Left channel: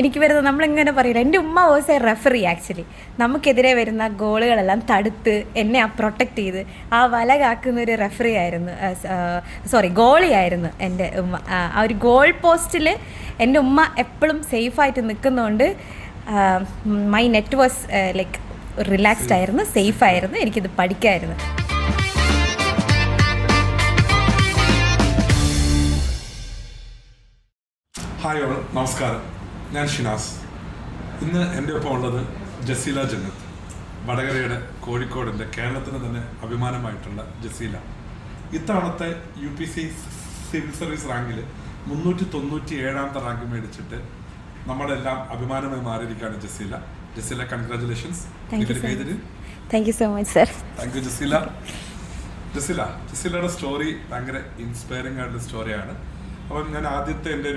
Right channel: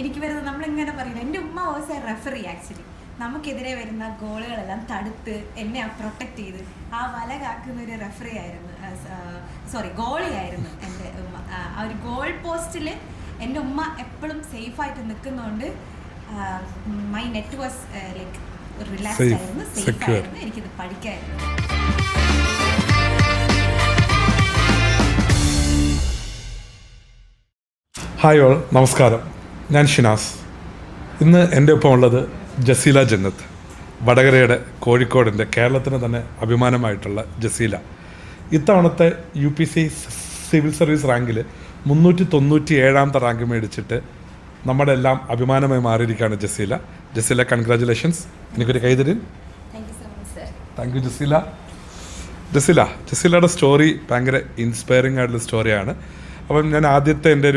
എനിക്ക് വരുന്നത് നമ്മളിങ്ങനെ പറയില്ല, എൻ്റെ ഉമ്മ വാസ് എ റെഫറി ആക്ച്വലി. നമുക്കെതിരെ വരുന്ന ഗോളുകളെല്ലാം തടുത്ത് എന്നെ പ്രൊട്ടക്റ്റ് ചെയ്ത് ആ വല കാക്കുന്ന ഒരു റെഫറി ആയിരുന്നു, ഗോളിയായിരുന്നു എൻ്റെ ഉമ്മ. ആ ഒരു ഗോൾ പോസ്റ്റിൽ എൻ്റെ ഉമ്മ എപ്പോഴും സേഫായിട്ട് നിൽക്കുന്നതുകൊണ്ട് my net was like relaxed ആയിരുന്നു, സേഫ് ആയിരുന്നു, എനിക്കിത് പഠിക്കായിരുന്നു. ഹായ് ഓൾ, നമസ്കാരം. ഞാൻ ഷിനാസ്. ഇന്ന് എൻ്റെ ഒപ്പം ഉള്ളത് ജസീല ജന്നത്ത്, വടകരയുടെ കോഴിക്കോടിൻ്റെ കേരളത്തിന് തന്നെ അഭിമാനമായിട്ടുള്ള ജസീല. ഇത്തവണത്തെ UPC സിവിൽ സർവീസ് റാങ്കിൽ 397ാമത്തെ റാങ്ക് മേടിച്ചിട്ട് നമ്മുടെ എല്ലാം അഭിമാനമായി മാറിയിരിക്കുകയാണ് ജസീല. ജസീല, കൺഗ്രാജുലേഷൻസ്. എനിക്കൊരു കൈതരി. Thank you so much sir. Thank you Jaseela. ജസീലയുടെ സ്റ്റോറി ഭയങ്കര ഇൻസ്പയറിംഗ് ആയിട്ടുള്ള സ്റ്റോറിയാണ്. അപ്പം ഞാൻ ആദ്യത്തെ എൻ്റെ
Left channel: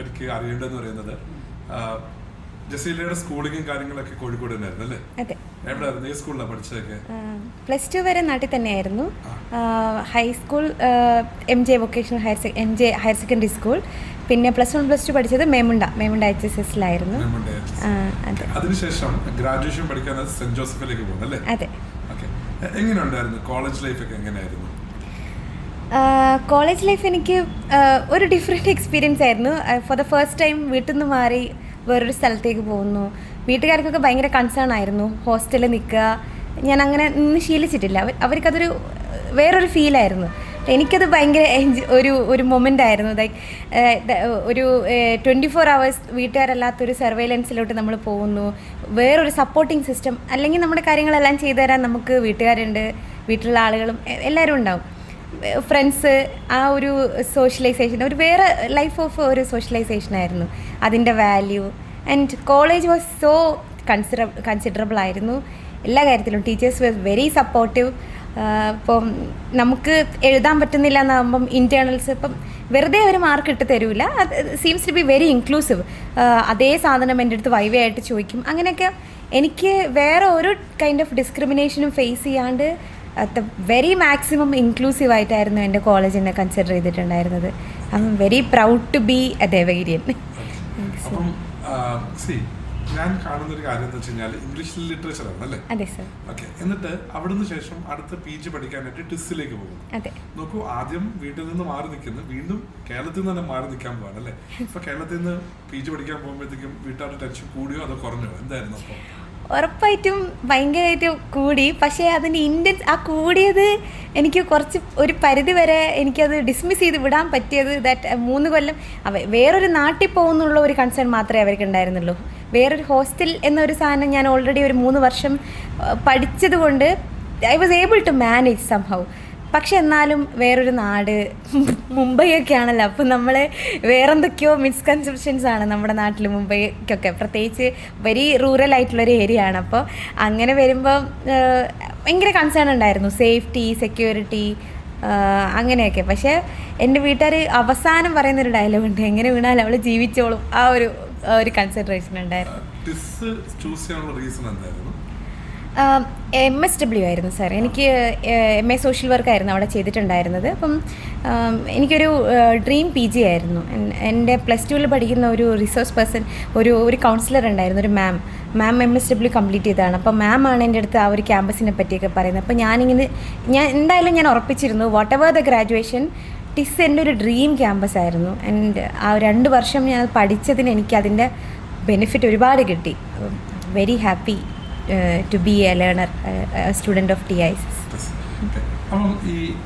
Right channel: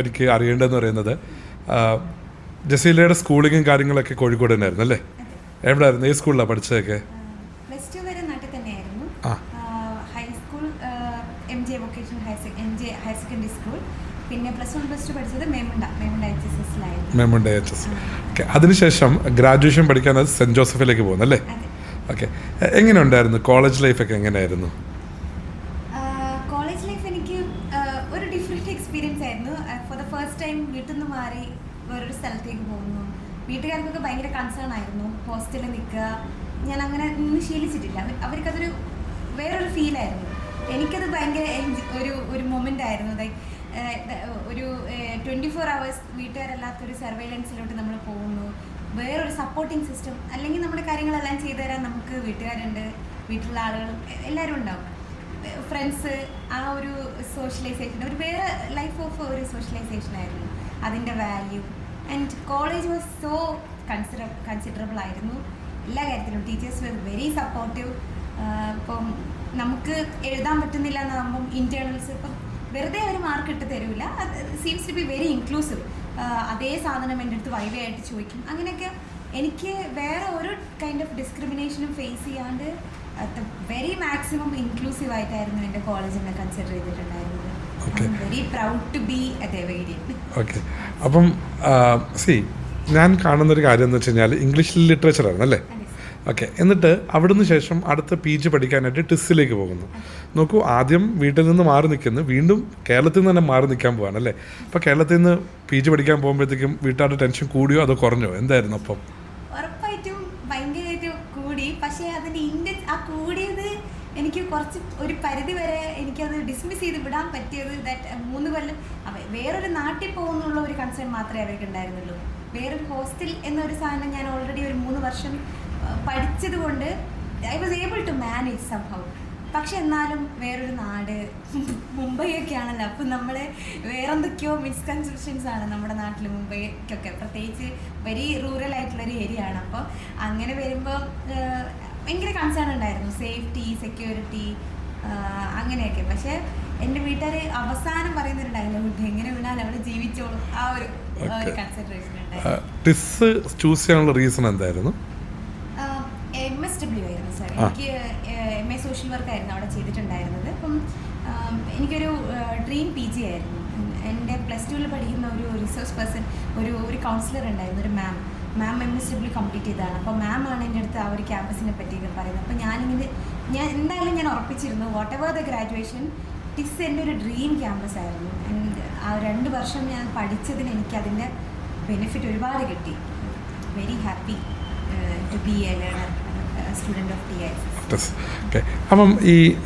എനിക്ക് അറിയേണ്ടതെന്ന് പറയുന്നത്, ജസീലയുടെ സ്കൂളിങ്ങും കാര്യങ്ങളൊക്കെ കോഴിക്കോട് തന്നെയായിരുന്നു അല്ലേ? എവിടെയായിരുന്നു? ഏത് സ്കൂളിലാണ് പഠിച്ചതൊക്കെ? +2 വരെ നാട്ടിൽ തന്നെയായിരുന്നു. High school MJ vocational higher secondary school, പിന്നെ +1 +2 പഠിച്ചത് മേമുണ്ട HSലായിരുന്നു. അതിനുശേഷം ഗ്രാജുവേഷൻ പഠിക്കാൻ സെന്റ് ജോസഫിലേക്ക് പോകുന്നു അല്ലേ? അതെ. ഓക്കെ, എങ്ങനെ ഉണ്ടായിരുന്നു കോളേജ് ലൈഫൊക്കെ? എങ്ങനെയായിരുന്നു കോളേജ് ലൈഫ്? എനിക്ക് ഒരു ഡിഫറെൻറ്റ് എക്സ്പീരിയൻസ് ആയിരുന്നു. ഫോർ ദ ഫസ്റ്റ് ടൈം വീട്ടിൽ നിന്ന് മാറി വേറൊരു സ്ഥലത്തേക്ക് പോകുന്നു. വീട്ടുകാർക്കൊക്കെ ഭയങ്കര കൺസേൺ ആയിരുന്നു, ഹോസ്റ്റലിൽ നിൽക്കുക. ഞാൻ അങ്ങനെ നിന്ന് ശീലിച്ചിട്ടില്ല. അവർക്കതൊരു വേറൊരു ഫീലായിരുന്നു. എനിക്കത് ഭയങ്കര ഒരു മൊമെൻ്റ് ആയിരുന്നു. ലൈക്ക് ഒരു 24 hours വീട്ടുകാരല്ലാത്തൊരു സർവൈലൻസിലോട്ട് നമ്മൾ പോകുന്നു. വേറൊരു സപ്പോർട്ടിങ് സിസ്റ്റം, അല്ലെങ്കിൽ നമ്മുടെ കാര്യങ്ങളെല്ലാം ചെയ്തു തരാൻ നമുക്ക് വീട്ടുകാരുണ്ട്, വീട്ടിലുള്ള ആളുകളും എല്ലാവരും ഉണ്ടാവും. ഫ്രണ്ട്സ്, ആ ഒരു സോഷ്യലൈസേഷൻ, ഒരു വേറെ ലൈഫ് ഓഫ് ഒരു സോഷ്യലൈസേഷൻ ആയിരുന്നു, അതിൻ്റെ value. And college was so considerable ആയിരുന്നു എല്ലാ കാര്യത്തിലും. Teachers was very supportive. ഇപ്പം നമുക്ക് എഴുതാൻ പറ്റുന്നില്ല എന്നാകുമ്പം ഇൻറ്റേർണൽസ് ഇപ്പം വെറുതെ ഒരു മാർക്ക് ഇട്ട് തരൂല. അത് seems to be very inclusive. അതേ സാധനം എൻ്റെ അടുത്ത് വൈവയായിട്ട് ചോദിക്കും. അങ്ങനെയൊക്കെ എനിക്ക് വേറെ ഒരു കൈൻഡ് ഓഫ് ഡിസ്ക്രിമിനേഷനും ഫേസ് ചെയ്യാണ്ട് വെരി മാക്സിമം ഇൻക്ലൂസീവ് ആയിട്ടായിരുന്നു എൻ്റെ കോളേജ് എന്നെ കൺസിഡർ ചെയ്തിട്ടുണ്ടായിരുന്നത്. I am very proud to be a Devagirian. Okay, അപ്പം ഞാൻ കാണുന്നൊരു കാര്യം എന്ന് വെച്ച് കഴിഞ്ഞാൽ ഇംഗ്ലീഷ് ലിറ്ററേച്ചറാണ് അല്ലേ? അതെ സർ. ഓക്കെ, എന്നിട്ട് അവിടുന്ന് ശേഷം അടുത്ത PG പഠിക്കാനായിട്ട് ടിസ്സിലേക്ക് പോകുന്നു. നോക്കൂ, ആദ്യം വീട്ടിൽ നിന്ന് മാറി നിൽക്കുന്നു, വീണ്ടും കേരളത്തിൽ നിന്ന് തന്നെ മാറി നിൽക്കാൻ പോവാണ് അല്ലേ? അപ്പോൾ കേരളത്തിൽ നിന്ന് PG പഠിക്കാൻ പോകുമ്പോഴത്തേക്കും വീട്ടുകാരുടെ ടെൻഷൻ കൂടിയോ അതോ കുറഞ്ഞോ? എന്തായിരുന്നു അപ്പം? ഉറപ്പായിട്ടും ഭയങ്കരമായിട്ട് കൂടി. പക്ഷേ അതിൻ്റെ ആ കൂടിയത് എനിക്ക് കുറച്ച് ഒരു പരിധി വരെ എനിക്കത് ഡിസ്മിസ് ചെയ്ത് വിടാൻ പറ്റിയത്. ദാറ്റ് 3 കൊല്ലം വേറൊരു നാട്ടിൽ പോകുന്നുള്ള ഒരു കൺസേൺ മാത്രമേ അവർക്ക് ഉണ്ടായിരുന്നുള്ളൂ. വേറൊരു ഹോസ്റ്റൽ എന്നൊരു സാധനം ഞാൻ ഓൾറെഡി ഒരു 3 വർഷം പഠിച്ചത് കൊണ്ട് I was able to manage somehow. പക്ഷെ എന്നാലും വേറൊരു നാട്, മുംബൈ ഒക്കെ ആണല്ലോ. അപ്പം നമ്മൾ വേറെന്തൊക്കെയോ മിസ്കൺസെപ്ഷൻസ് ആണ് നമ്മുടെ നാട്ടിൽ, മുംബൈക്കൊക്കെ പ്രത്യേകിച്ച് വെരി റൂറൽ ആയിട്ടുള്ളൊരു ഏരിയ ആണ്. അപ്പോൾ അങ്ങനെ വരുമ്പോൾ ഭയങ്കര കൺസേൺ ഉണ്ടായിരുന്നു, സേഫ്റ്റി, സെക്യൂരിറ്റി, അങ്ങനെയൊക്കെ. പക്ഷേ എൻ്റെ വീട്ടുകാർ അവസാനം പറയുന്നൊരു ഡയലോഗുണ്ട്, എങ്ങനെ വീണാലും അവൾ ജീവിച്ചോളും. ആ ഒരു കൺസിഡറേഷൻ ഉണ്ടായിരുന്നു. ചൂസ് ചെയ്യാനുള്ള റീസൺ എന്തായിരുന്നു? MSW ആയിരുന്നു സാർ. എനിക്ക് MA സോഷ്യൽ വർക്കായിരുന്നു അവിടെ ചെയ്തിട്ടുണ്ടായിരുന്നത്. അപ്പം എനിക്കൊരു ഡ്രീം PG ആയിരുന്നു. എൻ്റെ +2 പഠിക്കുന്ന ഒരു റിസോഴ്സ് പേഴ്സൺ, ഒരു കൗൺസിലർ ഉണ്ടായിരുന്നു, ഒരു മാം MSW കംപ്ലീറ്റ് ചെയ്തതാണ്. അപ്പോൾ മാമാണ് എൻ്റെ അടുത്ത് ആ ഒരു ക്യാമ്പസിനെ പറ്റിയൊക്കെ പറയുന്നത്. അപ്പോൾ ഞാൻ എന്തായാലും ഉറപ്പിച്ചിരുന്നു, വാട്ട് എവർ ദ ഗ്രാജുവേഷൻ, ടിസ് എൻ്റെ ഒരു ഡ്രീം ക്യാമ്പസ് ആയിരുന്നു. ആൻഡ് ആ 2 വർഷം ഞാൻ പഠിച്ചതിന് എനിക്ക് അതിൻ്റെ ബെനിഫിറ്റ് ഒരുപാട് കിട്ടി. Very happy to be a learner, student of TIS. അപ്പം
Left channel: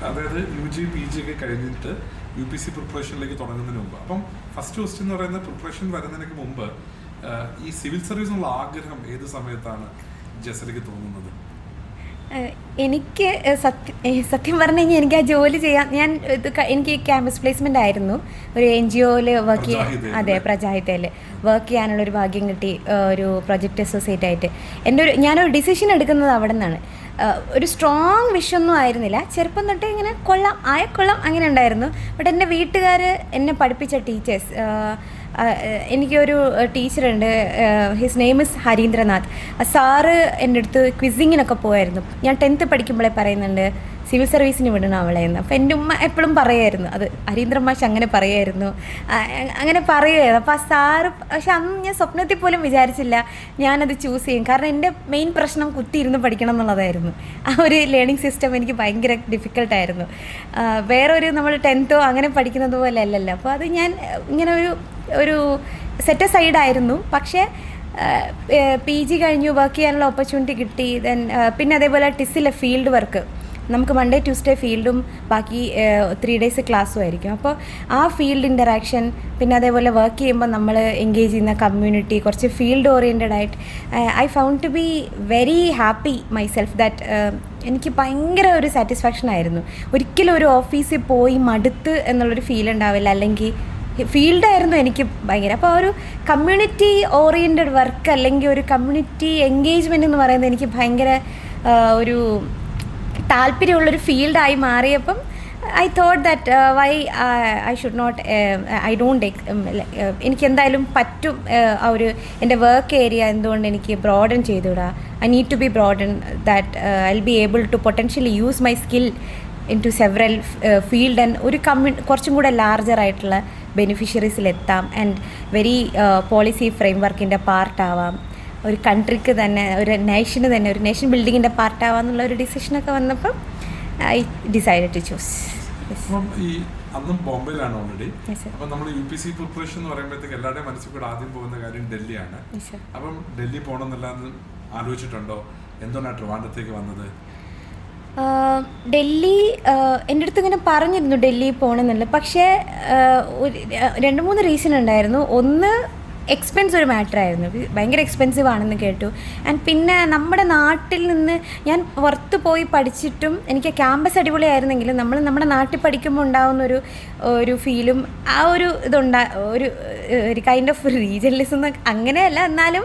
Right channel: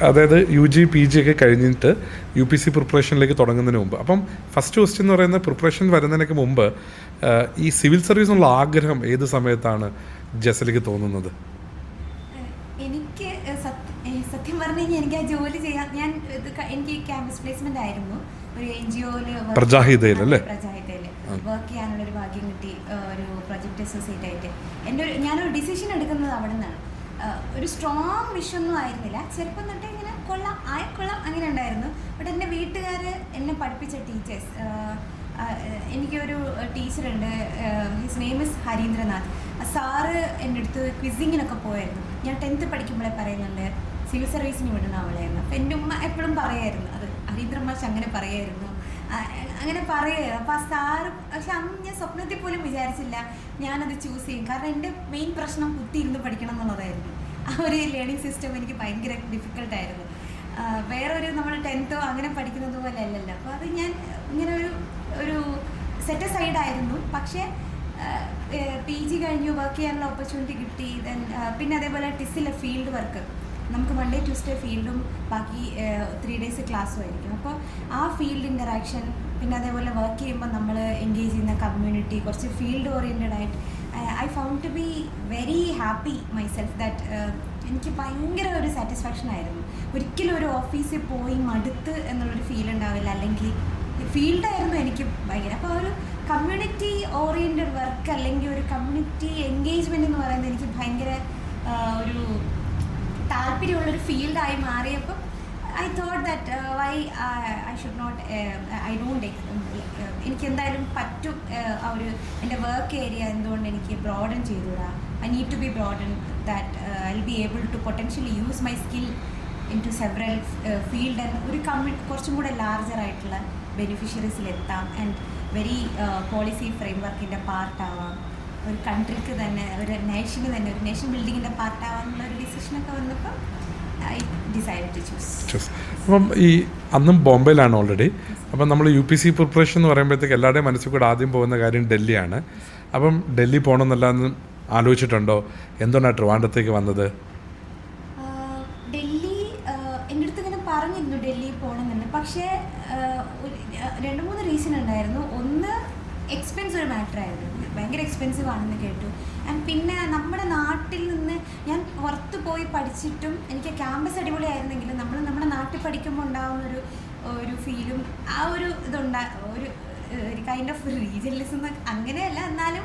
അതായത് UG PG ഒക്കെ കഴിഞ്ഞിട്ട് UPC പ്രിപ്പറേഷനിലേക്ക് തുടങ്ങുന്നതിന് മുമ്പ്, അപ്പം ഫസ്റ്റ് ക്വസ്റ്റ്യൻ എന്ന് പറയുന്ന പ്രിപ്പറേഷൻ വരുന്നതിനൊക്കെ മുമ്പ് ഈ സിവിൽ സർവീസിനുള്ള ആഗ്രഹം ഏത് സമയത്താണ് ജസലിക്ക് തോന്നുന്നത്? എനിക്ക് സത്യം പറഞ്ഞു കഴിഞ്ഞാൽ എനിക്ക് ആ ജോലി ചെയ്യാൻ എനിക്ക് ക്യാമ്പസ് പ്ലേസ്മെൻ്റ് ആയിരുന്നു ഒരു NGOയിൽ പ്രജാഹിതയിൽ വർക്ക് ചെയ്യാനുള്ളൊരു ഭാഗ്യം കിട്ടി, ഒരു പ്രൊജക്റ്റ് അസോസിയേറ്റ് ആയിട്ട്. ഞാനൊരു ഡിസിഷൻ എടുക്കുന്നത് അവിടെ നിന്നാണ്. ഒരു സ്ട്രോങ് വിഷൊന്നും ആയിരുന്നില്ല, ചെറുപ്പം തൊട്ടേ ഇങ്ങനെ കൊള്ളാം അങ്ങനെ ഉണ്ടായിരുന്നു. ബട്ട് എൻ്റെ വീട്ടുകാർ എന്നെ പഠിപ്പിച്ച ടീച്ചേഴ്സ്, എനിക്കൊരു ടീച്ചറുണ്ട്, his name is Harindranath. Sir എൻ്റെ അടുത്ത് ക്വിസിങ്ങിനൊക്കെ പോയായിരുന്നു. ഞാൻ 10th പഠിക്കുമ്പോഴേ പറയുന്നുണ്ട്, സിവിൽ സർവീസിന് വിടണം അവളെ എന്ന്. അപ്പോൾ എൻ്റെ ഉമ്മ എപ്പോഴും പറയുമായിരുന്നു, അത് ഹരീന്ദ്രൻ മാഷ് അങ്ങനെ പറയുമായിരുന്നു, അങ്ങനെ പറയുമായിരുന്നു. അപ്പോൾ ആ സാറ്, പക്ഷെ അന്ന് ഞാൻ സ്വപ്നത്തിൽ പോലും വിചാരിച്ചില്ല ഞാനത് ചൂസ് ചെയ്യും. കാരണം എൻ്റെ മെയിൻ പ്രശ്നം കുത്തിയിരുന്ന് പഠിക്കണം എന്നുള്ളതായിരുന്നു. ആ ഒരു ലേണിംഗ് സിസ്റ്റം എനിക്ക് ഭയങ്കര ഡിഫിക്കൽട്ടായിരുന്നു. വേറൊരു നമ്മൾ 10th അങ്ങനെ പഠിക്കുന്നത് പോലെ അല്ലല്ലോ. അപ്പോൾ അത് ഞാൻ ഇങ്ങനെ ഒരു സെറ്റ് സൈഡായിരുന്നു. പക്ഷേ PG കഴിഞ്ഞു, വർക്ക് ചെയ്യാനുള്ള ഓപ്പർച്യൂണിറ്റി കിട്ടി. പിന്നെ അതേപോലെ ടിസ്സിലെ ഫീൽഡ് വർക്ക്, നമുക്ക് മൺഡേ ട്യൂസ്ഡേ ഫീൽഡും ബാക്കി 3 days ക്ലാസ്സും ആയിരിക്കും. അപ്പോൾ ആ ഫീൽഡ് ഇൻ്ററാക്ഷൻ, പിന്നെ അതേപോലെ വർക്ക് ചെയ്യുമ്പോൾ നമ്മൾ എൻഗേജ് ചെയ്യുന്ന കമ്മ്യൂണിറ്റി കുറച്ച് ഫീൽഡ് ഓറിയൻറ്റഡ് ആയിട്ട് I found to be very happy myself that. എനിക്ക് ഭയങ്കര ഒരു സാറ്റിസ്ഫാക്ഷൻ ആയിരുന്നു. ഒരിക്കലും ഒരു ഓഫീസിൽ പോയി മടുത്ത് എന്നുള്ളൊരു ഫീൽ ഉണ്ടാവില്ല, അല്ലെങ്കിൽ ഫീൽഡായിരുന്നു എനിക്ക് ഭയങ്കര. അപ്പോൾ ഒരു കമ്മ്യൂണിറ്റി ഓറിയൻറ്റഡ് വർക്ക് അല്ലെങ്കിൽ ഒരു കമ്മ്യൂണിറ്റി എൻഗേജ്മെൻ്റ് എന്ന് പറയുന്നത് എനിക്ക് ഭയങ്കര ഒരു താല്പര്യമുള്ളൊരു ഫീൽഡായി മാറിയപ്പം I thought that why I should not, I don't എനിക്ക് എന്തായാലും പറ്റും ആ ഒരു എൻ്റെ വർക്ക് ഏരിയ എന്തുകൊണ്ട് എനിക്ക് ബ്രോഡൻ ചെയ്തുകൂടാ. I need to be broaden that I will be able to potentially use my skill in to several field and ഒരു കുറച്ചും കൂടെ ലാർജറായിട്ടുള്ള ബെനിഫിഷ്യറീസിലെത്താം ആൻഡ് വെരി പോളിസി ഫ്രെയിം വർക്കിൻ്റെ പാർട്ടാവാം, ഒരു കൺട്രിക്ക് തന്നെ, ഒരു നേഷന് തന്നെ, ഒരു നേഷൻ ബിൽഡിങ്ങിൻ്റെ പാർട്ടാവാം എന്നുള്ള ഒരു ഡിസിഷനൊക്കെ വന്നപ്പം ഐ ഡിസൈഡഡ് ടു ചൂസ്. അപ്പം ഈ അന്നും ബോംബെയിലാണ് ഓൾറെഡി. അപ്പം നമ്മൾ UPC പ്രിപ്പറേഷൻ എന്ന് പറയുമ്പോഴത്തേക്ക് എല്ലാവരുടെയും മനസ്സിൽ കൂടെ ആദ്യം പോകുന്ന കാര്യം ഡൽഹിയാണ്. അപ്പം ഡൽഹി പോകണമെന്നല്ലാന്ന് ആലോചിച്ചിട്ടുണ്ടോ? എന്തുകൊണ്ടാണ് ട്രിവാൻഡ്രത്തേക്ക് വന്നത്? ഡൽഹി എൻ്റെ അടുത്ത് ഇങ്ങനെ പറഞ്ഞിരുന്നു ഡൽഹി പോകണമെന്നുള്ളത്. പക്ഷേ 2-3 റീസൺ ഉണ്ടായിരുന്നു. ഒന്ന്, എക്സ്പെൻസ് ഒരു മാറ്ററായിരുന്നു, ഭയങ്കര എക്സ്പെൻസീവ് ആണെന്ന് കേട്ടു. ആൻഡ് പിന്നെ നമ്മുടെ നാട്ടിൽ നിന്ന് ഞാൻ പുറത്ത് പോയി പഠിച്ചിട്ടും എനിക്ക് ക്യാമ്പസ് അടിപൊളിയായിരുന്നെങ്കിലും നമ്മുടെ നാട്ടിൽ പഠിക്കുമ്പോൾ ഉണ്ടാകുന്ന ഒരു ഫീലും ആ ഒരു ഒരു കൈൻഡ് ഓഫ് റീജിയനലിസം അങ്ങനെയല്ല, എന്നാലും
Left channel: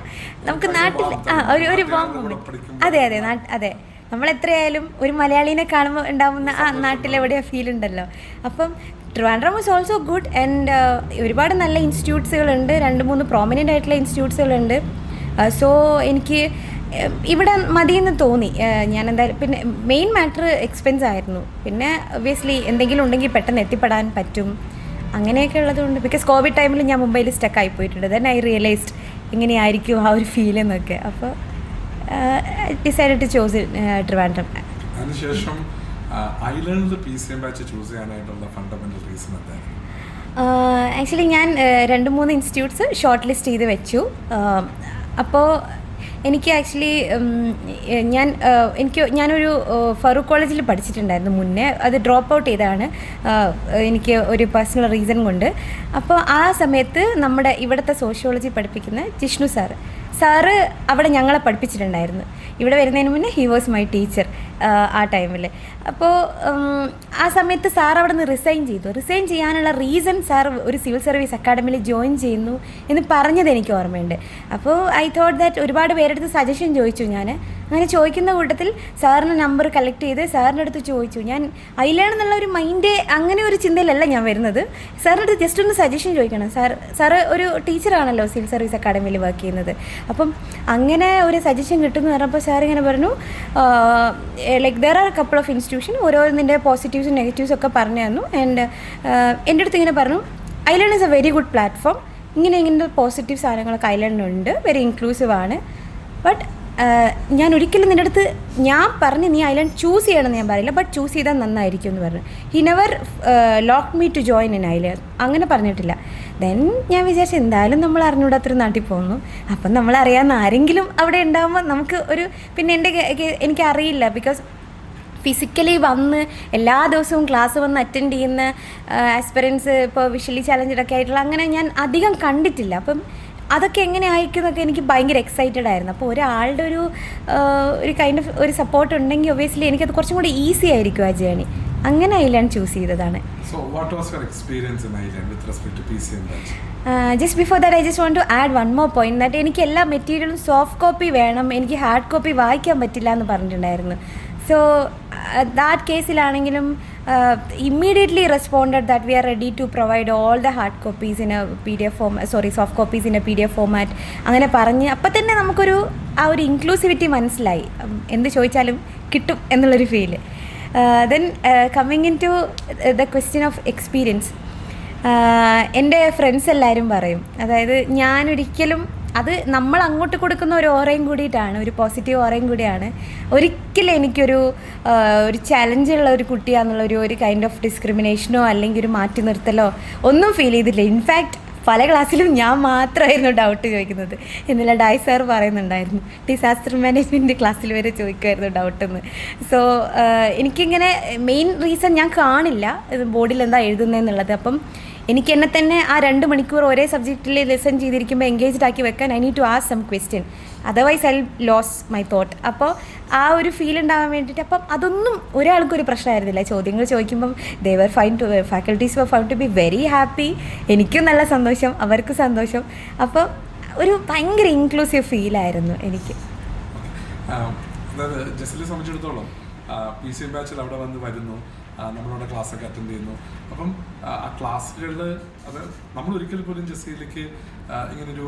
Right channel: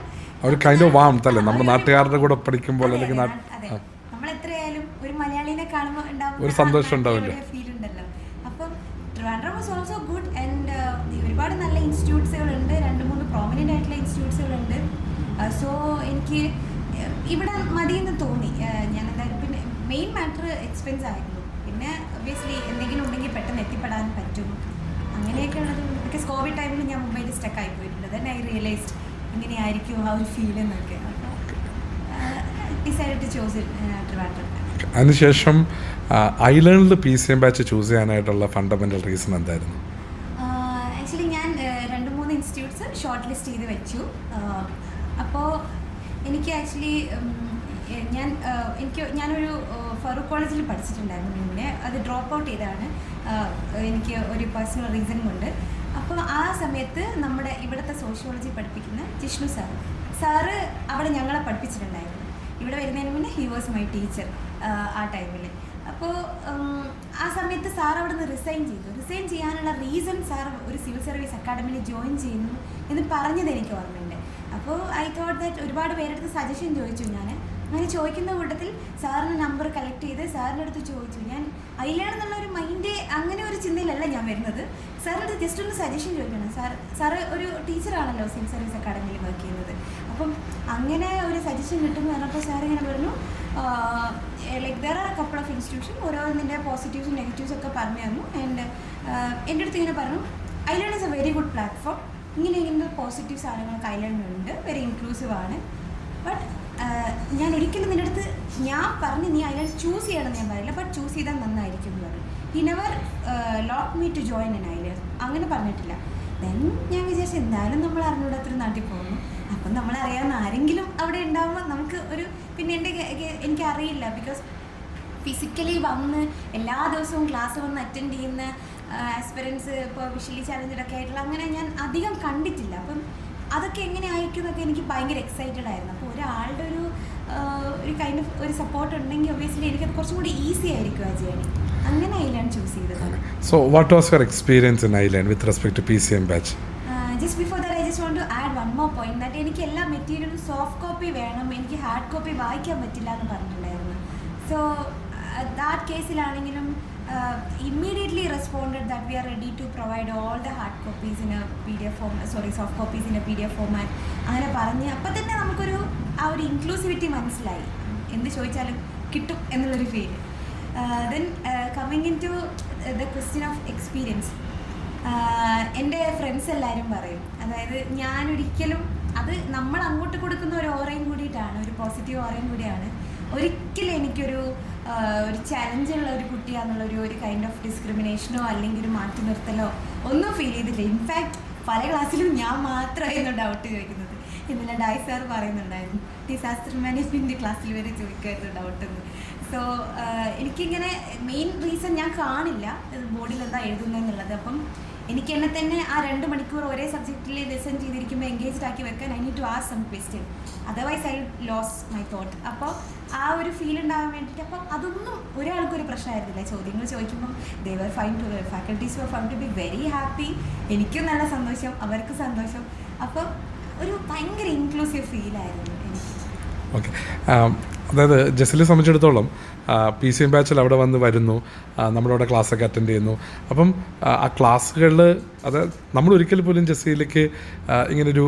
അതെ നമ്മൾ എത്രയായാലും ഒരു മലയാളീനെ കാണുമ്പോൾ ഉണ്ടാവുന്ന ആ നാട്ടിലെവിടെയോ ഫീൽ ഉണ്ടല്ലോ. അപ്പം Trivandrum was also good and ഒരുപാട് നല്ല ഇൻസ്റ്റിറ്റ്യൂട്ട്സുകളുണ്ട്, 2-3 പ്രോമിനൻ്റ് ആയിട്ടുള്ള ഇൻസ്റ്റിറ്റ്യൂട്ട്സുകളുണ്ട്. സോ എനിക്ക് ഇവിടെ മതിയെന്ന് തോന്നി. ഞാൻ എന്തായാലും പിന്നെ മെയിൻ മാറ്റർ എക്സ്പെൻസ് ആയിരുന്നു. പിന്നെ ഒബ്വിയസ്ലി എന്തെങ്കിലും ഉണ്ടെങ്കിൽ പെട്ടെന്ന് എത്തിപ്പെടാൻ പറ്റും, അങ്ങനെയൊക്കെ ഉള്ളതുകൊണ്ട്. ബിക്കോസ് കോവിഡ് ടൈമിൽ ഞാൻ മുംബൈയിൽ സ്റ്റക്കായി പോയിട്ടുണ്ട്. ദെൻ ഐ റിയലൈസ്ഡ് എങ്ങനെയായിരിക്കും ആ ഒരു ഫീൽ എന്നൊക്കെ. അപ്പോൾ ഡിസൈഡ് ടു ചൂസ് ട്രിവാൻഡ്രം. അതിനുശേഷം ഐലൻഡിൽ PCM ബാച്ച് ചൂസ് ചെയ്യാനായിട്ടുള്ള ഫണ്ടമെൻ്റൽ റീസൺ എന്തായിരുന്നു? ആക്ച്വലി ഞാൻ 2-3 ഇൻസ്റ്റിറ്റ്യൂട്ട്സ് ഷോർട്ട് ലിസ്റ്റ് ചെയ്ത് വെച്ചു. അപ്പോൾ എനിക്ക് ആക്ച്വലി ഞാനൊരു ഫറൂഖ് കോളേജിൽ പഠിച്ചിട്ടുണ്ടായിരുന്നു മുന്നേ. അത് ഡ്രോപ്പ് ഔട്ട് ചെയ്തതാണ് എനിക്ക് ഒരു പേഴ്സണൽ റീസൺ കൊണ്ട്. അപ്പോൾ ആ സമയത്ത് നമ്മുടെ ഇവിടുത്തെ സോഷ്യോളജി പഠിപ്പിക്കുന്ന ജിഷ്ണു സാറ് അവിടെ ഞങ്ങളെ പഠിപ്പിച്ചിട്ടുണ്ടായിരുന്നു. ഇവിടെ വരുന്നതിന് മുന്നേ ഹി വാസ് മൈ ടീച്ചർ ആ ടൈമിൽ. അപ്പോൾ ആ സമയത്ത് സാർ അവിടെ നിന്ന് റിസൈൻ ചെയ്യാനുള്ള റീസൺ സാർ ഒരു സിവിൽ സർവീസ് അക്കാഡമിയിൽ ജോയിൻ ചെയ്യുന്നു എന്ന് പറഞ്ഞത് എനിക്ക് ഓർമ്മയുണ്ട്. അപ്പോൾ ഐ തോട്ട് ദാറ്റ് ഒരുപാട് പേരെടുത്ത് സജഷൻ ചോദിച്ചു. ഞാൻ അങ്ങനെ ചോദിക്കുന്ന കൂട്ടത്തിൽ സാറിൻ്റെ നമ്പർ കളക്ട് ചെയ്ത് സാറിൻ്റെ അടുത്ത് ചോദിച്ചു. ഞാൻ ഐലേൺ എന്നുള്ള ഒരു മൈൻഡ് അങ്ങനെ ഒരു ചിന്തയിലല്ല ഞാൻ വരുന്നത്. സാറിൻ്റെ അടുത്ത് ജസ്റ്റ് ഒന്ന് സജഷൻ ചോദിക്കണം. സാറ് ഒരു ടീച്ചറാണല്ലോ സിവിൽ സർവീസ് അക്കാഡമിയിൽ വർക്ക് ചെയ്യുന്നത്. അപ്പം അങ്ങനെ ഒരു സജഷൻ കിട്ടുമെന്ന് പറഞ്ഞപ്പോൾ സാർ ഇങ്ങനെ പറഞ്ഞു, like there are couple of institution, ഓരോന്നിൻ്റെ പോസിറ്റീവ്സും നെഗറ്റീവ്സും ഒക്കെ പറഞ്ഞു തന്നു. ആൻഡ് എൻ്റെ അടുത്ത് ഇങ്ങനെ പറഞ്ഞു, iLearn is a very good platform, ഇങ്ങനത്തെ പോസിറ്റീവ് സാധനങ്ങളൊക്കെ ഐലേണിനുണ്ട്, വെരി ഇൻക്ലൂസീവ് ആണ്. ബട്ട് ഞാൻ ഒരിക്കലും നിൻ്റെ അടുത്ത് ഞാൻ പറഞ്ഞ് നീ ഐലൻഡ് ചൂസ് ചെയ്യണമെന്ന് ഞാൻ പറയില്ല, ബട്ട് ചൂസ് ചെയ്താൽ നന്നായിരിക്കും എന്ന് പറഞ്ഞു. He never lock me to join in island, അങ്ങനെ പറഞ്ഞിട്ടില്ല. ദെൻ ഞാൻ വിചാരിച്ചു എന്തായാലും നമ്മൾ അറിഞ്ഞൂടാത്തൊരു നാട്ടിൽ പോകുന്നു, അപ്പം നമ്മളറിയാവുന്ന ആരെങ്കിലും അവിടെ ഉണ്ടാകുമ്പോൾ നമുക്ക് ഒരു, പിന്നെ എനിക്കറിയില്ല, ബിക്കോസ് ഫിസിക്കലി വന്ന് എല്ലാ ദിവസവും ക്ലാസ് വന്ന് അറ്റൻഡ് ചെയ്യുന്ന ആസ്പിറൻസ് ഇപ്പോൾ വിഷ്വലി ചാലഞ്ചഡൊക്കെ ആയിട്ടുള്ള അങ്ങനെ ഞാൻ അധികം കണ്ടിട്ടില്ല. അപ്പം അതൊക്കെ എങ്ങനെ ആയിരിക്കുന്നൊക്കെ എനിക്ക് ഭയങ്കര എക്സൈറ്റഡ് ആയിരുന്നു. അപ്പോൾ ഒരാളുടെ ഒരു കൈൻഡ് ഓഫ് ഒരു സപ്പോർട്ട് ഉണ്ടെങ്കിൽ ഒബ്വിയസ്ലി എനിക്കത് കുറച്ചും കൂടി ഈസി ആയിരിക്കും ആ ജേണി. അങ്ങനെ ഐലൻഡ് ചൂസ് ചെയ്തതാണ്. So what was your experience in island with respect to PCM batch? Just before that I just want to add one more point that എനിക്ക് എല്ലാ മെറ്റീരിയലും സോഫ്റ്റ് കോപ്പി വേണം, എനിക്ക് ഹാർഡ് കോപ്പി വായിക്കാൻ പറ്റില്ല എന്ന് പറഞ്ഞിട്ടുണ്ടായിരുന്നു. സോ ദാറ്റ് കേസിലാണെങ്കിലും immediately responded that we are ready to provide all the hard copies in a PDF format, soft copies in a PDF format. അങ്ങനെ പറഞ്ഞ് അപ്പം തന്നെ നമുക്കൊരു ആ ഒരു ഇൻക്ലൂസിവിറ്റി മനസ്സിലായി, എന്ത് ചോദിച്ചാലും കിട്ടും എന്നുള്ളൊരു feel. Then coming into the question of experience, എൻ്റെ ഫ്രണ്ട്സ് എല്ലാവരും പറയും, അതായത് ഞാനൊരിക്കലും അത് നമ്മൾ അങ്ങോട്ട് കൊടുക്കുന്ന ഒരു ഓറയും കൂടിയിട്ടാണ്, ഒരു പോസിറ്റീവ് ഓറയും കൂടിയാണ്. ഒരിക്കലും എനിക്കൊരു ഒരു ചലഞ്ചുള്ള ഒരു കുട്ടിയാണെന്നുള്ളൊരു ഒരു കൈൻഡ് ഓഫ് ഡിസ്ക്രിമിനേഷനോ അല്ലെങ്കിൽ ഒരു മാറ്റി നിർത്തലോ ഒന്നും ഫീൽ ചെയ്തില്ല. ഇൻഫാക്റ്റ് പല ക്ലാസ്സിലും ഞാൻ മാത്രമായിരുന്നു ഡൗട്ട് ചോദിക്കുന്നത്. ഇന്നലെ ഡായ് സാർ പറയുന്നുണ്ടായിരുന്നു, ഡിസാസ്റ്റർ മാനേജ്മെൻറ്റ് ക്ലാസ്സിൽ വരെ ചോദിക്കുമായിരുന്നു ഡൗട്ടെന്ന്. സോ എനിക്കിങ്ങനെ മെയിൻ റീസൺ ഞാൻ കാണില്ല ഇത് ബോർഡിൽ എന്താ എഴുതുന്നതെന്നുള്ളത്. അപ്പം എനിക്ക് എന്നെ തന്നെ ആ 2 മണിക്കൂർ ഒരേ സബ്ജക്റ്റിൽ ലിസൺ ചെയ്തിരിക്കുമ്പോൾ എൻഗേജ്ഡ് ആക്കി വെക്കാൻ I need to ask some question, otherwise I lose my thought. അപ്പോൾ ആ ഒരു ഫീൽ ഉണ്ടാകാൻ വേണ്ടിയിട്ട്, അപ്പം അതൊന്നും ഒരാൾക്കൊരു പ്രശ്നമായിരുന്നില്ല. ചോദ്യങ്ങൾ ചോദിക്കുമ്പം faculties were found to be very happy. എനിക്കും നല്ല സന്തോഷം, അവർക്കും സന്തോഷം. അപ്പോൾ ഒരു ഭയങ്കര ഇൻക്ലൂസീവ് ഫീലായിരുന്നു എനിക്ക്. ഓക്കെ, അതായത് ജസീലിനെ സംബന്ധിച്ചിടത്തോളം PCM ബാച്ചിൽ അവിടെ വരുന്നു, നമ്മളവിടെ ക്ലാസ്സൊക്കെ അറ്റൻഡ് ചെയ്യുന്നു. അപ്പം ആ ക്ലാസ്സുകളിൽ നമ്മൾ ഒരിക്കലും പോലും ജസീലയ്ക്ക് ഇങ്ങനൊരു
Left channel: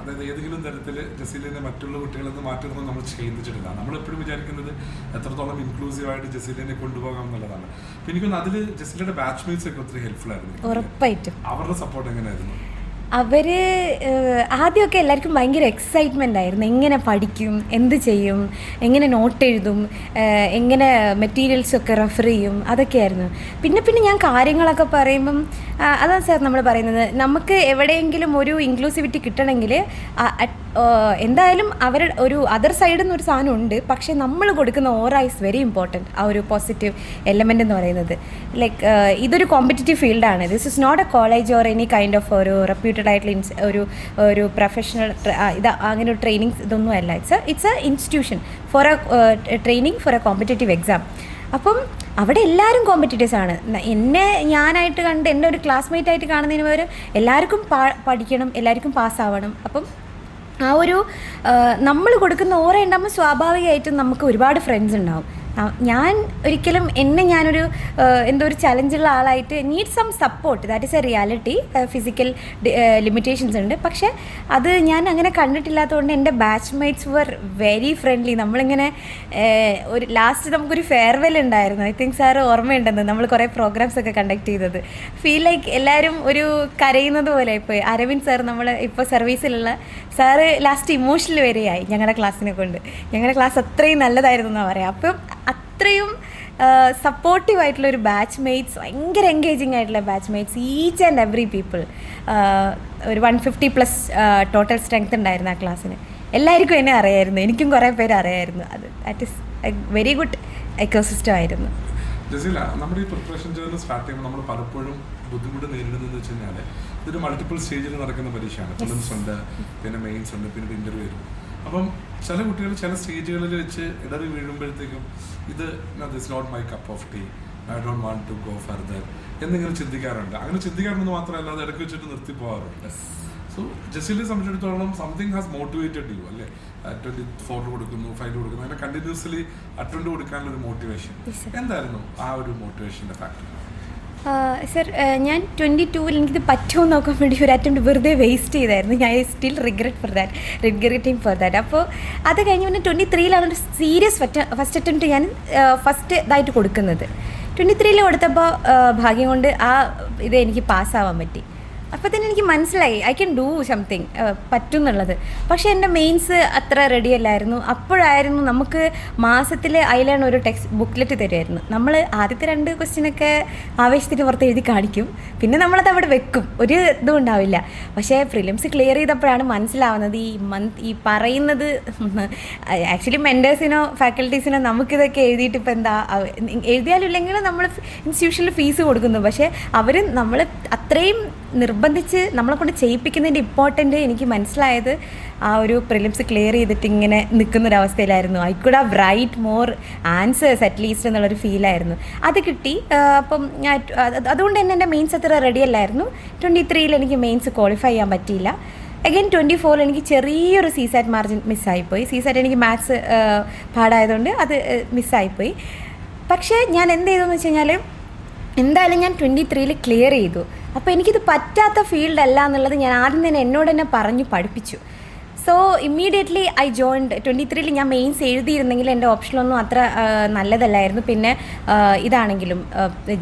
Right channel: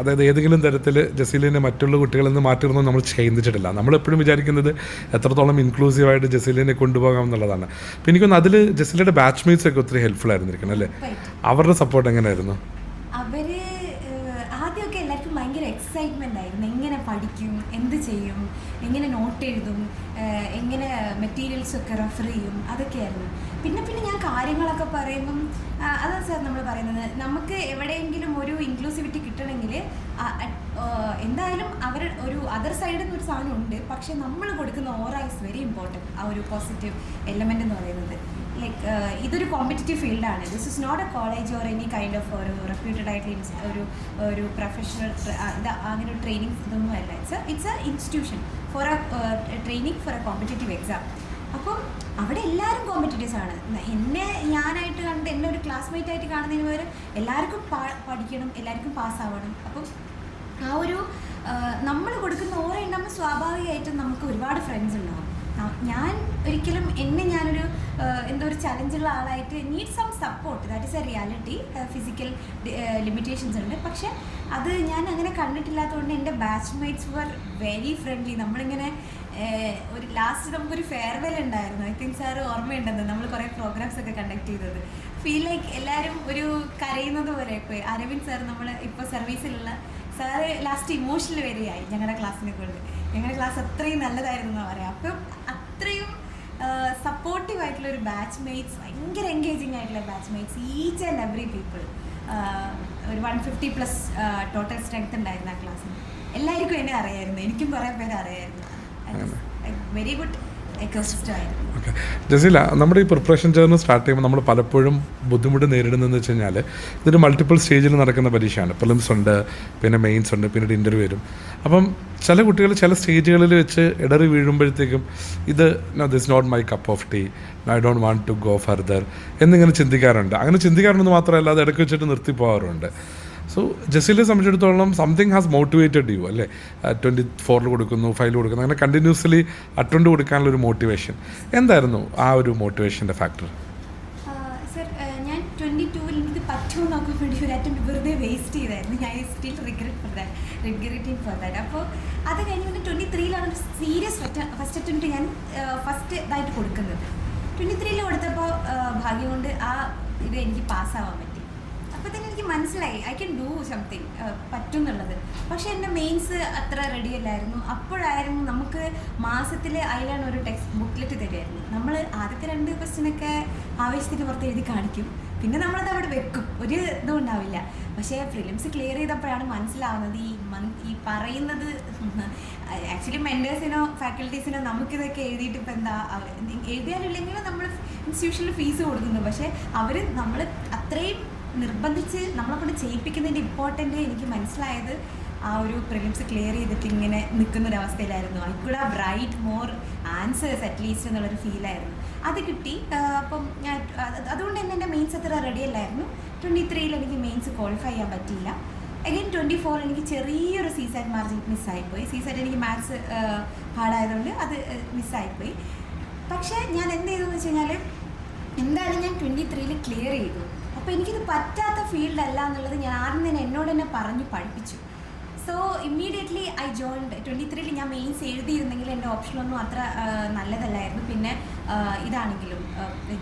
അതായത് ഏതെങ്കിലും തരത്തിൽ ജസീലിനെ മറ്റുള്ള കുട്ടികളിൽ നിന്ന് മാറ്റുന്നു നമ്മൾ ചിന്തിച്ചിട്ടില്ല. നമ്മളെപ്പോഴും വിചാരിക്കുന്നത് എത്രത്തോളം ഇൻക്ലൂസീവായിട്ട് ജസീലിനെ കൊണ്ടുപോകാം എന്നുള്ളതാണ്. അപ്പോൾ എനിക്കൊന്ന് അതിൽ ജസീലയുടെ ബാച്ച്മേറ്റ്സ് ഒക്കെ ഒത്തിരി ഹെൽപ്ഫുൾ ആയിരുന്നിരിക്കും അല്ലേ? അവരുടെ സപ്പോർട്ട് എങ്ങനെയായിരുന്നു? അവർ ആദ്യമൊക്കെ എല്ലാവർക്കും ഭയങ്കര എക്സൈറ്റ്മെൻ്റ് ആയിരുന്നു. എങ്ങനെ പഠിക്കും, എന്ത് ചെയ്യും, എങ്ങനെ നോട്ട് എഴുതും, എങ്ങനെ മെറ്റീരിയൽസൊക്കെ റെഫർ ചെയ്യും, അതൊക്കെയായിരുന്നു. പിന്നെ ഞാൻ കാര്യങ്ങളൊക്കെ പറയുമ്പം അതാണ് സാർ നമ്മൾ പറയുന്നത്, നമുക്ക് എവിടെയെങ്കിലും ഒരു ഇൻക്ലൂസിവിറ്റി കിട്ടണമെങ്കിൽ എന്തായാലും അവരുടെ ഒരു അതർ സൈഡിൽ നിന്നൊരു സാധനം ഉണ്ട്. പക്ഷേ നമ്മൾ കൊടുക്കുന്ന ഓറ ഈസ് വെരി ഇമ്പോർട്ടൻറ്റ്. ആ ഒരു പോസിറ്റീവ് എലമെൻ്റ് എന്ന് പറയുന്നത് ലൈക്ക് ഇതൊരു കോമ്പറ്റീറ്റീവ് ഫീൽഡാണ്. This is not a college or any kind of ഒരു റെപ്യൂട്ടഡ് ആയിട്ടുള്ള ഒരു പ്രൊഫഷണൽ അങ്ങനെ ഒരു ട്രെയിനിങ് ഇതൊന്നും അല്ല. It's a institution for a training for a competitive exam. അപ്പം അവിടെ എല്ലാവരും കോമ്പറ്റീറ്റേഴ്സ് ആണ്. ഞാനായിട്ട് കണ്ട് എൻ്റെ ഒരു ക്ലാസ്മേറ്റ് ആയിട്ട് കാണുന്നതിന് പകരം എല്ലാവർക്കും പഠിക്കണം, എല്ലാവർക്കും പാസ്സാവണം. അപ്പം ആ ഒരു നമ്മൾ കൊടുക്കുന്ന ഓറ ഉണ്ടാകുമ്പോൾ സ്വാഭാവികമായിട്ടും നമുക്ക് ഒരുപാട് ഫ്രണ്ട്സ് ഉണ്ടാവും. ഞാൻ ഒരിക്കലും ഞാനൊരു എന്തോ ഒരു ചലഞ്ചുള്ള ആളായിട്ട് need some support, that is a reality. Physical limitations ഉണ്ട്, പക്ഷേ അത് ഞാൻ അങ്ങനെ കണ്ടിട്ടില്ലാത്തതുകൊണ്ട് എൻ്റെ ബാച്ച്മേറ്റ്സ് വർ വെരി ഫ്രണ്ട്ലി. നമ്മളിങ്ങനെ ഒരു ലാസ്റ്റ് നമുക്കൊരു ഫെയർവെൽ ഉണ്ടായിരുന്നു. ഐ തിങ്ക് സാറ് ഓർമ്മയുണ്ടെന്ന്, നമ്മൾ കുറേ പ്രോഗ്രാംസ് ഒക്കെ കണ്ടക്ട് ചെയ്തത്. ഫീൽ ലൈക്ക് എല്ലാവരും ഒരു കരയുന്നത് പോലെ ഇപ്പോൾ അരവിന്ദ് സാർ, നമ്മൾ ഇപ്പോൾ സർവീസിലുള്ള സാറ് ലാസ്റ്റ് ഇമോഷണൽ വരെയായി ഞങ്ങളുടെ ക്ലാസ്സിനെ കൊണ്ട്. ഞങ്ങളുടെ ക്ലാസ് അത്രയും നല്ലതായിരുന്നു എന്നാണ് പറയാം. അപ്പം അത്രയും സപ്പോർട്ടീവ് ആയിട്ടുള്ള ഒരു ബാച്ച്മേറ്റ്സ്, ഭയങ്കര എൻഗേജിങ് ആയിട്ടുള്ള batchmates, each and every people. ഒരു 150+ ടോട്ടൽ സ്ട്രെങ്ത് ഉണ്ടായിരുന്നു ആ ക്ലാസ്സിന്. എല്ലാവർക്കും എന്നെ അറിയായിരുന്നു, എനിക്കും കുറേ പേര് അറിയായിരുന്നു. That is A very good ecosystem ആയിരുന്നു. ജസീല, നമ്മുടെ ഈ പ്രിപ്പറേഷൻ ജേർണി സ്റ്റാർട്ട് ചെയ്യുമ്പോൾ നമ്മൾ പലപ്പോഴും ബുദ്ധിമുട്ട് നേരിടുന്നതെന്ന് വെച്ച് കഴിഞ്ഞാൽ ഇതൊരു മൾട്ടിപ്പിൾ സ്റ്റേജിൽ നടക്കുന്ന പരീക്ഷയാണ്. പ്രിലിംസ് ഉണ്ട്, പിന്നെ മെയിൻസ് ഉണ്ട്, പിന്നീട് ഇൻ്റർവ്യൂ വരും. അപ്പം ചില കുട്ടികൾ ചില സ്റ്റേജുകളിൽ വെച്ച് ഇടറി വീഴുമ്പോഴത്തേക്കും this not my cup of tea, I don't want to go further എന്നിങ്ങനെ ചിന്തിക്കാറുണ്ട്. അങ്ങനെ ചിന്തിക്കാറുണ്ടെന്ന് മാത്രമല്ല, അത് ഇടയ്ക്ക് വെച്ചിട്ട് നിർത്തി പോകാറുണ്ട്. സോ ജസീലിനെ സംബന്ധിച്ചിടത്തോളം സംതിങ് ഹാസ് മോട്ടിവേറ്റഡ് യു അല്ലേ? 24 കൊടുക്കുന്നു, 5 കൊടുക്കുന്നു, അങ്ങനെ കണ്ടിന്യൂസ്ലി അറ്റൻഡ് കൊടുക്കാനുള്ള ഒരു മോട്ടിവേഷൻ എന്തായിരുന്നു? ആ ഒരു മോട്ടിവേഷൻ്റെ ഫാക്ടർ? സർ, ഞാൻ 22-ൽ എനിക്കിത് പറ്റുമോ നോക്കാൻ വേണ്ടി ഒരു അറ്റംപ്റ്റ് വെറുതെ വേസ്റ്റ് ചെയ്തായിരുന്നു. ഞാൻ സ്റ്റിൽ റിഗ്രറ്റിംഗ് ഫോർ ദാറ്റ്. അപ്പോൾ അത് കഴിഞ്ഞ് പിന്നെ 23-ൽ അതൊരു സീരിയസ് ഫസ്റ്റ് അറ്റംപ്റ്റ് ഞാൻ ഫസ്റ്റ് ഇതായിട്ട് കൊടുക്കുന്നത്. 23-ൽ കൊടുത്തപ്പോൾ ഭാഗ്യം കൊണ്ട് ആ ഇത് എനിക്ക് പാസ്സാവാൻ പറ്റി. അപ്പോൾ തന്നെ എനിക്ക് മനസ്സിലായി ഐ ക്യാൻ ഡൂ സംതിങ്, പറ്റും എന്നുള്ളത്. പക്ഷേ എൻ്റെ മെയിൻസ് അത്ര റെഡി അല്ലായിരുന്നു. അപ്പോഴായിരുന്നു നമുക്ക് മാസത്തിൽ അതിലാണ് ഒരു ടെക്സ്റ്റ് ബുക്ക്ലെറ്റ് തരുമായിരുന്നു. നമ്മൾ ആദ്യത്തെ 2 ക്വസ്റ്റ്യനൊക്കെ ആവേശത്തിന് പുറത്ത് എഴുതി കാണിക്കും, പിന്നെ നമ്മളത് അവിടെ വെക്കും, ഒരു ഇതും ഉണ്ടാവില്ല. പക്ഷേ പ്രിലിംസ് ക്ലിയർ ചെയ്തപ്പോഴാണ് മനസ്സിലാവുന്നത് ഈ പറയുന്നത് ആക്ച്വലി മെൻറ്റേഴ്സിനോ ഫാക്കൽറ്റീസിനോ നമുക്കിതൊക്കെ എഴുതിയിട്ട് ഇപ്പോൾ എന്താ, എഴുതിയാലും ഇല്ലെങ്കിലും നമ്മൾ ഇൻസ്റ്റിറ്റ്യൂഷനിൽ ഫീസ് കൊടുക്കുന്നു. പക്ഷേ അവർ നമ്മൾ അത്രയും നിർബന്ധിച്ച് നമ്മളെ കൊണ്ട് ചെയ്യിപ്പിക്കുന്നതിൻ്റെ ഇമ്പോർട്ടൻ്റ് എനിക്ക് മനസ്സിലായത് ആ ഒരു പ്രിലിംസ് ക്ലിയർ ചെയ്തിട്ട് ഇങ്ങനെ നിൽക്കുന്നൊരവസ്ഥയിലായിരുന്നു. I could have write more answers at least എന്നുള്ളൊരു ഫീലായിരുന്നു. അത് കിട്ടി. അപ്പം അതുകൊണ്ട് തന്നെ എൻ്റെ മെയിൻസ് അത്ര റെഡി അല്ലായിരുന്നു. 23-ൽ എനിക്ക് മെയിൻസ് ക്വാളിഫൈ ചെയ്യാൻ പറ്റിയില്ല. അഗൈൻ 24-ൽ എനിക്ക് ചെറിയൊരു CSAT മാർജിൻ മിസ്സായിപ്പോയി. CSAT എനിക്ക് മാത്സ് പാടായതുകൊണ്ട് അത് മിസ്സായിപ്പോയി. പക്ഷേ ഞാൻ എന്ത് ചെയ്തെന്ന് വെച്ച് കഴിഞ്ഞാൽ എന്തായാലും ഞാൻ 23-ൽ ക്ലിയർ ചെയ്തു. അപ്പോൾ എനിക്കിത് പറ്റാത്ത ഫീൽഡ് അല്ല എന്നുള്ളത് ഞാൻ ആദ്യം തന്നെ എന്നോട് തന്നെ പറഞ്ഞു പഠിപ്പിച്ചു. സോ ഇമ്മീഡിയറ്റ്ലി ഐ ജോയിൻഡ് 23-ൽ ഞാൻ മെയിൻസ് എഴുതിയിരുന്നെങ്കിൽ എൻ്റെ ഓപ്ഷനൊന്നും അത്ര നല്ലതല്ലായിരുന്നു. പിന്നെ ഇതാണെങ്കിലും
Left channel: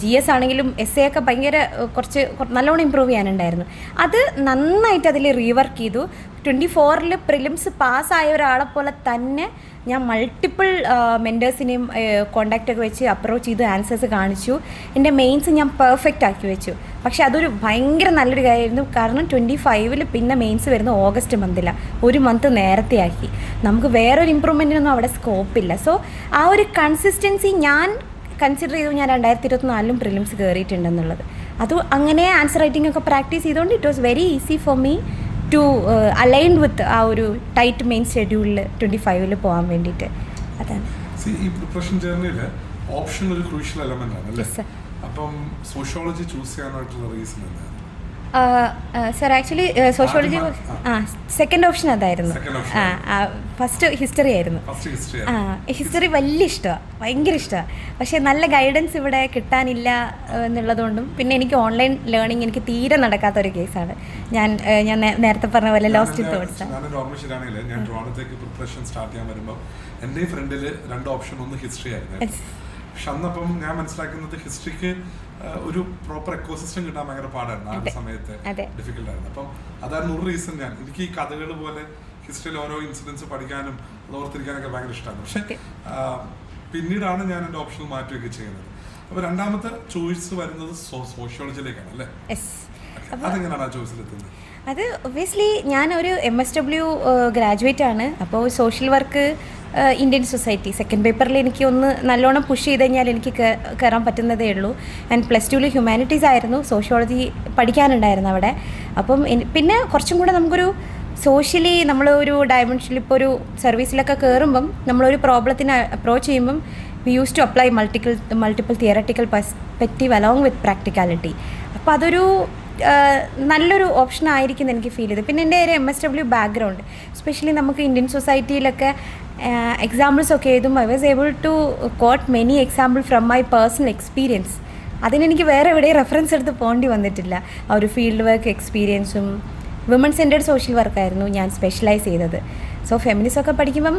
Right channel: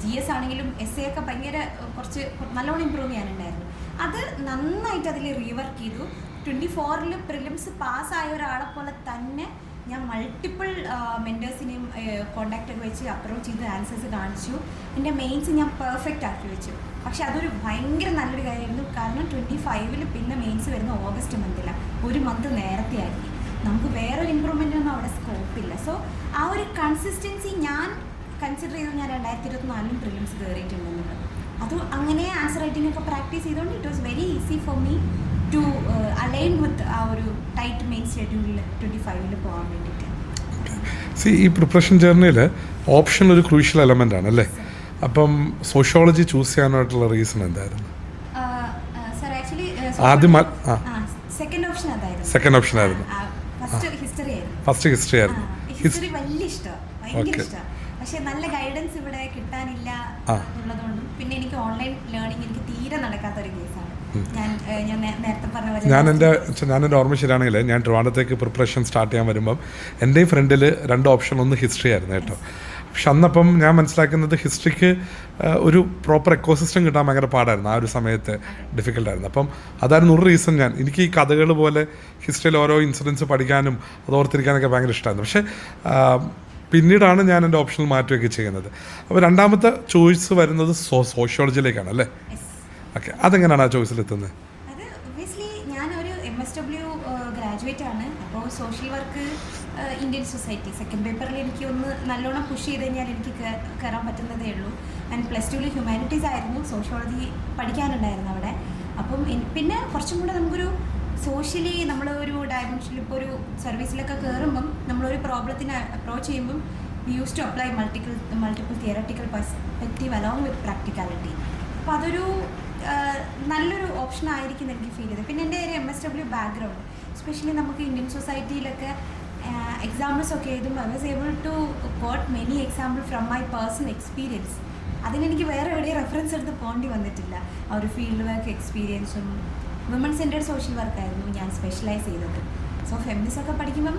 GS ആണെങ്കിലും essay ഒക്കെ ഭയങ്കര കുറച്ച് നല്ലോണം ഇമ്പ്രൂവ് ചെയ്യാനുണ്ടായിരുന്നു. അത് നന്നായിട്ട് അതിൽ റീവർക്ക് ചെയ്തു. 24-ൽ പ്രിലിംസ് പാസ്സായ ഒരാളെ പോലെ തന്നെ ഞാൻ മൾട്ടിപ്പിൾ മെൻറ്റേഴ്സിനെയും കോണ്ടാക്റ്റൊക്കെ വെച്ച് അപ്രോച്ച് ചെയ്ത് ആൻസേഴ്സ് കാണിച്ചു. എൻ്റെ മെയിൻസ് ഞാൻ പെർഫെക്റ്റ് ആക്കി വെച്ചു. പക്ഷെ അതൊരു ഭയങ്കര നല്ലൊരു കാര്യമായിരുന്നു. കാരണം 25-ൽ പിന്നെ മെയിൻസ് വരുന്ന ഓഗസ്റ്റ് മന്തിലാണ്, ഒരു മന്ത് നേരത്തെ ആക്കി. നമുക്ക് വേറൊരു ഇമ്പ്രൂവ്മെൻറ്റിനൊന്നും അവിടെ സ്കോപ്പില്ല. സോ ആ ഒരു കൺസിസ്റ്റൻസി ഞാൻ കൺസിഡർ ചെയ്തു. ഞാൻ 2024-ലും പ്രിലിംസ് കയറിയിട്ടുണ്ടെന്നുള്ളത്. അത് അങ്ങനെ ആൻസർ റൈറ്റിംഗ് ഒക്കെ പ്രാക്ടീസ് ചെയ്തുകൊണ്ട് it was very easy for me to align with ആ ഒരു ടൈറ്റ് മെയിൻ ഷെഡ്യൂളിൽ 25-ൽ പോകാൻ വേണ്ടിയിട്ട്. അതാണ് ഈ പ്രിപ്പറേഷൻ ജേർണിയിൽ ഓപ്ഷൻ ഒരു ക്രൂഷ്യൽ എലമെൻ്റ് ആണ് അല്ലേ? അപ്പം സോഷ്യോളജി ചൂസ് ചെയ്യാനായിട്ടുള്ള റീസൺ എന്തായിരുന്നു? സർ ആക്ച്വലി സെക്കൻഡ് ഓപ്ഷൻ അതായിരുന്നു. ഫസ്റ്റ് ഹിസ്റ്ററി ആയിരുന്നു. ഹിസ്റ്ററി വലിയ ഇഷ്ടമാണ്, ഭയങ്കര ഇഷ്ടമാണ്. പക്ഷേ നല്ല ഗൈഡൻസ് ഇവിടെ കിട്ടാനില്ല എന്നുള്ളതുകൊണ്ടും പിന്നെ എനിക്ക് ഓൺലൈൻ ലേണിംഗ് എനിക്ക് തീരെ നടക്കാത്തൊരു കേസാണ്. ഞാൻ നേരത്തെ പറഞ്ഞ പോലെ ഞാനെൻ്റെ ഓർമ്മ ശരിയാണെങ്കിൽ ഞാൻ ട്രിവാൻഡ്രത്തേക്ക് പ്രിപ്പറേഷൻ സ്റ്റാർട്ട് ചെയ്യാൻ വരുമ്പം എൻ്റെ ഫ്രണ്ടിൽ 2 ഓപ്ഷൻ, ഒന്ന് ഹിസ്റ്ററി ആയിരുന്നു കേട്ടോ. പക്ഷെ അന്നപ്പം ഞാൻ മനസ്സിലാക്കുന്നത് ഹിസ്റ്ററിക്ക് ഒരു പ്രോപ്പർ എക്കോസിസ്റ്റം കിട്ടാൻ ഭയങ്കര പാടായിരുന്നു. ആ ഒരു സമയത്ത് ഡിഫിക്കൽട്ടായിരുന്നു. അപ്പം അതായിരുന്നു ഒരു റീസൺ. എനിക്ക് ഈ കഥകൾ പോലെ ഹിസ്റ്ററിയിൽ ഓരോ ഇൻസിഡൻസ് പഠിക്കാനും അത് ഓർത്തിരിക്കാനൊക്കെ ഭയങ്കര ഇഷ്ടമായിരുന്നു. പക്ഷേ പിന്നീടാണ് ഞാൻ എൻ്റെ ഓപ്ഷനിൽ മാറ്റുകയൊക്കെ ചെയ്യുന്നത്. അപ്പോൾ രണ്ടാമത്തെ ചോയ്സ് വരുന്നത് സോഷ്യോളജിയിലേക്കാണ് അല്ലേ? ഓക്കെ, അതെങ്ങനെയാണ് ആ ചോയ്സിലെത്തുന്നത്? അത് ഒബ്വിയസ്ലി ഞാനൊരു MSW ഗ്രാജുവേറ്റ് ആണ്. അപ്പോൾ social work, Indian society second പേപ്പറിൽ എനിക്ക് ഒന്ന് നല്ലോണം പുഷ് ചെയ്ത് കഴിഞ്ഞാൽ എനിക്ക് കയറാൻ പറ്റുന്നതേ ഉള്ളൂ. ആൻഡ് +2-ൽ ഹ്യൂമാനിറ്റീസ് ആയിരുന്നു, സോഷ്യോളജി പഠിക്കാനുണ്ടായിരുന്നു അവിടെ. അപ്പം പിന്നെ കുറച്ചും കൂടെ നമുക്കൊരു സോഷ്യലി നമ്മൾ ഒരു ഡയമെൻഷനിൽ ഇപ്പോൾ ഒരു സർവീസിലൊക്കെ കയറുമ്പം നമ്മളൊരു പ്രോബ്ലത്തിന് അപ്രോച്ച് ചെയ്യുമ്പം we use to apply multiple theoretical perspective along with practicality. അപ്പോൾ അതൊരു നല്ലൊരു ഓപ്ഷൻ ആയിരിക്കും എനിക്ക് ഫീൽ ചെയ്തത്. പിന്നെ എൻ്റെ ഒരു MSW ബാക്ക്ഗ്രൗണ്ട്, എസ്പെഷ്യലി നമുക്ക് ഇന്ത്യൻ സൊസൈറ്റിയിലൊക്കെ എക്സാമ്പിൾസ് ഒക്കെ എഴുതുമ്പോൾ I was able to quote many example from my personal experience. അതിനെനിക്ക് വേറെ എവിടെയും റെഫറൻസ് എടുത്ത് പോകേണ്ടി വന്നിട്ടില്ല. ആ ഒരു ഫീൽഡ് വർക്ക് എക്സ്പീരിയൻസും വിമൺ സെൻറ്റേഡ് സോഷ്യൽ വർക്കായിരുന്നു ഞാൻ സ്പെഷ്യലൈസ് ചെയ്തത്. സോ ഫെമിനിസം ഒക്കെ പഠിക്കുമ്പം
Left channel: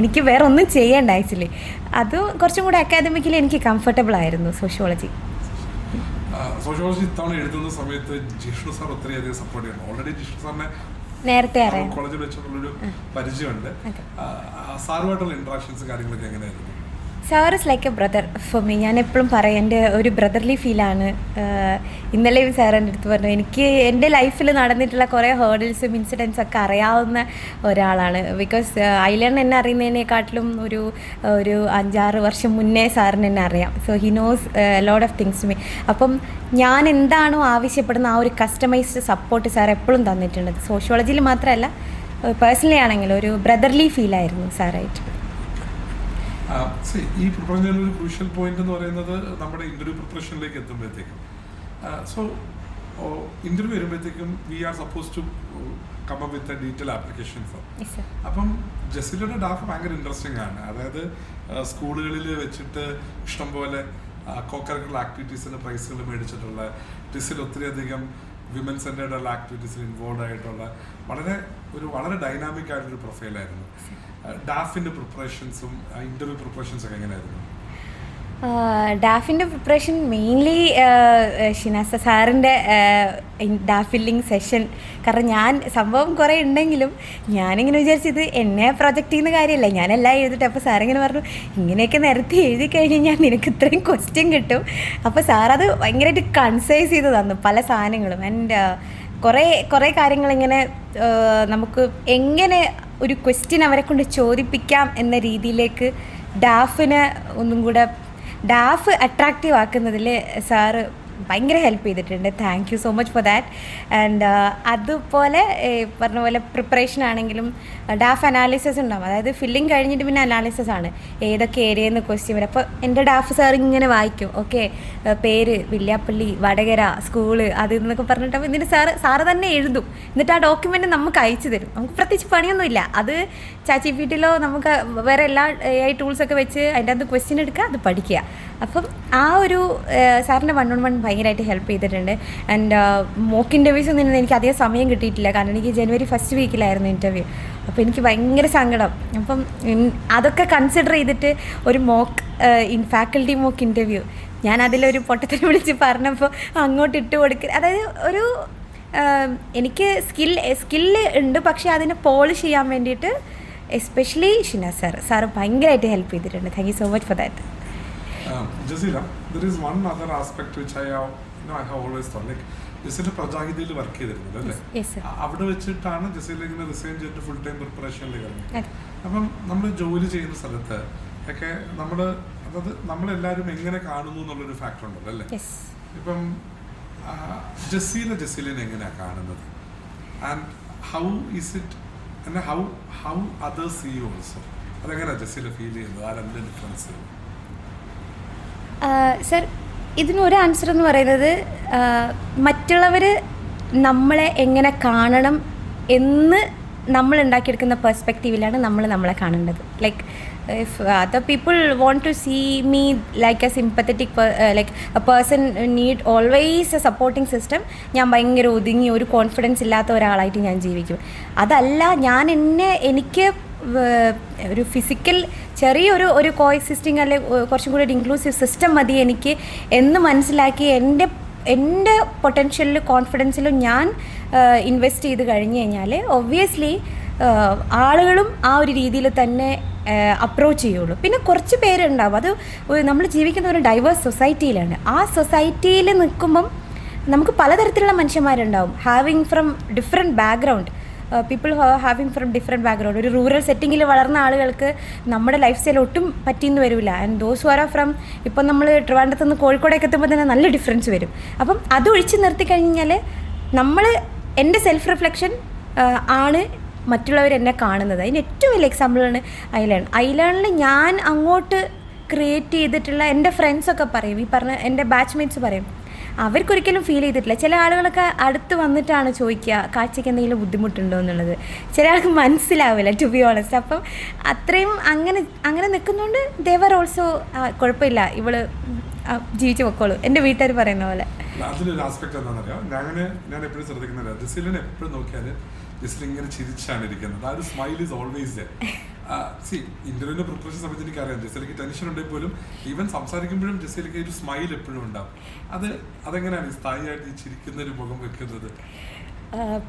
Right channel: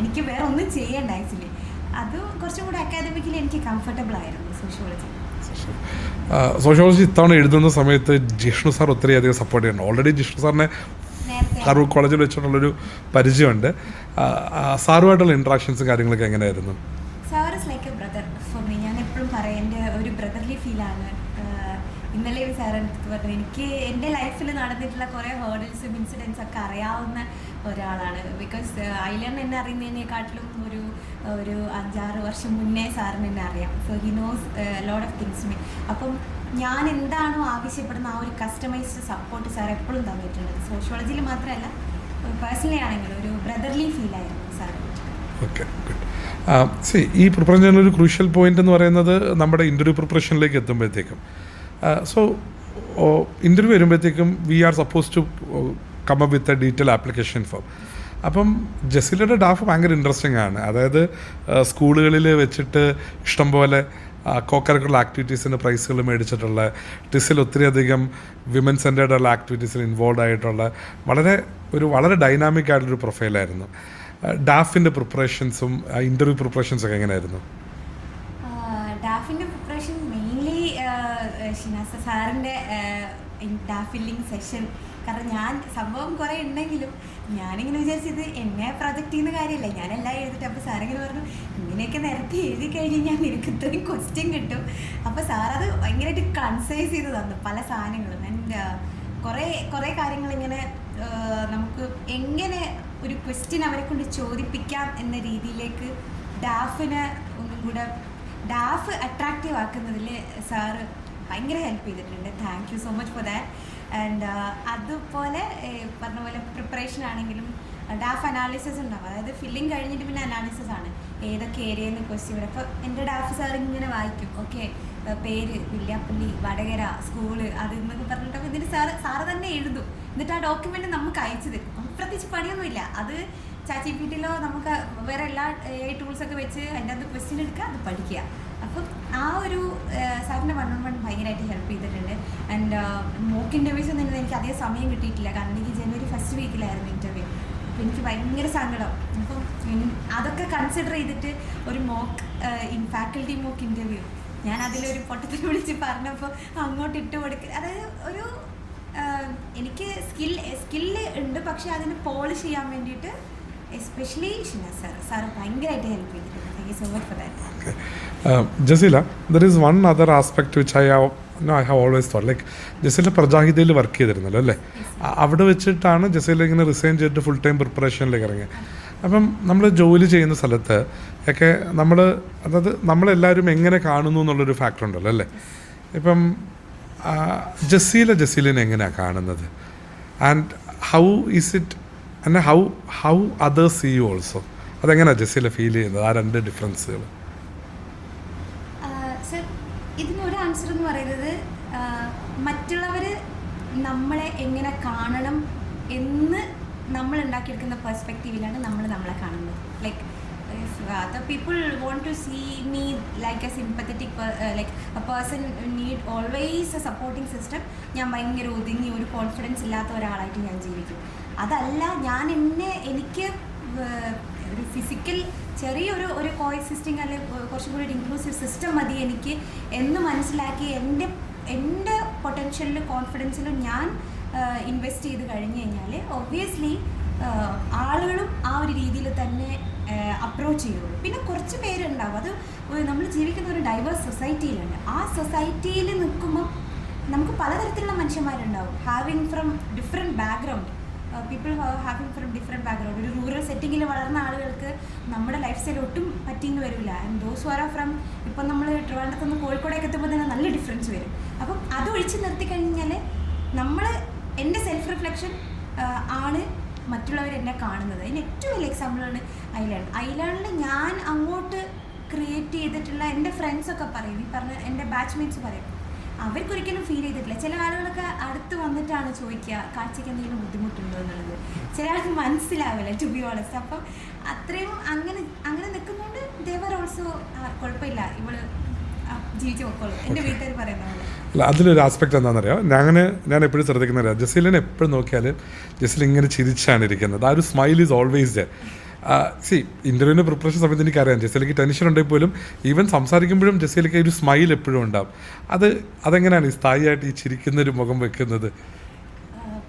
എനിക്ക് വേറെ ഒന്നും ചെയ്യേണ്ട ആക്ച്വലി. അത് കുറച്ചും കൂടെ അക്കാദമിക്കലി എനിക്ക് കംഫർട്ടബിൾ ആയിരുന്നു സോഷ്യോളജി. സോഷ്യോളജി ഇത്തവണ എഴുതുന്ന സമയത്ത് ജിഷ്ണു സാർ ഒത്തിരിയധികം സപ്പോർട്ട് ചെയ്യുന്നുണ്ട്. ഓൾറെഡി ജിഷ്ണു സാറിനെ നേരത്തെ ഫറൂഖ് കോളേജിൽ വെച്ചിട്ടുള്ളൊരു പരിചയമുണ്ട്. സാറുമായിട്ടുള്ള ഇൻട്രാക്ഷൻസും കാര്യങ്ങളൊക്കെ എങ്ങനെയായിരുന്നു? Sir is like A brother for me. ഞാൻ എപ്പോഴും പറയും എൻ്റെ ഒരു ബ്രദർലി ഫീലാണ്. ഇന്നലെ സാർ എൻ്റെ അടുത്ത് പറഞ്ഞു എനിക്ക് എൻ്റെ ലൈഫിൽ നടന്നിട്ടുള്ള കുറേ ഹേർഡിൽസും ഇൻസിഡൻസും ഒക്കെ അറിയാവുന്ന ഒരാളാണ്. ബിക്കോസ് ഐലൻ എന്നെ അറിയുന്നതിനെക്കാട്ടിലും ഒരു 5-6 വർഷം മുന്നേ സാറിന് എന്നെ അറിയാം. So he knows lot of things to me. അപ്പം ഞാൻ എന്താണോ ആവശ്യപ്പെടുന്ന ആ ഒരു കസ്റ്റമൈസ്ഡ് സപ്പോർട്ട് സാർ എപ്പോഴും തന്നിട്ടുണ്ട്. സോഷ്യോളജിയിൽ മാത്രമല്ല പേഴ്സണലി ആണെങ്കിലും ഒരു ബ്രദർലി ഫീലായിരുന്നു സാറായിട്ട്. ഈ പ്രിപ്പറേഷൻ ഒരു ക്രൂഷ്യൽ പോയിന്റ് എന്ന് പറയുന്നത് നമ്മുടെ ഇൻ്റർവ്യൂ പ്രിപ്പറേഷനിലേക്ക് എത്തുമ്പോഴത്തേക്കും. സോ ഇൻ്റർവ്യൂ വരുമ്പോഴത്തേക്കും we are suppose to come up with a detail application form. അപ്പം ജസീലയുടെ ഡാഫ് ഭയങ്കര ഇൻട്രസ്റ്റിംഗ് ആണ്. അതായത് സ്കൂളുകളിൽ വെച്ചിട്ട് ഇഷ്ടംപോലെ കോ-കരിക്കുലർ ആക്ടിവിറ്റീസിന് പ്രൈസുകൾ മേടിച്ചിട്ടുള്ള, ടിസിൽ ഒത്തിരിയധികം വിമൻ സെൻറ്റേർഡുള്ള ആക്ടിവിറ്റീസിൽ ഇൻവോൾവ് ആയിട്ടുള്ള വളരെ ഡൈനാമിക് ആയിട്ടൊരു പ്രൊഫൈലായിരുന്നു. ഡാഫിൻ്റെ പ്രിപ്പറേഷൻസും ഇൻ്റർവ്യൂ പ്രിപ്പറേഷൻസും ഒക്കെ എങ്ങനെയായിരുന്നു? ഡാഫിൻ്റെ പ്രിപ്പറേഷൻ മെയിൻലി ഷിനാസ സാറിൻ്റെ ഡാഫ് ഫില്ലിങ് സെഷൻ. കാരണം ഞാൻ സംഭവം കുറേ ഉണ്ടെങ്കിലും ഞാനിങ്ങനെ വിചാരിച്ചത് എന്നെ പ്രൊജക്റ്റ് ചെയ്യുന്ന കാര്യമല്ല, ഞാനെല്ലാം എഴുതിട്ട്. അപ്പോൾ സാറിങ്ങനെ പറഞ്ഞു ഇങ്ങനെയൊക്കെ നിരത്തി എഴുതി കഴിഞ്ഞാൽ നിനക്ക് ഇത്രയും ക്വസ്റ്റ്യൻ കിട്ടും. അപ്പോൾ സാറത് ഭയങ്കരമായിട്ട് കൺസൈസ് ചെയ്ത് തന്നു പല സാധനങ്ങളും. ആൻഡ് കുറേ കാര്യങ്ങളിങ്ങനെ നമുക്ക് എങ്ങനെ ഒരു ക്വസ്റ്റ്യൻ അവരെ കൊണ്ട് ചോദിപ്പിക്കാം എന്ന രീതിയിലേക്ക് ഡാഫിന് ഒന്നും കൂടെ ഡാഫ് അട്രാക്റ്റീവ് ആക്കുന്നതിൽ സാറ് ഭയങ്കര ഹെൽപ്പ് ചെയ്തിട്ടുണ്ട്. Thank you so much for that. And അതുപോലെ പറഞ്ഞ പോലെ പ്രിപ്പറേഷൻ ആണെങ്കിലും ഡാഫ് അനാലിസിസ് ഉണ്ടാവും. അതായത് ഫില്ലിങ് കഴിഞ്ഞിട്ട് പിന്നെ അനാലിസിസ് ആണ്, ഏതൊക്കെ ഏരിയയിൽ നിന്ന് ക്വസ്റ്റ്യൻ വരും. അപ്പോൾ എൻ്റെ ഡാഫ് സാർ ഇങ്ങനെ വായിക്കും, ഓക്കെ പേര് വില്യാപ്പള്ളി, വടകര, സ്കൂള്, അത് എന്നൊക്കെ പറഞ്ഞിട്ട്. അപ്പോൾ ഇതിൻ്റെ സാറ് തന്നെ എഴുതും. എന്നിട്ട് ആ ഡോക്യുമെൻ്റ് നമുക്ക് അയച്ചു തരും. നമുക്ക് പ്രത്യേകിച്ച് പണിയൊന്നുമില്ല. അത് ChatGPTയിലോ നമുക്ക് വേറെ എല്ലാ AI ടൂൾസൊക്കെ വെച്ച് അതിൻ്റെ അകത്ത് ക്വസ്റ്റ്യൻ എടുക്കുക, അത് പഠിക്കുക. അപ്പം ആ ഒരു സാറിൻ്റെ 1-on-1 ഭയങ്കരമായിട്ട് ഹെൽപ്പ് ചെയ്തിട്ടുണ്ട്. ആൻഡ് മോക്ക് ഇൻ്റർവ്യൂസ് ഒന്നും എനിക്ക് അധികം സമയം കിട്ടിയിട്ടില്ല, കാരണം എനിക്ക് ജനുവരി ഫസ്റ്റ് വീക്കിലായിരുന്നു ഇൻ്റർവ്യൂ. അപ്പോൾ എനിക്ക് ഭയങ്കര സങ്കടം. അപ്പം അതൊക്കെ കൺസിഡർ ചെയ്തിട്ട് ഒരു ഫാക്കൽറ്റി മോക്ക് ഇൻ്റർവ്യൂ ഞാൻ അതിലൊരു പൊട്ടത്തിന് വിളിച്ച് പറഞ്ഞപ്പോൾ അങ്ങോട്ട് ഇട്ട് കൊടുക്കുക, അതായത് ഒരു എനിക്ക് സ്കില്ല് ഉണ്ട്, പക്ഷേ അതിനെ പോളിഷ് ചെയ്യാൻ വേണ്ടിയിട്ട് എസ്പെഷ്യലി ഷിനാസ് സാറ് ഭയങ്കരമായിട്ട് ഹെൽപ്പ് ചെയ്തിട്ടുണ്ട്. Thank you so much for that. Jasila, there is one other aspect which I have always thought, like Jaseela പ്രജാഹിതയിൽ വർക്ക് ചെയ്തിരുന്നല്ലോ അല്ലേ? അവിടെ വെച്ചിട്ടാണ് ജസീല ഇങ്ങനെ റിസൈൻ ചെയ്തിട്ട് ഫുൾ ടൈം പ്രിപ്പറേഷനിലേക്ക് ഇറങ്ങി. അപ്പം നമ്മൾ ജോലി ചെയ്യുന്ന സ്ഥലത്ത് ഒക്കെ അതായത് നമ്മളെല്ലാവരും എങ്ങനെ കാണുന്നു എന്നുള്ളൊരു ഫാക്ടർ ഉണ്ടല്ലോ അല്ലേ? ഇപ്പം ജസീലിനെ എങ്ങനെയാണ് കാണുന്നത്, and how is it, and how others see you also, അതെങ്ങനെയാണ് ജസീല ഫീൽ ചെയ്യുന്നത്, ആ രണ്ട് ഡിഫറൻസുകൾ? സർ, ഇതിനൊരു ആൻസർ എന്ന് പറയുന്നത് മറ്റുള്ളവർ നമ്മളെ എങ്ങനെ കാണണം എന്ന് നമ്മൾ ഉണ്ടാക്കിയെടുക്കുന്ന പെർസ്പെക്റ്റീവിലാണ് നമ്മളെ കാണേണ്ടത്. Like if other people want to see me like a sympathetic like a person need always a supporting system, ഞാൻ ഭയങ്കര ഒതുങ്ങി ഒരു കോൺഫിഡൻസ് ഇല്ലാത്ത ഒരാളായിട്ട് ഞാൻ ജീവിക്കും. അതല്ല, എനിക്ക് ഒരു ഫിസിക്കൽ ചെറിയൊരു കോഎക്സിസ്റ്റിംഗ് അല്ലെങ്കിൽ കുറച്ചും കൂടി ഒരു ഇൻക്ലൂസീവ് സിസ്റ്റം മതി എനിക്ക് എന്ന് മനസ്സിലാക്കി എൻ്റെ പൊട്ടൻഷ്യലിലും കോൺഫിഡൻസിലും ഞാൻ ഇൻവെസ്റ്റ് ചെയ്ത് കഴിഞ്ഞ് കഴിഞ്ഞാൽ ഒബ്വിയസ്ലി ആളുകളും ആ ഒരു രീതിയിൽ തന്നെ അപ്രോച്ച് ചെയ്യുള്ളൂ. പിന്നെ കുറച്ച് പേരുണ്ടാവും, അത് നമ്മൾ ജീവിക്കുന്ന ഒരു ഡൈവേഴ്സ് സൊസൈറ്റിയിലാണ്. ആ സൊസൈറ്റിയിൽ നിൽക്കുമ്പം നമുക്ക് പലതരത്തിലുള്ള മനുഷ്യന്മാരുണ്ടാവും, having from different background, people having from different background. ഒരു റൂറൽ സെറ്റിങ്ങിൽ വളർന്ന ആളുകൾക്ക് നമ്മുടെ ലൈഫ് സ്റ്റൈൽ ഒട്ടും പറ്റിയെന്ന് വരില്ല. And those who are from, ഇപ്പം നമ്മൾ ട്രിവാൻഡ്രത്ത് നിന്ന് കോഴിക്കോടേക്ക് എത്തുമ്പോൾ തന്നെ നല്ല ഡിഫറൻസ് വരും. അപ്പം അത് ഒഴിച്ച് നിർത്തി കഴിഞ്ഞാൽ എൻ്റെ സെൽഫ് റിഫ്ലക്ഷൻ ആണ് മറ്റുള്ളവർ എന്നെ കാണുന്നത്. അതിന് ഏറ്റവും വലിയ എക്സാമ്പിളാണ് ഐലേണിൽ ഞാൻ അങ്ങോട്ട് ക്രിയേറ്റ് ചെയ്തിട്ടുള്ള എൻ്റെ ഫ്രണ്ട്സൊക്കെ പറയും, ഈ പറഞ്ഞ എൻ്റെ ബാച്ച്മേറ്റ്സ് പറയും, അവർക്കൊരിക്കലും ഫീൽ ചെയ്തിട്ടില്ല. ചില ആളുകളൊക്കെ അടുത്ത് വന്നിട്ടാണ് ചോദിക്കുക കാഴ്ചയ്ക്ക് എന്തെങ്കിലും ബുദ്ധിമുട്ടുണ്ടോ എന്നുള്ളത്. ചില ആൾക്ക് മനസ്സിലാവില്ല, ടു ബി ഓണസ്റ്റ്. അപ്പം അത്രയും അങ്ങനെ നിൽക്കുന്നുണ്ട്. ദേവർ ഓൾസോ കുഴപ്പമില്ല, ഇവള് ജീവിച്ചു പൊക്കോളൂ, എൻ്റെ വീട്ടുകാർ പറയുന്ന പോലെ. അതിലൊരു ആസ്പെക്ട് എന്താണെന്നറിയാം, ഞാൻ എപ്പോഴും ശ്രദ്ധിക്കുന്നില്ല, ജസീലിനെ എപ്പോഴും നോക്കിയാൽ ജസീൽ ഇങ്ങനെ ചിരിച്ചാണ് ഇരിക്കുന്നത്. ആ ഒരു സ്മൈൽ ഈസ് ഓൾവേസ് ദർ. ഇന്റർവ്യൂവിന് പ്രിപ്പറേഷൻ സമയത്ത് എനിക്കറിയാം ജസീലയ്ക്ക് ടെൻഷൻ ഉണ്ടെങ്കിൽ പോലും ഈവൻ സംസാരിക്കുമ്പോഴും ജസീലയ്ക്ക് ഒരു സ്മൈൽ എപ്പോഴും ഉണ്ടാവും. അതെങ്ങനെയാണ് ഈ സ്ഥായിയായിട്ട് ഈ ചിരിക്കുന്നൊരു മുഖം വെക്കുന്നത്?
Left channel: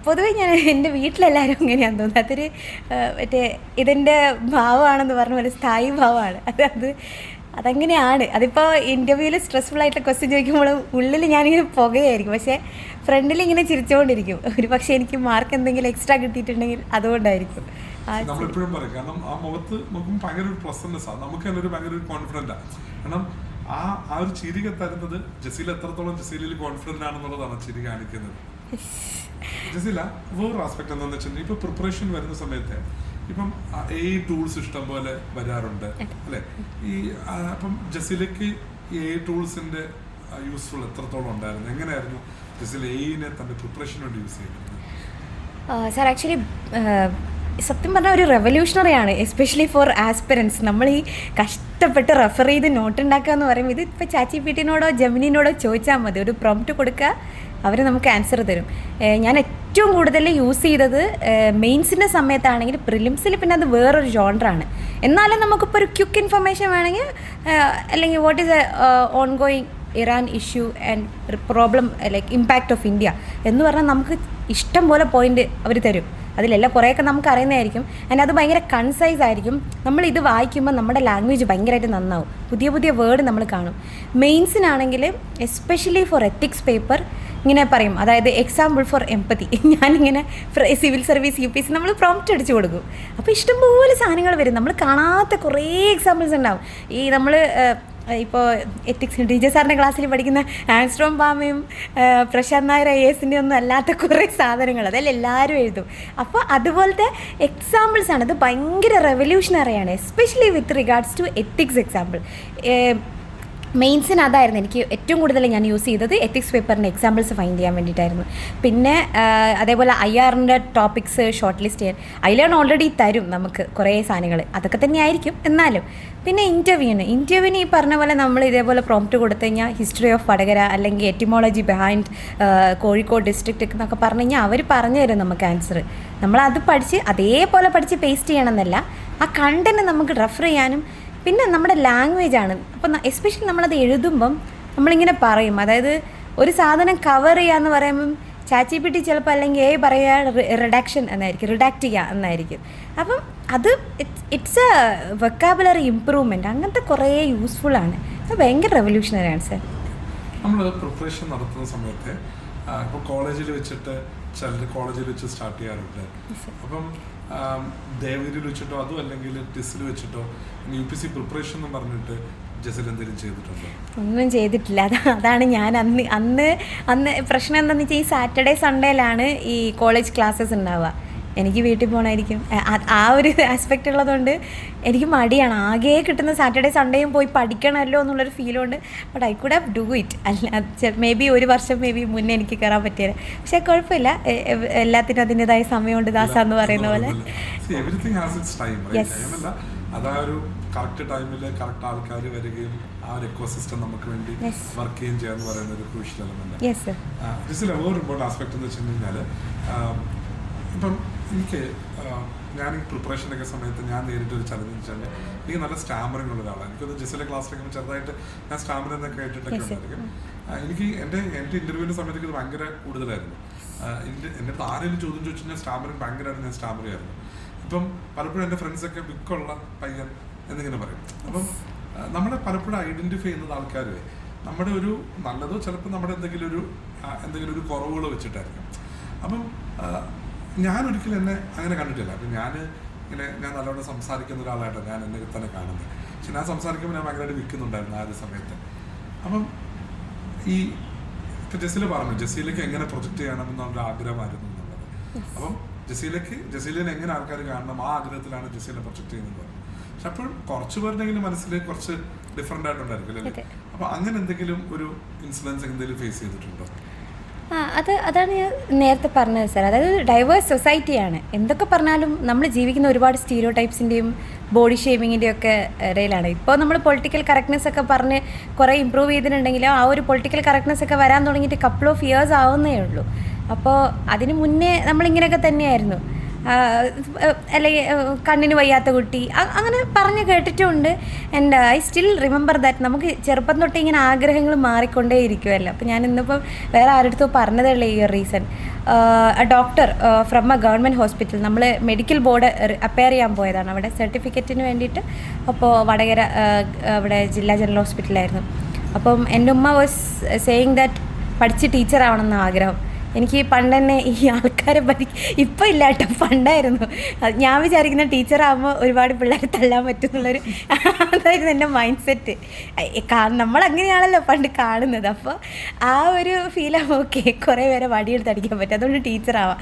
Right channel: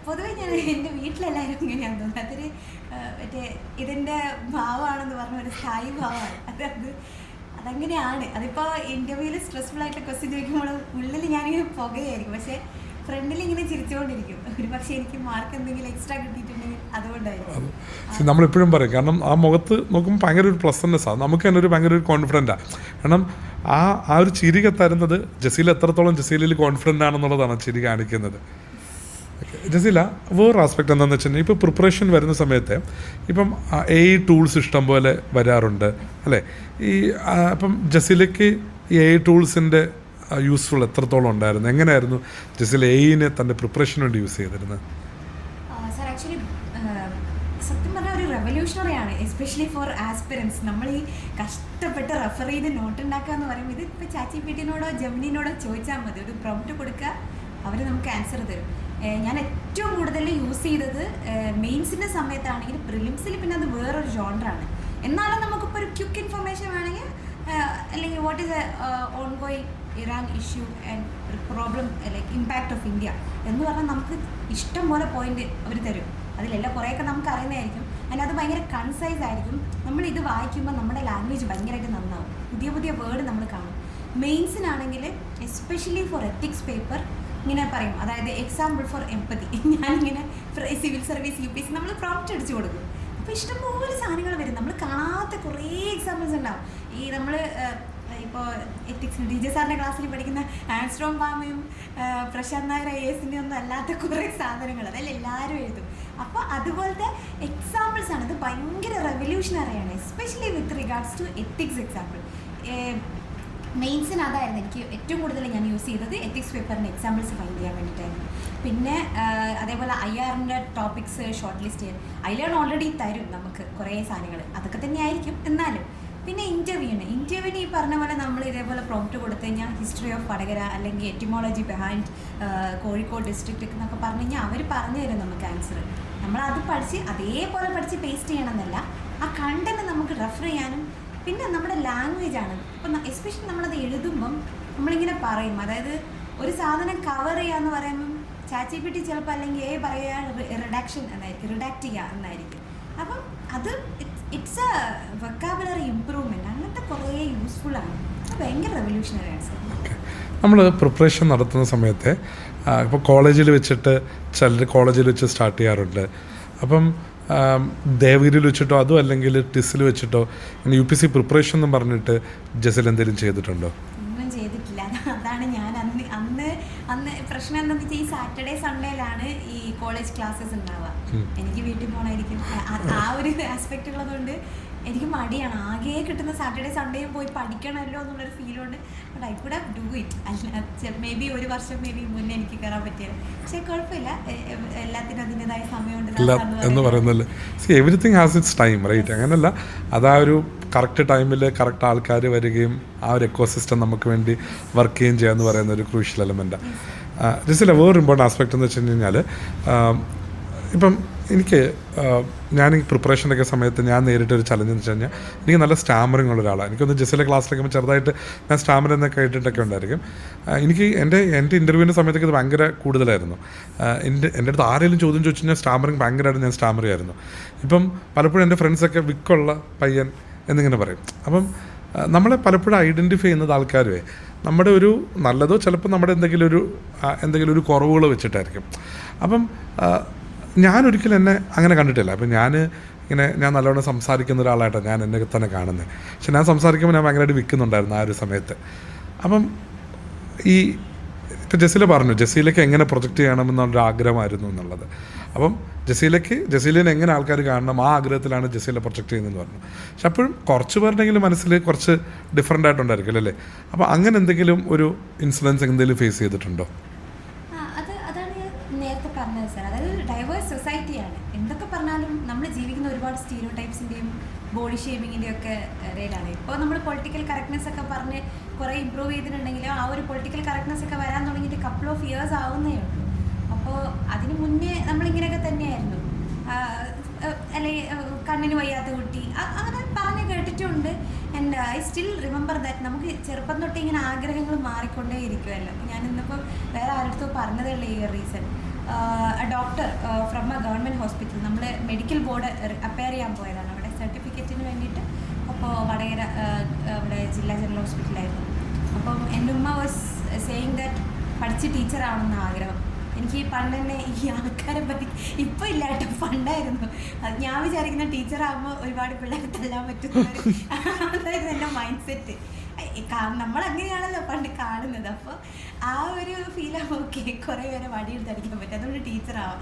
പൊതുവെ ഞാൻ എൻ്റെ വീട്ടിലെല്ലാവരും അങ്ങനെയാണെന്ന് തോന്നുന്നത്. അതൊരു ഇതിൻ്റെ ഭാവമാണെന്ന് പറഞ്ഞ പോലെ സ്ഥായി ഭാവമാണ്. അതങ്ങനെയാണ്. അതിപ്പോൾ ഇൻ്റർവ്യൂവിൽ സ്ട്രെസ്ഫുൾ ആയിട്ടുള്ള ക്വസ്റ്റ്യൻ ചോദിക്കുമ്പോഴും ഉള്ളിൽ ഞാനിങ്ങനെ പുകയായിരിക്കും, പക്ഷേ ഫ്രണ്ടിൽ ഇങ്ങനെ ചിരിച്ചുകൊണ്ടിരിക്കും. ഒരു പക്ഷേ എനിക്ക് മാർക്ക് എന്തെങ്കിലും എക്സ്ട്രാ കിട്ടിയിട്ടുണ്ടെങ്കിൽ അതുകൊണ്ടായിരിക്കും. നമ്മളെപ്പോഴും പറയും, കാരണം ആ മുഖത്ത് നോക്കുമ്പോൾ ഭയങ്കര ഒരു പ്ലസൻനെസ്സാണ്, നമുക്ക് തന്നെ ഒരു ഭയങ്കര ഒരു കോൺഫിഡൻറ്റാണ്. കാരണം ആ ഒരു ചിരി തരുന്നത് ജസീല എത്രത്തോളം ജസീലയിൽ കോൺഫിഡൻ്റ് ആണെന്നുള്ളതാണ് ചിരി കാണിക്കുന്നത്. ജസീല, വേറൊരു ആസ്പെക്ട് എന്താണെന്ന് വെച്ചിട്ടുണ്ടെങ്കിൽ ഇപ്പോൾ പ്രിപ്പറേഷൻ വരുന്ന സമയത്ത് ഇപ്പം AI ടൂൾസ് ഇഷ്ടം പോലെ വരാറുണ്ട് അല്ലേ? അപ്പം ജസീലയ്ക്ക് ഈ AI ടൂൾസിൻ്റെ യൂസ്ഫുൾ എത്രത്തോളം ഉണ്ടായിരുന്നു? എങ്ങനെയായിരുന്നു ജസീല AIനെ തൻ്റെ പ്രിപ്പറേഷന് വേണ്ടി യൂസ് ചെയ്തിരുന്നത്? സാർ, ആക്ച്വലി സത്യം പറഞ്ഞാൽ ഒരു റെവല്യൂഷണറിയാണ്, എസ്പെഷ്യലി ഫോർ ആസ്പിറൻസ്. നമ്മൾ ഈ കഷ്ടപ്പെട്ട് റെഫർ ചെയ്ത് നോട്ട് ഉണ്ടാക്കുക എന്ന് പറയുമ്പോൾ ഇത് ഇപ്പോൾ ChatGPTനോടോ ജെമിനിനോടോ ചോദിച്ചാൽ മതി, ഒരു പ്രോംപ്റ്റ് കൊടുക്കുക, അവർ നമുക്ക് ആൻസർ തരും. ഞാൻ ഏറ്റവും കൂടുതൽ യൂസ് ചെയ്തത് മെയിൻസിൻ്റെ സമയത്താണെങ്കിൽ, പ്രിലിംസിൽ പിന്നെ അത് വേറൊരു ജോണറാണ്. എന്നാലും നമുക്കിപ്പോൾ ഒരു ക്വിക്ക് ഇൻഫർമേഷൻ വേണമെങ്കിൽ, അല്ലെങ്കിൽ what is on going Iran issue and problem like impact of India എന്ന് പറഞ്ഞാൽ നമുക്ക് ഇഷ്ടം പോലെ പോയിന്റ് അവർ തരും. അതിലെല്ലാം കുറേയൊക്കെ നമുക്ക് അറിയുന്നതായിരിക്കും. ആൻഡ് അത് ഭയങ്കര കൺസൈസ് ആയിരിക്കും. നമ്മൾ ഇത് വായിക്കുമ്പോൾ നമ്മുടെ ലാംഗ്വേജ് ഭയങ്കരമായിട്ട് നന്നാവും, പുതിയ വേർഡ് നമ്മൾ കാണും. മെയിൻസിനാണെങ്കിൽ എസ്പെഷ്യലി ഫോർ എത്തിക്സ് പേപ്പർ ഇങ്ങനെ പറയും, അതായത് എക്സാമ്പിൾ ഫോർ എംപതി. ഞാനിങ്ങനെ സിവിൽ സർവീസ് UPSC നമ്മൾ പ്രോംപ്റ്റ് അടിച്ചു കൊടുക്കും. അപ്പോൾ ഇഷ്ടംപോലെ സാധനങ്ങൾ വരും, നമ്മൾ കാണാത്ത കുറേ എക്സാമ്പിൾസ് ഉണ്ടാവും. ഈ നമ്മൾ ഇപ്പോൾ എത്തിക്സ് DJ സാറിൻ്റെ ക്ലാസ്സിൽ പഠിക്കുന്ന ആൻസ്ട്രോം പാമയും പ്രശാന്ത് നായർ IASൻ്റെ ഒന്നും അല്ലാത്ത കുറേ സാധനങ്ങൾ അതെല്ലാം എല്ലാവരും എഴുതും. അപ്പോൾ അതുപോലത്തെ എക്സാമ്പിൾസാണ്. അത് ഭയങ്കര റെവല്യൂഷണറിയാണ്, especially with regards to ethics example. മെയിൻസിന് അതായിരുന്നു എനിക്ക് ഏറ്റവും കൂടുതൽ ഞാൻ യൂസ് ചെയ്തത്. എത്തിക്സ് പേപ്പറിൻ്റെ എക്സാമ്പിൾസ് ഫൈൻഡ് ചെയ്യാൻ വേണ്ടിയിട്ടായിരുന്നു. പിന്നെ അതേപോലെ IRൻ്റെ ടോപ്പിക്സ് ഷോർട്ട് ലിസ്റ്റ് ചെയ്യാൻ അതിലാണ് ഓൾറെഡി തരും നമുക്ക് കുറേ സാധനങ്ങൾ, അതൊക്കെ തന്നെയായിരിക്കും എന്നാലും. പിന്നെ ഇൻ്റർവ്യൂവിന് ഈ പറഞ്ഞ പോലെ നമ്മൾ ഇതേപോലെ പ്രോംപ്റ്റ് കൊടുത്തു കഴിഞ്ഞാൽ ഹിസ്റ്ററി ഓഫ് വടകര അല്ലെങ്കിൽ എറ്റിമോളജി ബിഹൈൻഡ് കോഴിക്കോട് ഡിസ്ട്രിക്റ്റ് എന്നൊക്കെ പറഞ്ഞു കഴിഞ്ഞാൽ അവർ പറഞ്ഞു തരും നമുക്ക് ആൻസർ. നമ്മളത് പഠിച്ച് അതേപോലെ പഠിച്ച് പേസ്റ്റ് ചെയ്യണമെന്നല്ല, ആ കണ്ടന്റ് നമുക്ക് റെഫർ ചെയ്യാനും. പിന്നെ നമ്മുടെ ലാംഗ്വേജാണ്. അപ്പം എസ്പെഷ്യലി നമ്മളത് എഴുതുമ്പം നമ്മളിങ്ങനെ പറയും, അതായത് ഒരു സാധനം കവർ ചെയ്യാന്ന് പറയുമ്പം ChatGPT ചിലപ്പോൾ അല്ലെങ്കിൽ പറയുക റിഡാക്ഷൻ എന്നായിരിക്കും, റിഡാക്റ്റ് ചെയ്യുക എന്നായിരിക്കും. അപ്പം അത് ഇറ്റ്സ് എ വൊക്കാബുലറി ഇമ്പ്രൂവ്മെൻറ്റ്, അങ്ങനത്തെ കുറേ യൂസ്ഫുള്ളാണ്. അത് ഭയങ്കര റെവല്യൂഷണറിയാണ് സർ. നമ്മൾ പ്രിപ്പറേഷൻ നടത്തുന്ന സമയത്ത് ഇപ്പോൾ കോളേജിൽ വെച്ചിട്ട് ചിലർ കോളേജിൽ വെച്ച് സ്റ്റാർട്ട് ചെയ്യാറുണ്ട്. അപ്പം ദേവഗിരിയിൽ വെച്ചിട്ടോ അതും അല്ലെങ്കിൽ ടിസിൽ വെച്ചിട്ടോ UPSC പ്രിപ്പറേഷൻ എന്ന് പറഞ്ഞിട്ട് ജസിൽ എന്തെങ്കിലും ചെയ്തിട്ടുണ്ടോ? ഒന്നും ചെയ്തിട്ടില്ല. അതാണ് ഞാൻ അന്ന് പ്രശ്നം എന്താണെന്ന് വെച്ചാൽ ഈ സാറ്റർഡേ സൺഡേയിലാണ് ഈ കോളേജ് ക്ലാസ്സസ് ഉണ്ടാവുക. എനിക്ക് വീട്ടിൽ പോകണമായിരിക്കും, ആ ഒരു ആസ്പെക്റ്റ് ഉള്ളതുകൊണ്ട് എനിക്ക് മടിയാണ്. ആകെ കിട്ടുന്ന സാറ്റർഡേ സൺഡേയും പോയി പഠിക്കണമല്ലോ എന്നുള്ളൊരു ഫീലുണ്ട്. But I could have do it. അല്ല മേ ബി ഒരു വർഷം മുന്നേ എനിക്ക് കയറാൻ പറ്റിയത്. പക്ഷെ കുഴപ്പമില്ല, എല്ലാത്തിനും അതിൻ്റെതായ സമയമുണ്ട് ദാസ എന്ന് പറയുന്നത്. Everything has its time, right? അങ്ങനല്ല, അതാ ഒരു കറക്റ്റ് ടൈമിൽ കറക്റ്റ് ആൾക്കാർ വരികയും ആ ഒരു എക്കോസിസ്റ്റം നമുക്ക് വേണ്ടി വർക്ക് ചെയ്യുകയും ചെയ്യുക എന്ന് പറയുന്ന ഒരു ക്രൂഷ്യൽ എലമെൻറ്റാണ്. ജസില വേറൊരു ഇമ്പോർട്ടൻ്റ് ആസ്പെക്റ്റ് എന്ന് വെച്ച് കഴിഞ്ഞാൽ ഇപ്പം ഞാൻ ഈ പ്രിപ്പറേഷനൊക്കെ സമയത്ത് ഞാൻ നേരിട്ടൊരു ചലഞ്ച് എന്ന് വെച്ച് കഴിഞ്ഞാൽ എനിക്ക് നല്ല സ്റ്റാമറിങ് ഉള്ള ഒരാളാണ്. എനിക്കൊന്ന് ജസിലെ ക്ലാസ്സിലൊക്കെ ചെറുതായിട്ട് ഞാൻ സ്റ്റാമർ എന്നൊക്കെ കേട്ടിട്ടൊക്കെ ഉണ്ടായിരിക്കും. എനിക്ക് എൻ്റെ ഇൻ്റർവ്യൂവിൻ്റെ സമയത്തൊക്കെ ഇത് ഭയങ്കര കൂടുതലായിരുന്നു. എൻ്റെ അടുത്ത് ആരെങ്കിലും ചോദ്യം ചോദിച്ചു കഴിഞ്ഞാൽ സ്റ്റാമറിങ് ഭയങ്കരമായിട്ട് ഞാൻ സ്റ്റാമർ ചെയ്യായിരുന്നു. ഇപ്പം പലപ്പോഴും എൻ്റെ ഫ്രണ്ട്സൊക്കെ വിക്കുള്ള പയ്യൻ എന്നിങ്ങനെ പറയും. അപ്പം നമ്മളെ പലപ്പോഴും ഐഡൻറ്റിഫൈ ചെയ്യുന്നത് ആൾക്കാരുവേ നമ്മുടെ ഒരു നല്ലതോ ചിലപ്പോൾ നമ്മുടെ എന്തെങ്കിലും ഒരു കുറവുകൾ വെച്ചിട്ടായിരിക്കും. അപ്പം ഞാനൊരിക്കലും എന്നെ അങ്ങനെ കണ്ടിട്ടില്ല. അപ്പം ഞാൻ നല്ലവണ്ണം സംസാരിക്കുന്ന ഒരാളായിട്ടാണ് ഞാൻ എന്നെ തന്നെ കാണുന്നത്. പക്ഷെ ഞാൻ സംസാരിക്കുമ്പോൾ ഞാൻ ഭയങ്കരമായിട്ട് വിൽക്കുന്നുണ്ടായിരുന്നു ആ ഒരു സമയത്ത്. അപ്പം ഇപ്പം ജസീല പറഞ്ഞു ജസീലയ്ക്ക് എങ്ങനെ പ്രൊജക്റ്റ് ചെയ്യണമെന്നുള്ളൊരു ആഗ്രഹമായിരുന്നു എന്നുള്ളത്. അപ്പം ജസീലിനെ എങ്ങനെ ആൾക്കാർ കാണണം ആ ആഗ്രഹത്തിലാണ് ജസീല പ്രൊജക്റ്റ് ചെയ്യുന്നതെന്ന് പറഞ്ഞു. പക്ഷെ അപ്പോഴും കുറച്ച് പേരുടെങ്കിലും മനസ്സിൽ കുറച്ച് ഡിഫറെൻ്റ് ആയിട്ടുണ്ടായിരിക്കും അല്ലേ? അപ്പോൾ അങ്ങനെ എന്തെങ്കിലും ഒരു ഇൻസിഡൻസ് എന്തെങ്കിലും ഫേസ് ചെയ്തിട്ടുണ്ടോ? അതാണ് ഞാൻ നേരത്തെ പറഞ്ഞത് സാർ. അതായത് ഡൈവേഴ്സ് സൊസൈറ്റിയാണ്. എന്തൊക്കെ പറഞ്ഞാലും നമ്മൾ ജീവിക്കുന്ന ഒരുപാട് സ്റ്റീരിയോ ടൈപ്സിൻ്റെയും ബോഡി ഷേമിങ്ങിൻ്റെയും ഒക്കെ ഇടയിലാണ്. ഇപ്പോൾ നമ്മൾ പൊളിറ്റിക്കൽ കറക്റ്റ്നെസ് ഒക്കെ പറഞ്ഞ് കുറേ ഇമ്പ്രൂവ് ചെയ്തിട്ടുണ്ടെങ്കിലും ആ ഒരു പൊളിറ്റിക്കൽ കറക്റ്റ്നെസ് ഒക്കെ വരാൻ തുടങ്ങിയിട്ട് കപ്പിൾ ഓഫ് ഇയേഴ്സ് ആവുന്നേ ഉള്ളൂ. അപ്പോൾ അതിന് മുന്നേ നമ്മളിങ്ങനെയൊക്കെ തന്നെയായിരുന്നു. അല്ലെങ്കിൽ കണ്ണിന് വയ്യാത്ത കുട്ടി അങ്ങനെ പറഞ്ഞ് കേട്ടിട്ടുമുണ്ട്. And I still remember that. നമുക്ക് ചെറുപ്പം തൊട്ട് ഇങ്ങനെ ആഗ്രഹങ്ങൾ മാറിക്കൊണ്ടേ ഇരിക്കുമല്ലോ. അപ്പോൾ ഞാൻ ഇന്നിപ്പോൾ വേറെ ആരുടെ പറഞ്ഞതേ ഉള്ളൂ ഈ ഒരു reason. Doctor from A government hospital, നമ്മൾ മെഡിക്കൽ ബോർഡ് അപ്പയർ ചെയ്യാൻ പോയതാണ് അവിടെ സർട്ടിഫിക്കറ്റിന് വേണ്ടിയിട്ട്. അപ്പോൾ വടകര അവിടെ ജില്ലാ ജനറൽ ഹോസ്പിറ്റലായിരുന്നു. അപ്പം എൻ്റെ ഉമ്മ വാസ് സേയിങ് ദാറ്റ് പഠിച്ച് ടീച്ചർ ആവണമെന്ന് ആഗ്രഹം. എനിക്ക് പണ്ട് തന്നെ ഈ ആൾക്കാരെ ഇപ്പം ഇല്ല കേട്ടോ, പണ്ടായിരുന്നു. ഞാൻ വിചാരിക്കുന്ന ടീച്ചറാകുമ്പോൾ ഒരുപാട് പിള്ളേരെ തള്ളാൻ പറ്റുന്നുള്ളൊരു അതായിരുന്നു എൻ്റെ മൈൻഡ് സെറ്റ്. നമ്മളങ്ങനെയാണല്ലോ പണ്ട് കാണുന്നത്. അപ്പോൾ ആ ഒരു ഫീലാകുമ്പോൾ ഓക്കെ കുറേ പേരെ വടിയെടുത്ത് അടിക്കാൻ പറ്റും, അതുകൊണ്ട് ടീച്ചറാവാം.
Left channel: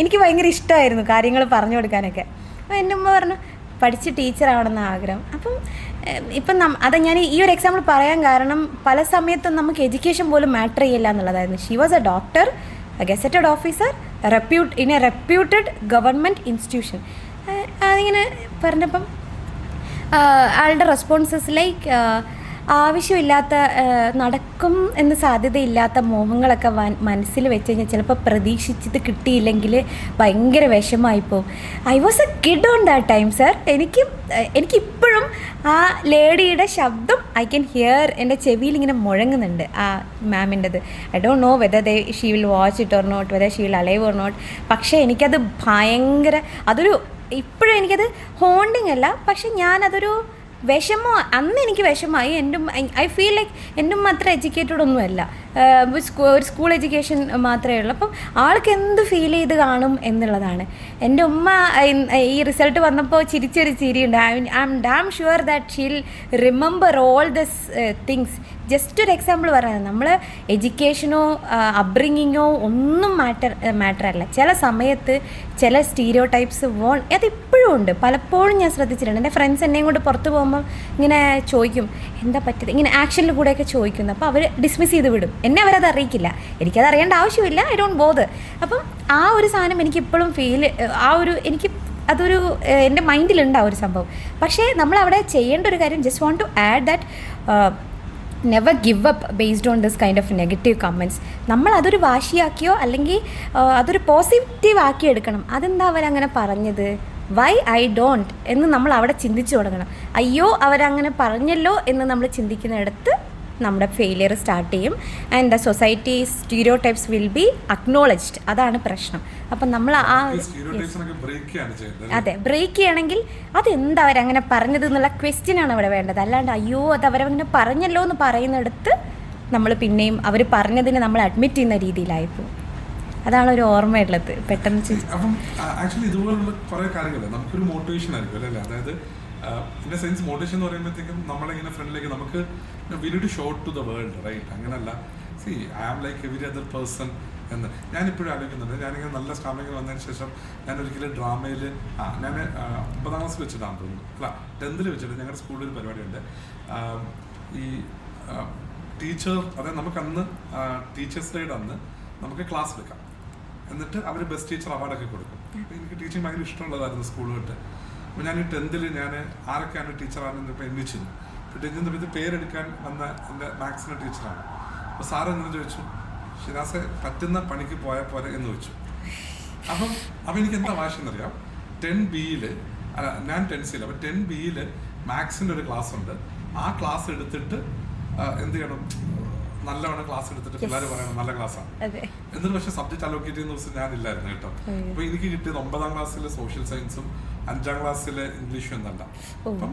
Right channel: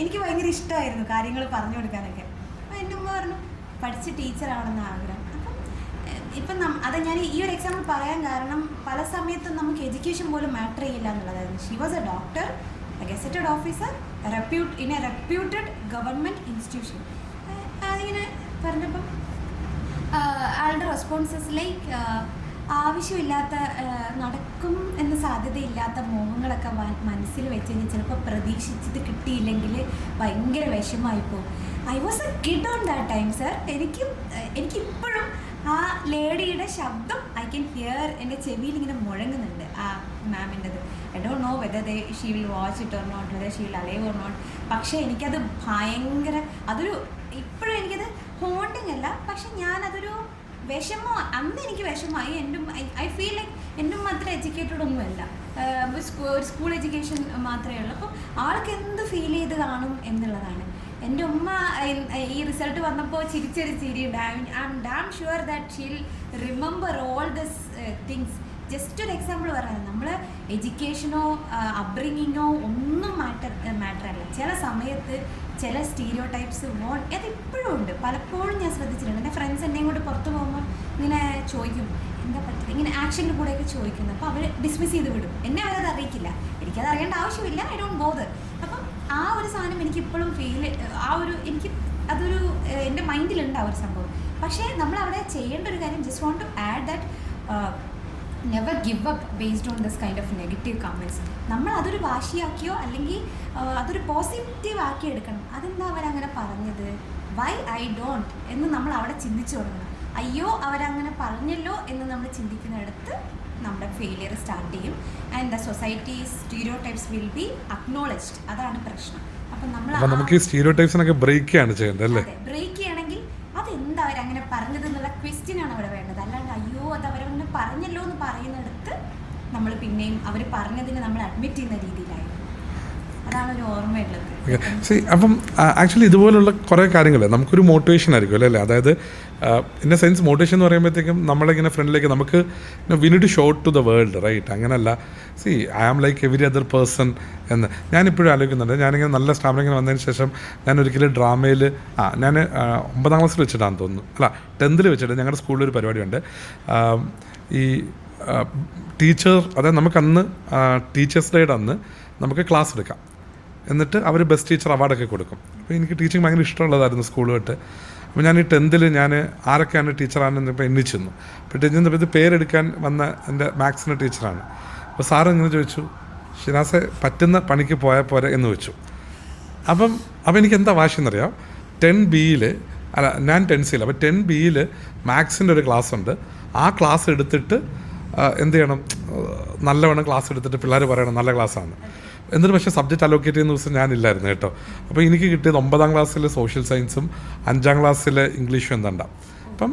എനിക്ക് ഭയങ്കര ഇഷ്ടമായിരുന്നു കാര്യങ്ങൾ പറഞ്ഞു കൊടുക്കാനൊക്കെ. അപ്പോൾ എൻ്റെ ഉമ്മ പറഞ്ഞു പഠിച്ച് ടീച്ചറാവണമെന്ന് ആഗ്രഹം. ഇപ്പം അത് ഞാൻ ഈ ഒരു എക്സാമ്പിൾ പറയാൻ കാരണം പല സമയത്തും നമുക്ക് എഡ്യൂക്കേഷൻ പോലും മാറ്റർ ചെയ്യില്ല എന്നുള്ളതായിരുന്നു. She was A doctor, a gazetted officer, in a reputed government institution. അതിങ്ങനെ പറഞ്ഞപ്പം ആളുടെ റെസ്പോൺസസ് ലൈക്ക് ആവശ്യമില്ലാത്ത നടക്കും എന്ന് സാധ്യതയില്ലാത്ത മോഹങ്ങളൊക്കെ മനസ്സിൽ വെച്ച് കഴിഞ്ഞാൽ ചിലപ്പോൾ പ്രതീക്ഷിച്ചത് കിട്ടിയില്ലെങ്കിൽ ഭയങ്കര വിഷമമായിപ്പോവും. I was a kid on that time sir. എനിക്കിപ്പോഴും ആ ലേഡിയുടെ ശബ്ദം ഐ ക്യാൻ ഹിയർ എൻ്റെ ചെവിയിൽ ഇങ്ങനെ മുഴങ്ങുന്നുണ്ട് ആ മാമിൻ്റെത്. I don't know whether she will watch it or not, whether she will alive or not. പക്ഷേ എനിക്കത് ഭയങ്കര ഇപ്പോഴും എനിക്കത് ഹോണ്ടിങ് അല്ല, പക്ഷെ ഞാനതൊരു അന്ന് എനിക്ക് വിഷമമായി. ഐ ഫീൽ ലൈക്ക് എൻ്റെ ഉമ്മ അത്ര എഡ്യൂക്കേറ്റഡ് ഒന്നുമല്ല, ഒരു സ്കൂൾ എഡ്യൂക്കേഷൻ മാത്രമേ ഉള്ളൂ. അപ്പം ആൾക്ക് എന്ത് ഫീൽ ചെയ്ത് കാണും എന്നുള്ളതാണ്. എൻ്റെ ഉമ്മ ഈ റിസൾട്ട് വന്നപ്പോൾ ചിരിച്ചൊരു ചിരിയുണ്ട്. I am damn sure that she'll remember all this things just ഒരു എക്സാമ്പിൾ പറയുന്നത്, നമ്മൾ എഡ്യൂക്കേഷനോ അപ്ബ്രിങ്ങിങ്ങോ ഒന്നും മാറ്റർ അല്ല. ചില സമയത്ത് ചില സ്റ്റീരിയോ ടൈപ്സ് അതിപ്പോഴും ഉണ്ട്. പലപ്പോഴും ഞാൻ ശ്രദ്ധിച്ചിട്ടുണ്ട്. എൻ്റെ ഫ്രണ്ട്സ് എന്നെയും കൊണ്ട് പുറത്ത് പോകുമ്പം ഇങ്ങനെ ചോദിക്കും, എന്താ പറ്റത്, ഇങ്ങനെ ആക്ഷനിൽ കൂടെയൊക്കെ ചോദിക്കുന്നു. അപ്പോൾ അവർ ഡിസ്മിസ് ചെയ്ത് വിടും. എന്നെ അവരത് അറിയിക്കില്ല, എനിക്കത് അറിയേണ്ട ആവശ്യമില്ല, ഐ ഡോണ്ട് ബോദർ. അപ്പം ആ ഒരു സാധനം എനിക്കിപ്പോഴും എനിക്ക് അതൊരു എൻ്റെ മൈൻഡിലുണ്ട് ആ ഒരു സംഭവം. പക്ഷേ നമ്മളവിടെ ചെയ്യേണ്ട ഒരു കാര്യം, just want to add that never give up based on this kind of negative comments. നമ്മൾ അതൊരു വാശിയാക്കിയോ അല്ലെങ്കിൽ അതൊരു പോസിറ്റീവ് ആക്കി എടുക്കണം. അതെന്താ അവരങ്ങനെ പറഞ്ഞത്, വൈ ഐ ഡോണ്ട് എന്ന് നമ്മൾ അവിടെ ചിന്തിച്ചു തുടങ്ങണം. അയ്യോ അവരങ്ങനെ പറഞ്ഞല്ലോ എന്ന് നമ്മൾ ചിന്തിക്കുന്നിടത്ത് നമ്മുടെ ഫെയിലിയർ സ്റ്റാർട്ട് ചെയ്യും. And the society stereo types will be acknowledged. അതാണ് പ്രശ്നം. അപ്പം നമ്മൾ അതെ ബ്രേക്ക് ചെയ്യണമെങ്കിൽ അതെന്താ അവരങ്ങനെ പറഞ്ഞത് എന്നുള്ള ക്വസ്റ്റ്യൻ ആണ് അവിടെ വേണ്ടത്. അല്ലാണ്ട് അയ്യോ അത് അവരങ്ങനെ പറഞ്ഞല്ലോ എന്ന് പറയുന്നിടത്ത് നമ്മൾ പിന്നെയും അവർ പറഞ്ഞതിന് നമ്മൾ അഡ്മിറ്റ് ചെയ്യുന്ന രീതിയിലായിപ്പോകും. അതാണ് ഒരു ഓർമ്മയുള്ളത് പെട്ടെന്ന്. അപ്പം ആക്ച്വലി ഇതുപോലുള്ള കുറേ കാര്യങ്ങൾ നമുക്കൊരു മോട്ടിവേഷൻ ആയിരിക്കും അല്ലേ. അതായത് ഇൻ എ സെൻസ് മോട്ടിവേഷൻ എന്ന് പറയുമ്പോഴത്തേക്കും നമ്മളിങ്ങനെ ഫ്രണ്ടിലേക്ക് നമുക്ക് we need to show to the world, right? അങ്ങനല്ല, see I am like every other person എന്ന് ഞാനിപ്പോഴും ആലോചിക്കുന്നുണ്ട്. ഞാനിങ്ങനെ നല്ല സ്റ്റാമിനിങ്ങനെ വന്നതിന് ശേഷം ഞാൻ ഒരിക്കലും ഡ്രാമയിൽ ഞാൻ 9ാം ക്ലാസ്സിൽ വെച്ചിട്ടാണെന്ന് തോന്നുന്നു, അല്ല 10th വെച്ചിട്ട് ഞങ്ങളുടെ സ്കൂളിൽ ഒരു പരിപാടിയുണ്ട്. ഈ ടീച്ചർ, അതായത് നമുക്കന്ന് ടീച്ചേഴ്സ് ഡേയുടെ അന്ന് നമുക്ക് ക്ലാസ് എടുക്കാം, എന്നിട്ട് അവർ ബെസ്റ്റ് ടീച്ചർ അവാർഡൊക്കെ കൊടുക്കും. അപ്പോൾ എനിക്ക് ടീച്ചിങ് ഭയങ്കര ഇഷ്ടമുള്ളതായിരുന്നു സ്കൂളുമായിട്ട്. അപ്പോൾ ഞാൻ ഈ 10th ഞാൻ ആരൊക്കെയാണ് ടീച്ചറാണെന്ന് ഇപ്പോൾ എണ്ണിച്ചിരുന്നു. അപ്പോൾ ടീച്ചറിൻ്റെ ഇത് പേരെടുക്കാൻ വന്ന എൻ്റെ മാത്സിൻ്റെ ടീച്ചറാണ്. അപ്പോൾ സാറ് ഇങ്ങനെ ചോദിച്ചു, ഷിനാസെ പറ്റുന്ന പണിക്ക് പോയാൽ പോരെ എന്ന് വെച്ചു. അപ്പം എനിക്ക് എന്താ വാശിയെന്നറിയാം, 10Bയിൽ അല്ല ഞാൻ 10Cയിൽ, അപ്പോൾ 10Bയിൽ മാത്സിൻ്റെ ഒരു ക്ലാസ് ഉണ്ട്. ആ ക്ലാസ് എടുത്തിട്ട് എന്ത് ചെയ്യണം, നല്ലവണ്ണം ക്ലാസ് എടുത്തിട്ട് പിള്ളേർ പറയണം നല്ല ക്ലാസ്സാണ്. എന്നിട്ട് പക്ഷേ സബ്ജക്റ്റ് അലോക്കേറ്റ് ചെയ്യുന്ന ദിവസം ഞാനില്ലായിരുന്നു കേട്ടോ. അപ്പോൾ എനിക്ക് കിട്ടിയത് 9ാം ക്ലാസ്സിൽ സോഷ്യൽ സയൻസും 5ാം ക്ലാസ്സിൽ ഇംഗ്ലീഷും എന്താണ്ടാവും. അപ്പം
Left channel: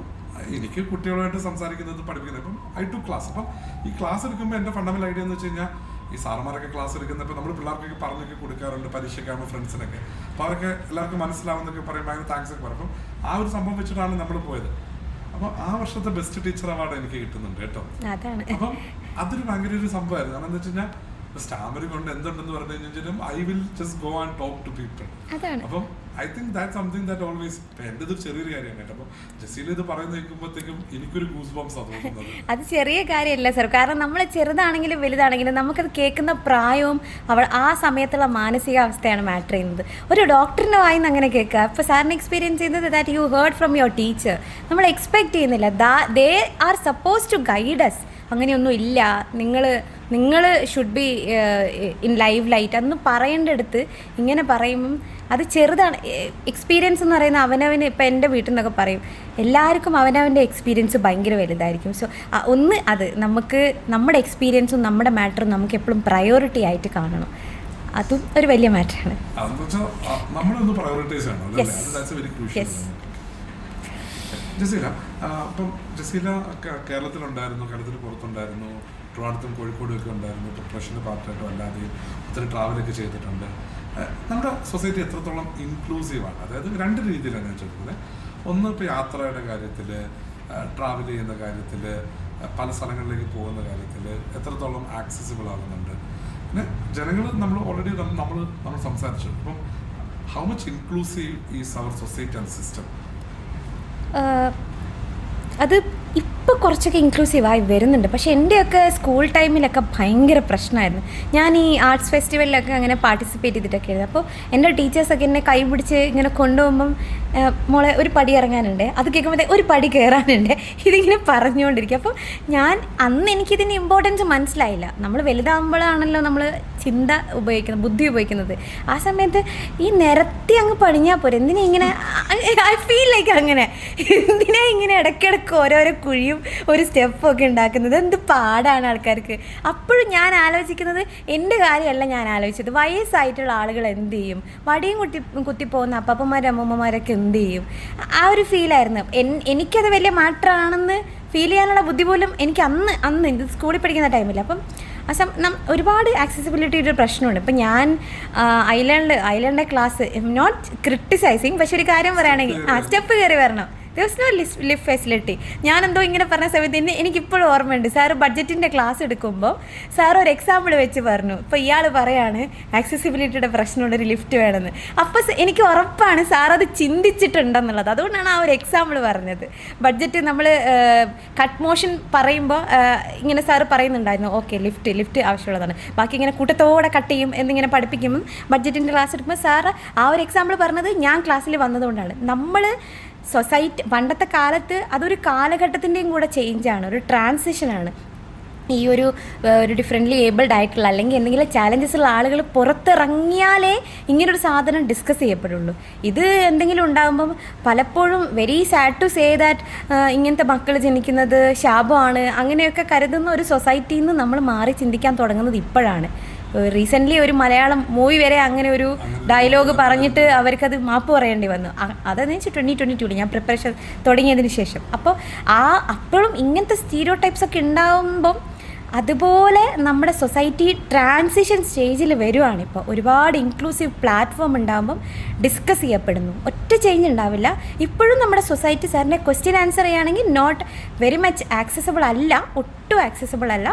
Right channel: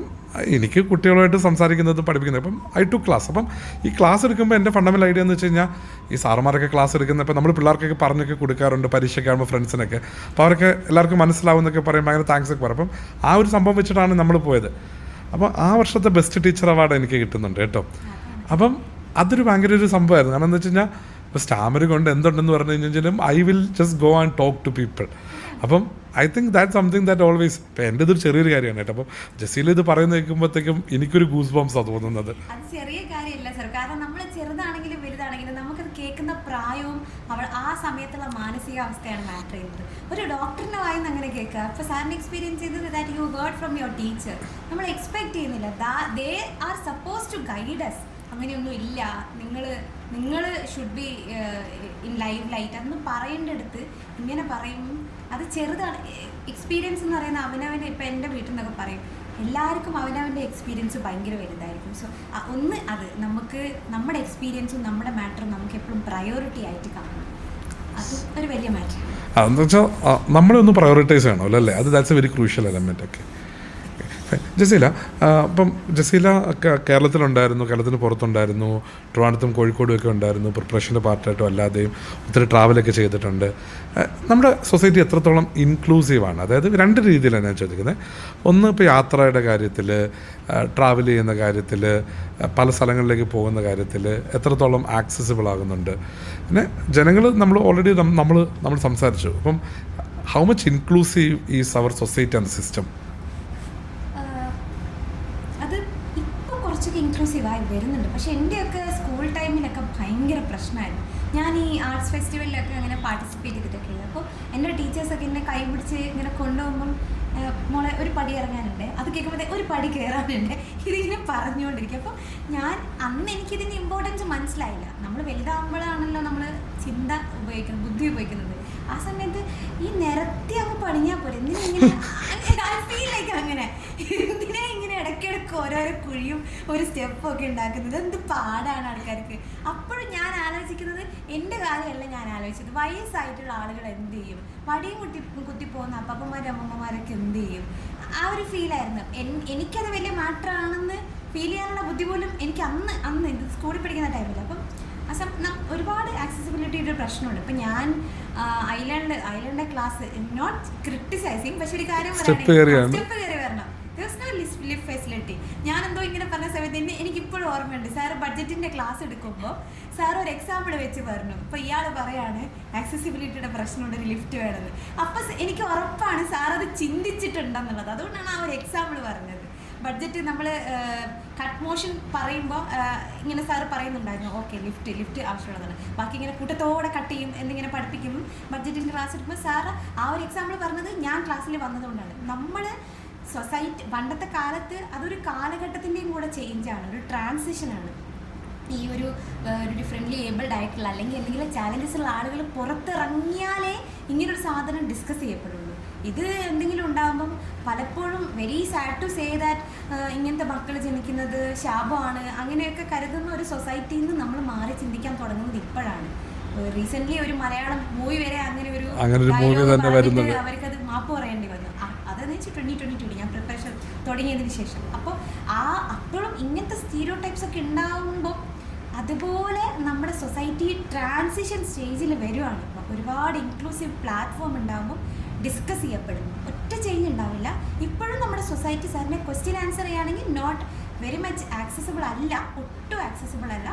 എനിക്ക് കുട്ടികളുമായിട്ട് സംസാരിക്കുന്നത് പഠിപ്പിക്കുന്നത്. അപ്പം ഐ ടു ക്ലാസ്. അപ്പം ഈ ക്ലാസ് എടുക്കുമ്പോൾ എൻ്റെ ഫണ്ടമെൻ്റൽ ഐഡിയ എന്ന് വെച്ച് കഴിഞ്ഞാൽ, ഈ സാറുമാരൊക്കെ ക്ലാസ് എടുക്കുന്നത് ഇപ്പോൾ നമ്മൾ പിള്ളേർക്കൊക്കെ പറഞ്ഞൊക്കെ കൊടുക്കാറുണ്ട് പരീക്ഷയ്ക്ക് ആകുമ്പോൾ ഫ്രണ്ട്സിനൊക്കെ. അപ്പോൾ അവർക്ക് എല്ലാവർക്കും മനസ്സിലാവുന്നൊക്കെ പറയും, ഭയങ്കര താങ്ക്സ് ഒക്കെ പറയും. അപ്പം ആ ഒരു സംഭവം വെച്ചിട്ടാണ് നമ്മൾ പോയത്. അപ്പോൾ ആ വർഷത്തെ ബെസ്റ്റ് ടീച്ചർ അവാർഡ് എനിക്ക് കിട്ടുന്നുണ്ട് കേട്ടോ. അപ്പം അതൊരു ഭയങ്കര ഒരു സംഭവമായിരുന്നു. കാരണം എന്താ വെച്ച് കഴിഞ്ഞാൽ ഇപ്പോൾ സ്റ്റാമര് കൊണ്ട് എന്തുണ്ടെന്ന് പറഞ്ഞു കഴിഞ്ഞാലും I will just go and talk to people. അപ്പം I think that something that always. ഇപ്പം എൻ്റെ ഇതൊരു ചെറിയൊരു കാര്യമാണ് കേട്ടോ. അപ്പം ജസീല ഇത് പറയുന്ന കേൾക്കുമ്പോഴത്തേക്കും എനിക്കൊരു ഗൂസ് ബംസാണ് തോന്നുന്നത്. അത് ചെറിയ കാര്യമല്ല സർ, കാരണം നമ്മൾ ചെറുതാണെങ്കിലും വലുതാണെങ്കിലും നമുക്കത് കേൾക്കുന്ന പ്രായവും ആ സമയത്തുള്ള മാനസികാവസ്ഥയാണ് മാറ്റർ ചെയ്യുന്നത്. ഒരു ഡോക്ടറിൻ്റെ വായിന്ന് അങ്ങനെ കേൾക്കുക. ഇപ്പോൾ സാറിന് എക്സ്പീരിയൻസ് ചെയ്യുന്നത് that you heard from your teacher. നമ്മൾ എക്സ്പെക്ട് ചെയ്യുന്നില്ല, they are suppose to guide us. അങ്ങനെയൊന്നും ഇല്ല, നിങ്ങൾ should be in live light അന്ന് പറയേണ്ടടുത്ത് ഇങ്ങനെ പറയുമ്പം അത് ചെറുതാണ്. എക്സ്പീരിയൻസ് എന്ന് പറയുന്ന അവനവന്, ഇപ്പം എൻ്റെ വീട്ടിൽ നിന്നൊക്കെ പറയും, എല്ലാവർക്കും അവനവൻ്റെ എക്സ്പീരിയൻസ് ഭയങ്കര വലുതായിരിക്കും. സോ അത് നമുക്ക് നമ്മുടെ എക്സ്പീരിയൻസും നമ്മുടെ മാറ്ററും നമുക്ക് എപ്പോഴും പ്രയോറിറ്റി ആയിട്ട് കാണണം. അതും ഒരു വലിയ മാറ്ററാണ്. അതെന്ന് വെച്ചാൽ നമ്മളൊന്ന് പ്രയോറിറ്റൈസ് ചെയ്യണമല്ലോ അല്ലേ. അത് that's A very crucial element ഒക്കെ. ജസീല, അപ്പം ജസീല കേരളത്തിലുണ്ടായിരുന്നു, കേരളത്തിന് പുറത്തുണ്ടായിരുന്നു, ട്രിവാൻഡ്രത്തും കോഴിക്കോടും ഒക്കെ ഉണ്ടായിരുന്നു, പ്രിപ്പറേഷൻ്റെ പാർട്ടായിട്ടും അല്ലാതെയും ഒത്തിരി ട്രാവലൊക്കെ ചെയ്തിട്ടുണ്ട്. നമ്മുടെ സൊസൈറ്റി എത്രത്തോളം ഇൻക്ലൂസീവാണ്? അതായത് 2 രീതിയിലാണ് ഞാൻ ചോദിക്കുന്നത്. ഒന്ന് ഇപ്പോൾ യാത്രയുടെ കാര്യത്തിൽ, ട്രാവൽ ചെയ്യുന്ന കാര്യത്തിൽ, പല സ്ഥലങ്ങളിലേക്ക് പോകുന്ന കാര്യത്തിൽ എത്രത്തോളം ആക്സസിബിൾ ആകുന്നുണ്ട്. പിന്നെ ജനങ്ങൾ നമ്മൾ ഓൾറെഡി നമ്മൾ സംസാരിച്ചു. അപ്പം how much inclusive is our society and system? അത് ഇപ്പോൾ കുറച്ചൊക്കെ ഇൻക്ലൂസീവായി വരുന്നുണ്ട്. പക്ഷേ എൻ്റെയൊക്കെ സ്കൂൾ ടൈമിലൊക്കെ ഭയങ്കര പ്രശ്നമായിരുന്നു. ഞാൻ ഈ ആർട്സ് ഫെസ്റ്റിവലിലൊക്കെ അങ്ങനെ പാർട്ടിസിപ്പേറ്റ് ചെയ്തിട്ടൊക്കെ ആയിരുന്നു. അപ്പോൾ എൻ്റെ ടീച്ചേഴ്സൊക്കെ എന്നെ കൈ പിടിച്ച് ഇങ്ങനെ കൊണ്ടുപോകുമ്പം, മോളെ ഒരു പടി ഇറങ്ങാനുണ്ട്, അത് കേൾക്കുമ്പോഴത്തേ ഒരു പടി കയറാനുണ്ട്, ഇതിങ്ങനെ പറഞ്ഞുകൊണ്ടിരിക്കും. അപ്പോൾ അന്ന് എനിക്കിതിൻ്റെ ഇമ്പോർട്ടൻസ് മനസ്സിലായില്ല. നമ്മൾ വലുതാകുമ്പോഴാണല്ലോ നമ്മൾ ചിന്ത ഉപയോഗിക്കുന്നത്, ബുദ്ധി ഉപയോഗിക്കുന്നത്. ആ സമയത്ത് ഈ നിരത്തി അങ്ങ് പണിഞ്ഞാൽ പോരെ, എന്തിനാ ഇങ്ങനെ, ഐ ഫീൽ ലൈക്ക് അങ്ങനെ, എന്തിനാ ഇങ്ങനെ ഇടയ്ക്കിടയ്ക്ക് ഓരോരോ കുഴിയും ഒരു സ്റ്റെപ്പൊക്കെ ഉണ്ടാക്കുന്നത്, എന്ത് പാടാണ് ആൾക്കാർക്ക്. അപ്പോഴും ഞാൻ ആലോചിക്കുന്നത് എൻ്റെ കാര്യമല്ല ഞാൻ ആലോചിച്ചത്, വയസ്സായിട്ടുള്ള ആളുകൾ എന്ത് ചെയ്യും, വടിയും കുത്തിപ്പോകുന്ന അപ്പന്മാരും അമ്മൂമ്മമാരൊക്കെ എന്ത് ചെയ്യും. ആ ഒരു ഫീലായിരുന്നു. എനിക്കത് വലിയ മാറ്ററാണെന്ന് ഫീൽ ചെയ്യാനുള്ള ബുദ്ധി പോലും എനിക്ക് അന്ന് ഇത് സ്കൂളിൽ പഠിക്കുന്ന ടൈമില്ല. അപ്പം ഒരുപാട് ആക്സസിബിലിറ്റിയുടെ പ്രശ്നമുണ്ട്. ഇപ്പം ഞാൻ ഐലൻഡിൻ്റെ ക്ലാസ്, നോട്ട് ക്രിട്ടിസൈസിങ്, പക്ഷെ ഒരു കാര്യം പറയുകയാണെങ്കിൽ സ്റ്റെപ്പ് കയറി വരണം. Was no lift facility. ഞാനെന്തോ ഇങ്ങനെ പറഞ്ഞ സമയത്ത് എനിക്കിപ്പോഴും ഓർമ്മയുണ്ട്, സാറ് ബഡ്ജറ്റിൻ്റെ ക്ലാസ് എടുക്കുമ്പോൾ സാർ ഒരു എക്സാമ്പിൾ വെച്ച് പറഞ്ഞു. ഇപ്പോൾ ഇയാൾ പറയാണ് ആക്സസിബിലിറ്റിയുടെ പ്രശ്നമുള്ളൊരു ലിഫ്റ്റ് വേണമെന്ന്. അപ്പോൾ എനിക്ക് ഉറപ്പാണ് സാർ അത് ചിന്തിച്ചിട്ടുണ്ടെന്നുള്ളത്. അതുകൊണ്ടാണ് ആ ഒരു എക്സാമ്പിൾ പറഞ്ഞത്. ബഡ്ജറ്റ് നമ്മൾ കട്ട് മോഷൻ പറയുമ്പോൾ ഇങ്ങനെ സാറ് പറയുന്നുണ്ടായിരുന്നു, ഓക്കെ ലിഫ്റ്റ് ആവശ്യമുള്ളതാണ്, ബാക്കി ഇങ്ങനെ കൂട്ടത്തോടെ കട്ട് ചെയ്യും എന്നിങ്ങനെ പഠിപ്പിക്കുമ്പം ബഡ്ജറ്റിൻ്റെ ക്ലാസ് എടുക്കുമ്പോൾ സാറ് ആ ഒരു എക്സാമ്പിൾ പറഞ്ഞത് ഞാൻ ക്ലാസ്സിൽ വന്നതുകൊണ്ടാണ്. നമ്മൾ സൊസൈറ്റി പണ്ടത്തെ കാലത്ത് അതൊരു കാലഘട്ടത്തിൻ്റെയും കൂടെ ചേഞ്ചാണ്, ഒരു ട്രാൻസിഷനാണ്. ഈ ഒരു ഡിഫറെൻ്റ്ലി ഏബിൾഡ് ആയിട്ടുള്ള അല്ലെങ്കിൽ എന്തെങ്കിലും ചാലഞ്ചസ് ഉള്ള ആളുകൾ പുറത്തിറങ്ങിയാലേ ഇങ്ങനൊരു സാധനം ഡിസ്കസ് ചെയ്യപ്പെടുള്ളൂ. ഇത് എന്തെങ്കിലും ഉണ്ടാകുമ്പം പലപ്പോഴും very sad to say that ഇങ്ങനത്തെ മക്കൾ ജനിക്കുന്നത് ശാപമാണ് അങ്ങനെയൊക്കെ കരുതുന്ന ഒരു സൊസൈറ്റിയിൽ നിന്ന് നമ്മൾ മാറി ചിന്തിക്കാൻ തുടങ്ങുന്നത് ഇപ്പോഴാണ്. റീസെൻ്റ്ലി ഒരു മലയാളം മൂവി വരെ അങ്ങനെ ഒരു ഡയലോഗ് പറഞ്ഞിട്ട് അവർക്കത് മാപ്പ് പറയേണ്ടി വന്നു. അതെന്ന് വെച്ചാൽ 2022 ഞാൻ പ്രിപ്പറേഷൻ തുടങ്ങിയതിന് ശേഷം. അപ്പോൾ അപ്പോഴും ഇങ്ങനത്തെ സ്റ്റീരിയോ ടൈപ്സ് ഒക്കെ ഉണ്ടാകുമ്പം അതുപോലെ നമ്മുടെ സൊസൈറ്റി ട്രാൻസിഷൻ സ്റ്റേജിൽ വരുവാണ്. ഇപ്പോൾ ഒരുപാട് ഇൻക്ലൂസീവ് പ്ലാറ്റ്ഫോം ഉണ്ടാകുമ്പം ഡിസ്കസ് ചെയ്യപ്പെടുന്നു. ഒറ്റ ചേഞ്ച് ഉണ്ടാവില്ല. ഇപ്പോഴും നമ്മുടെ സൊസൈറ്റി സാറിൻ്റെ ക്വസ്റ്റ്യൻ ആൻസർ ചെയ്യുകയാണെങ്കിൽ നോട്ട് വെരി മച്ച് ആക്സസിബിൾ അല്ല, ഒട്ടും ആക്സസിബിൾ അല്ല.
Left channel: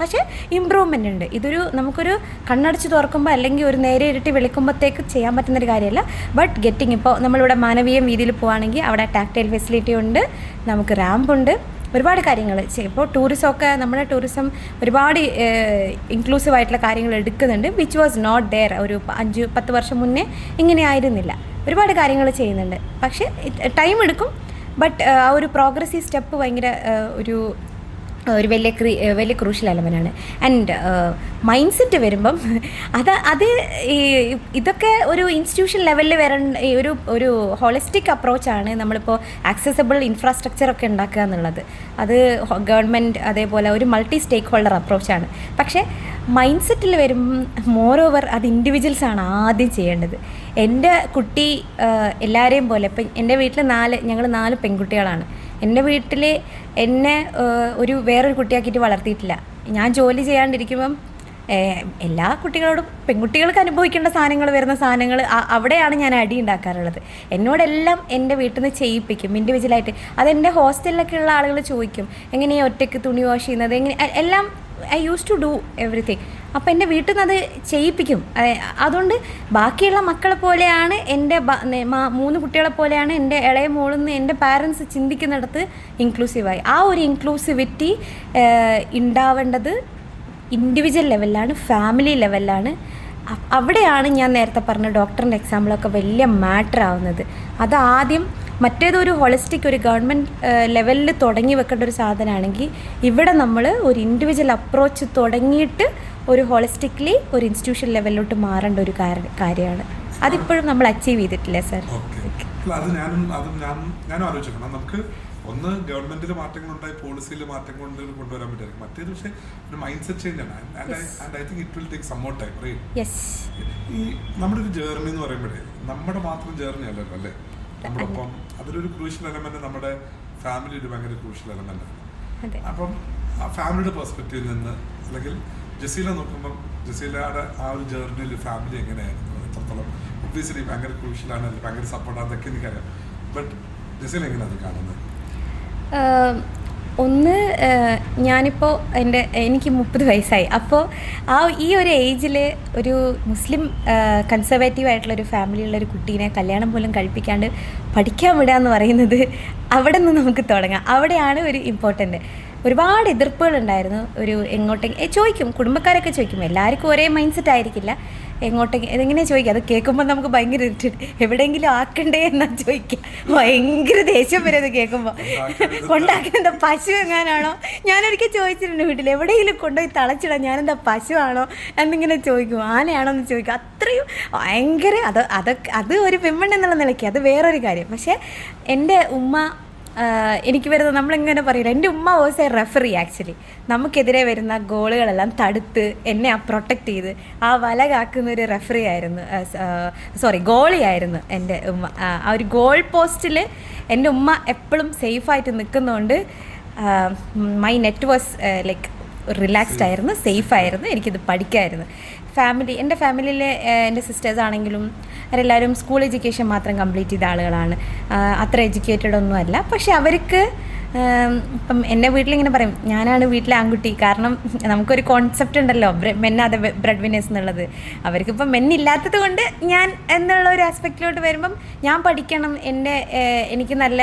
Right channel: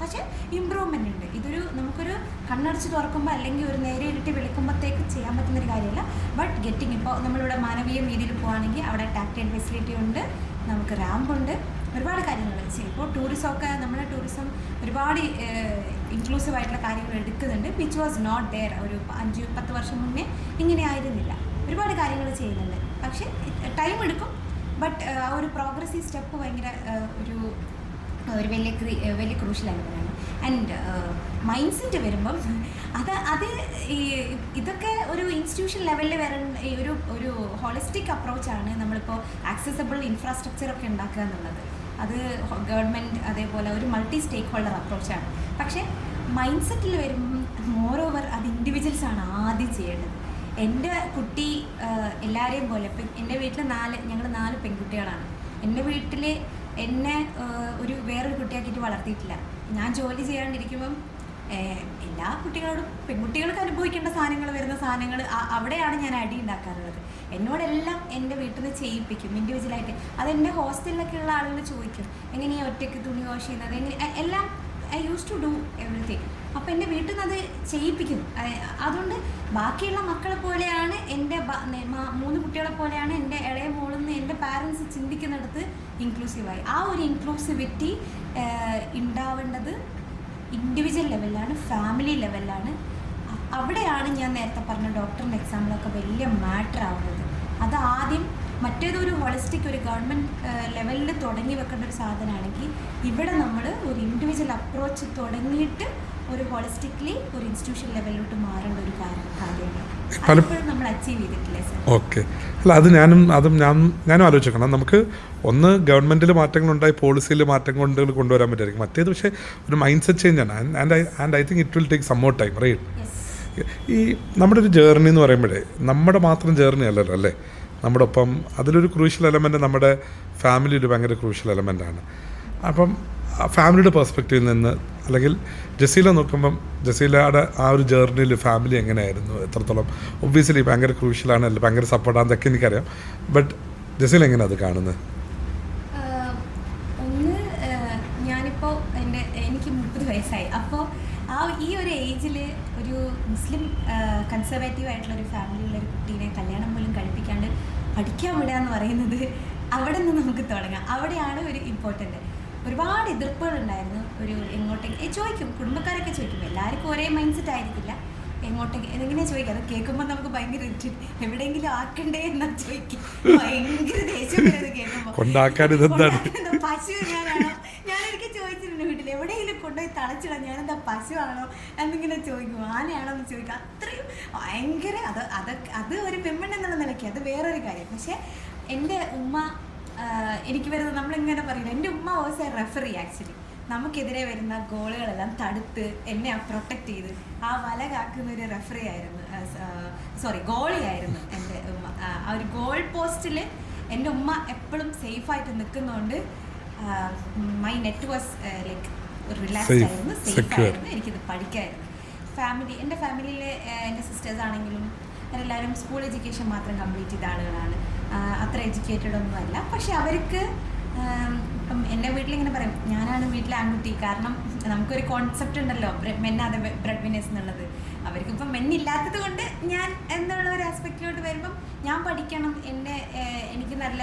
പക്ഷേ ഇമ്പ്രൂവ്മെൻ്റ് ഉണ്ട്. ഇതൊരു നമുക്കൊരു കണ്ണടച്ച് തുറക്കുമ്പോൾ അല്ലെങ്കിൽ ഒരു നേരെ ഇരട്ടി വിളിക്കുമ്പോഴത്തേക്ക് ചെയ്യാൻ പറ്റുന്നൊരു കാര്യമല്ല. ബട്ട് ഗെറ്റിംഗ് ഇപ്പോൾ നമ്മളിവിടെ മാനവീയം രീതിയിൽ പോവുകയാണെങ്കിൽ അവിടെ ടാക്ടൈൽ ഫെസിലിറ്റി ഉണ്ട്, നമുക്ക് റാമ്പുണ്ട്, ഒരുപാട് കാര്യങ്ങൾ ചെയ്യും. ഇപ്പോൾ ടൂറിസമൊക്കെ നമ്മുടെ ടൂറിസം ഒരുപാട് ഇൻക്ലൂസീവ് ആയിട്ടുള്ള കാര്യങ്ങൾ എടുക്കുന്നുണ്ട്, വിച്ച് വാസ് നോട്ട് ദെയർ ഒരു 5-10 വർഷം മുന്നേ ഇങ്ങനെ ആയിരുന്നില്ല. ഒരുപാട് കാര്യങ്ങൾ ചെയ്യുന്നുണ്ട്, പക്ഷേ ടൈം എടുക്കും. ബട്ട് ആ ഒരു പ്രോഗ്രസീവ് സ്റ്റെപ്പ് ഭയങ്കര ഒരു വലിയ ക്രൂഷ്യൽ എലമെൻ്റാണ്. ആൻഡ് മൈൻഡ് സെറ്റ് വരുമ്പം ഇതൊക്കെ ഒരു ഇൻസ്റ്റിറ്റ്യൂഷൻ ലെവലിൽ വരേണ്ട ഒരു ഹോളിസ്റ്റിക് അപ്രോച്ചാണ്. നമ്മളിപ്പോൾ ആക്സസിബിൾ ഇൻഫ്രാസ്ട്രക്ചറൊക്കെ ഉണ്ടാക്കുക എന്നുള്ളത് അത് ഗവൺമെൻറ് അതേപോലെ ഒരു മൾട്ടി സ്റ്റേക്ക് ഹോൾഡർ അപ്രോച്ചാണ്. പക്ഷേ മൈൻഡ് സെറ്റിൽ വരുമ്പം മോറോവർ അത് ഇൻഡിവിജ്വൽസാണ് ആദ്യം ചെയ്യേണ്ടത്. എൻ്റെ കുട്ടി എല്ലാവരെയും പോലെ ഇപ്പം എൻ്റെ വീട്ടിൽ ഞങ്ങൾ 4 പെൺകുട്ടികളാണ്. എൻ്റെ വീട്ടിൽ എന്നെ വേറൊരു കുട്ടിയാക്കിയിട്ട് വളർത്തിയിട്ടില്ല. ഞാൻ ജോലി ചെയ്യാണ്ടിരിക്കുമ്പം എല്ലാ കുട്ടികളോടും പെൺകുട്ടികൾക്ക് അനുഭവിക്കേണ്ട സാധനങ്ങൾ വരുന്ന സാധനങ്ങൾ അവിടെയാണ് ഞാൻ അടി ഉണ്ടാക്കാറുള്ളത്. എന്നോടെല്ലാം എൻ്റെ വീട്ടിൽ നിന്ന് ചെയ്യിപ്പിക്കും ഇൻഡിവിജ്വലായിട്ട്. അതെൻ്റെ ഹോസ്റ്റലിലൊക്കെ ഉള്ള ആളുകൾ ചോദിക്കും, എങ്ങനെയാണ് ഒറ്റയ്ക്ക് തുണി വാഷ് ചെയ്യുന്നത്, എല്ലാം I use to do everything. അപ്പോൾ എൻ്റെ വീട്ടിൽ നിന്ന് അത് ചെയ്യിപ്പിക്കും. അതുകൊണ്ട് ബാക്കിയുള്ള മക്കളെ പോലെയാണ് എൻ്റെ 3 കുട്ടികളെ പോലെയാണ് എൻ്റെ ഇളയ മോളിൽ നിന്ന് എൻ്റെ പാരൻസ് ചിന്തിക്കുന്നിടത്ത് ഇൻക്ലൂസീവായി. ആ ഒരു ഇൻക്ലൂസിവിറ്റി ഉണ്ടാവേണ്ടത് ഇൻഡിവിജ്വൽ ലെവലിലാണ്, ഫാമിലി ലെവലിലാണ്. അവിടെയാണ് ഞാൻ നേരത്തെ പറഞ്ഞ ഡോക്ടറിൻ്റെ എക്സാമ്പിളൊക്കെ വലിയ മാറ്റർ ആവുന്നത്. അത് ആദ്യം മറ്റേതൊരു ഹോളിസ്റ്റിക് ഒരു ഗവൺമെൻറ് ലെവലിൽ തുടങ്ങി വെക്കേണ്ട ഒരു സാധനമാണെങ്കിൽ ഇവിടെ നമ്മൾ ഒരു ഇൻഡിവിജ്വൽ അപ്രോച്ച് തുടങ്ങിയിട്ട് ഒരു ഹോളിസ്റ്റിക്കലി ഒരു ഇൻസ്റ്റിറ്റ്യൂഷൻ ലെവലിലോട്ട് മാറേണ്ട ഒരു കാര്യമാണ്. അതിപ്പോഴും നമ്മൾ അച്ചീവ് ചെയ്തിട്ടില്ല സാർ. ഓക്കെ, അല്ല അത് ഞാനും ആലോചിക്കണം. നമുക്ക് ഒന്ന് ഗവൺമെൻറ്റിൽ മാറ്റങ്ങളുണ്ടായി, പോളിസിയിൽ മാറ്റങ്ങൾ കൊണ്ടുവരാൻ പറ്റുമായിരിക്കും. മറ്റേത് പക്ഷേ ഒരു മൈൻഡ് സെറ്റ് ചേഞ്ച് ആണ്. And I think it will take some more time, right? ഈ നമ്മുടെ ഒരു ജേർണി എന്ന് പറയുമ്പോഴേ നമ്മുടെ മാത്രം ജേർണി അല്ലല്ലോ അല്ലേ, നമ്മുടെ ഒപ്പം അതിലൊരു ക്രൂഷ്യൽ എലമെൻറ്റ് നമ്മുടെ ഫാമിലി ഒരു ഭയങ്കര ക്രൂഷ്യൽ എലമെൻ്റാണ്. അപ്പം ഫാമിലിയുടെ പെർസ്പെക്റ്റീവിൽ നിന്ന് അല്ലെങ്കിൽ ജസീല നോക്കുമ്പം ജസീലയുടെ ആ ഒരു ജേർണിയിൽ ഫാമിലി എങ്ങനെയായിരുന്നു, എത്രത്തോളം ഒബ്വിയസ്ലി ഭയങ്കര ക്രൂഷ്യലാണ്, അല്ല ഭയങ്കര സപ്പോർട്ടാണെന്നൊക്കെ എനിക്കറിയാം. ബട്ട് ജസീല എങ്ങനെയാണ് അത് കാണുന്നത്? ഞാനിപ്പോൾ എനിക്ക് 30 വയസ്സായി. അപ്പോൾ ഈ ഒരു ഏജിൽ ഒരു മുസ്ലിം കൺസർവേറ്റീവ് ആയിട്ടുള്ളൊരു ഫാമിലിയുള്ളൊരു കുട്ടീനെ കല്യാണം പോലും കഴിപ്പിക്കാണ്ട് പഠിക്കാൻ വിടുക എന്ന് പറയുന്നത് അവിടെ നിന്ന് നമുക്ക് തുടങ്ങാം. അവിടെയാണ് ഒരു ഇമ്പോർട്ടൻ്റ്. ഒരുപാട് എതിർപ്പുകളുണ്ടായിരുന്നു. എങ്ങോട്ടെങ്കിലും ചോദിക്കും, കുടുംബക്കാരൊക്കെ ചോദിക്കും. എല്ലാവർക്കും ഒരേ മൈൻഡ് സെറ്റ് ആയിരിക്കില്ല. എങ്ങനെയാണ് ചോദിക്കുക, അത് കേൾക്കുമ്പോൾ നമുക്ക് ഭയങ്കര എവിടെയെങ്കിലും ആക്കണ്ടേ എന്നാ ചോദിക്കുക. ഭയങ്കര ദേഷ്യം വരുന്നത് കേൾക്കുമ്പോൾ. കൊണ്ടാക്കുന്ന പശു എങ്ങാനാണോ? ഞാനൊരിക്കൽ ചോദിച്ചിട്ടുണ്ട് വീട്ടിൽ, എവിടെയെങ്കിലും കൊണ്ടുപോയി തളച്ചിടാം, ഞാനെന്താ പശുവാണോ എന്നിങ്ങനെ ചോദിക്കും, ആനയാണോ എന്ന് ചോദിക്കും. അത്രയും ഭയങ്കര അത് ഒരു പെണ്ണെന്നുള്ള നിലയ്ക്ക് അത് വേറൊരു കാര്യം. പക്ഷേ എൻ്റെ ഉമ്മ എനിക്ക് വരുന്നത് നമ്മളെങ്ങനെ പറയില്ല, എൻ്റെ ഉമ്മ വാസ് എ റെഫറി. ആക്ച്വലി നമുക്കെതിരെ വരുന്ന ഗോളുകളെല്ലാം തടുത്ത് എന്നെ പ്രൊട്ടക്റ്റ് ചെയ്ത് ആ വല കാക്കുന്ന ഒരു റെഫറി ആയിരുന്നു, ഗോളിയായിരുന്നു എൻ്റെ ഉമ്മ. ആ ഒരു ഗോൾ പോസ്റ്റിൽ എൻ്റെ ഉമ്മ എപ്പോഴും സേഫായിട്ട് നിൽക്കുന്നതുകൊണ്ട് my net was like relaxed ആയിരുന്നു, സേഫായിരുന്നു, എനിക്കിത് പഠിക്കാമായിരുന്നു. എൻ്റെ ഫാമിലിയിലെ എൻ്റെ സിസ്റ്റേഴ്സ് ആണെങ്കിലും അവരെല്ലാവരും സ്കൂൾ എഡ്യൂക്കേഷൻ മാത്രം കംപ്ലീറ്റ് ചെയ്ത ആളുകളാണ്. അത്ര എഡ്യൂക്കേറ്റഡ് ഒന്നും അല്ല. പക്ഷെ അവർക്ക് ഇപ്പം എൻ്റെ വീട്ടിലിങ്ങനെ പറയും, ഞാനാണ് വീട്ടിലെ ആൺകുട്ടി. കാരണം നമുക്കൊരു കോൺസെപ്റ്റ് ഉണ്ടല്ലോ, മെന്നാതെ ബ്രെഡ് വിന്നേഴ്സ് എന്നുള്ളത്. അവർക്കിപ്പം മെന്നില്ലാത്തത് കൊണ്ട് ഞാൻ എന്നുള്ള ഒരു ആസ്പെക്റ്റിലോട്ട് വരുമ്പം ഞാൻ പഠിക്കണം, എനിക്ക് നല്ല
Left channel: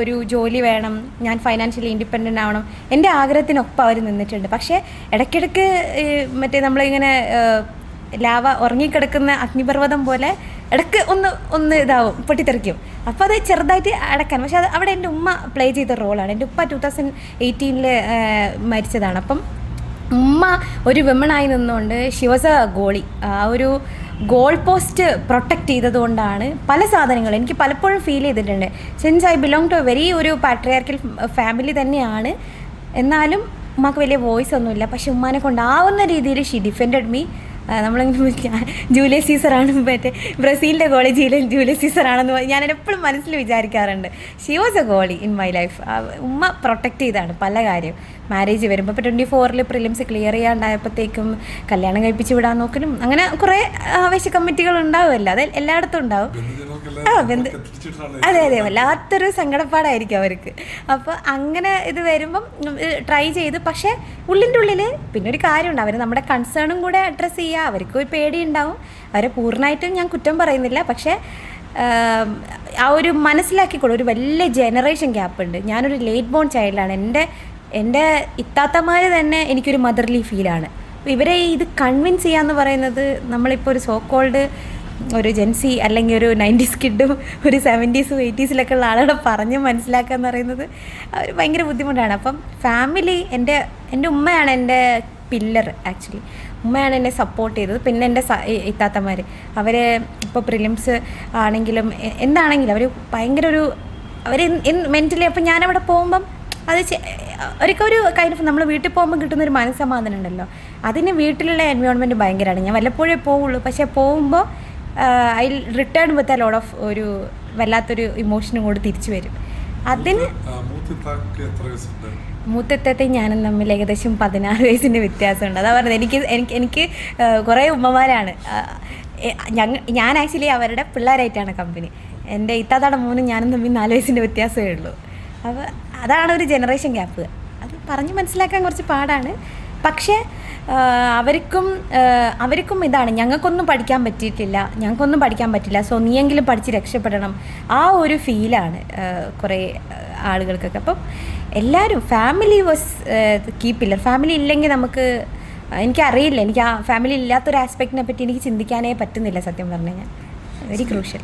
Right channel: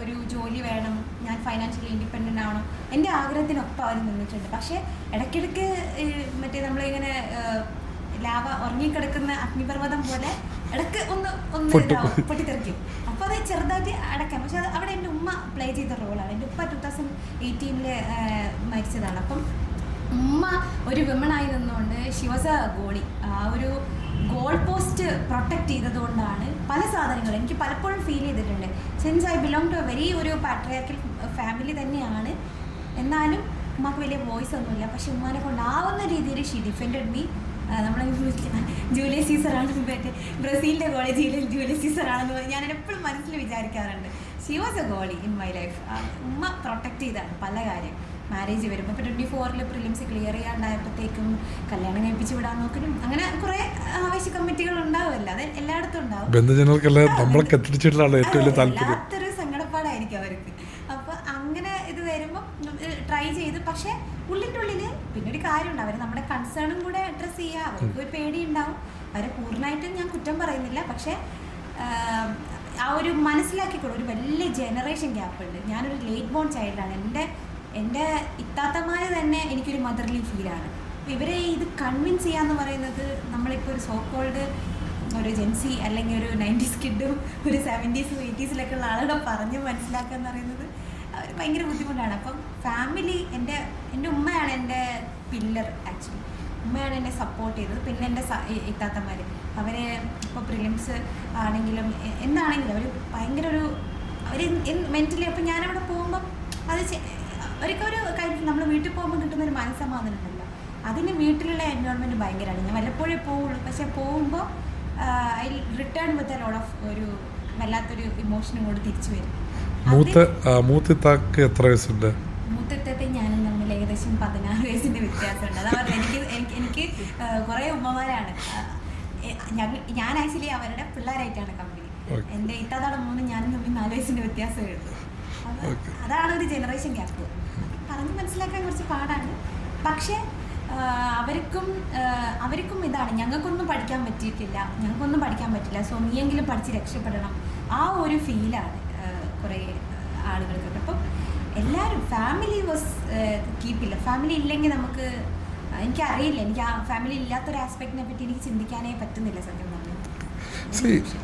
ഒരു ജോലി വേണം, ഞാൻ ഫൈനാൻഷ്യലി ഇൻഡിപെൻഡൻ്റ് ആവണം, എൻ്റെ ആഗ്രഹത്തിനൊപ്പം അവർ നിന്നിട്ടുണ്ട്. പക്ഷേ ഇടയ്ക്കിടയ്ക്ക് മറ്റേ നമ്മളിങ്ങനെ ലാവ ഉറങ്ങിക്കിടക്കുന്ന അഗ്നിപർവ്വതം പോലെ ഇടയ്ക്ക് ഒന്ന് ഇതാവും, പൊട്ടിത്തെറിക്കും. അപ്പോൾ അത് ചെറുതായിട്ട് അടക്കാൻ. പക്ഷെ അത് അവിടെ എൻ്റെ ഉമ്മ പ്ലേ ചെയ്ത റോളാണ്. എൻ്റെ ഉപ്പ 2018 മരിച്ചതാണ്. അപ്പം ഉമ്മ ഒരു വിമണായി നിന്നുകൊണ്ട് ഷി വാസ് എ ഗോളി. ആ ഒരു ഗോൾ പോസ്റ്റ് പ്രൊട്ടക്റ്റ് ചെയ്തതുകൊണ്ടാണ് പല സാധനങ്ങളും എനിക്ക് പലപ്പോഴും ഫീൽ ചെയ്തിട്ടുണ്ട്. Since I belong to a very ഒരു പാട്രിയാർക്കൽ ഫാമിലി തന്നെയാണ്. എന്നാലും ഉമ്മക്ക് വലിയ വോയിസ് ഒന്നുമില്ല. പക്ഷെ ഉമ്മാനെ കൊണ്ടാവുന്ന രീതിയിൽ ഷി ഡിഫെൻഡഡ് മീ. നമ്മളിങ്ങനെ ജൂലിയസ് സീസറാണ്, മറ്റേ ബ്രസീലിൻ്റെ കോളേജിൽ ജൂലിയസ് സീസറാണെന്ന് ഞാൻ എപ്പോഴും മനസ്സിൽ വിചാരിക്കാറുണ്ട്. She was a goalie in my life. ഉമ്മ പ്രൊട്ടക്റ്റ് ചെയ്താണ് പല കാര്യം. മാരേജ് വരുമ്പോൾ ഇപ്പോൾ 24 പ്രിലിംസ് ക്ലിയർ ചെയ്യാണ്ടായപ്പോഴത്തേക്കും കല്യാണം കഴിപ്പിച്ച് വിടാൻ നോക്കലും അങ്ങനെ കുറേ ആവേശ കമ്മിറ്റികൾ ഉണ്ടാവുമല്ലോ. അത് എല്ലായിടത്തും ഉണ്ടാവും. അതെ അതെ, വല്ലാത്തൊരു സങ്കടപ്പാടായിരിക്കും അവർക്ക്. അപ്പോൾ അങ്ങനെ ഇത് വരുമ്പം ട്രൈ ചെയ്ത്, പക്ഷേ ഉള്ളിൻ്റെ ഉള്ളിൽ പിന്നെ ഒരു കാര്യമുണ്ട്, അവർ നമ്മുടെ കൺസേണും കൂടെ അഡ്രസ്സ് ചെയ്യുക. അവർക്ക് ഒരു പേടിയുണ്ടാവും. അവരെ പൂർണ്ണമായിട്ടും ഞാൻ കുറ്റം പറയുന്നില്ല. പക്ഷേ ആ ഒരു മനസ്സിലാക്കിക്കോളൂ, ഒരു വലിയ ജനറേഷൻ ഗ്യാപ്പ് ഉണ്ട്. ഞാനൊരു ലേറ്റ് ബോൺ ചൈൽഡാണ്. എൻ്റെ ഇത്താത്തമാർ തന്നെ എനിക്കൊരു മദർലി ഫീലാണ്. ഇവരെ ഇത് കൺവിൻസ് ചെയ്യാന്ന് പറയുന്നത്, നമ്മളിപ്പോൾ ഒരു സോ കോൾഡ് ഒരു ജെൻസി അല്ലെങ്കിൽ ഒരു 90s കിഡും ഒരു 70s 80s ഉള്ള പറഞ്ഞ് മനസ്സിലാക്കുക എന്ന് പറയുന്നത് ഭയങ്കര ബുദ്ധിമുട്ടാണ്. അപ്പം ഫാമിലി, എൻ്റെ ഉമ്മയാണ് എൻ്റെ പില്ലർ. ആക്ച്വലി ഉമ്മയാണ് എന്നെ സപ്പോർട്ട് ചെയ്തത്. പിന്നെ എൻ്റെ ഇത്താത്തമാർ, അവർ ഇപ്പോൾ പ്രിലിംസ് ആണെങ്കിലും എന്താണെങ്കിലും അവർ ഭയങ്കര അവർ മെൻ്റലി. അപ്പം ഞാനവിടെ പോകുമ്പം അത് ഒരു കൈൻഡ് ഓഫ് നമ്മൾ വീട്ടിൽ പോകുമ്പോൾ കിട്ടുന്നൊരു മനസ്സമാധാനം ഉണ്ടല്ലോ, അതിന് വീട്ടിലുള്ള എൻവയോൺമെൻറ്റ് ഭയങ്കരമാണ്. ഞാൻ വല്ലപ്പോഴേ പോവുള്ളൂ. പക്ഷേ പോകുമ്പോൾ I return with a lot of ഒരു വല്ലാത്തൊരു ഇമോഷനും കൂടി തിരിച്ചു വരും. അതിന് മൂത്തത്തെ ഞാനും തമ്മിൽ ഏകദേശം 16 വയസ്സിൻ്റെ വ്യത്യാസമുണ്ട്. അതാ പറഞ്ഞത്, എനിക്ക് കുറേ ഉമ്മമാരാണ്. ഞാൻ ആക്ച്വലി അവരുടെ പിള്ളേരായിട്ടാണ് കമ്പനി. എൻ്റെ ഇത്താത്താടെ മോനും ഞാനും തമ്മിൽ 4 വയസ്സിൻ്റെ വ്യത്യാസമേ ഉള്ളൂ. അപ്പോൾ അതാണ് ഒരു ജനറേഷൻ ഗ്യാപ്പ്. അത് പറഞ്ഞ് മനസ്സിലാക്കാൻ കുറച്ച് പാടാണ്. പക്ഷേ അവർക്കും ഇതാണ്, ഞങ്ങൾക്കൊന്നും പഠിക്കാൻ പറ്റില്ല, സോ നീയെങ്കിലും പഠിച്ച് രക്ഷപ്പെടണം. ആ ഒരു ഫീലാണ് കുറേ ആളുകൾക്കൊക്കെ. അപ്പം എല്ലാവരും ഫാമിലി വാസ് കീപ്പില്ല. ഫാമിലി ഇല്ലെങ്കിൽ എനിക്കറിയില്ല, എനിക്ക് ആ ഫാമിലി ഇല്ലാത്തൊരു ആസ്പെക്റ്റിനെ പറ്റി എനിക്ക് ചിന്തിക്കാനേ പറ്റുന്നില്ല സത്യം പറഞ്ഞു കഴിഞ്ഞാൽ. Very crucial.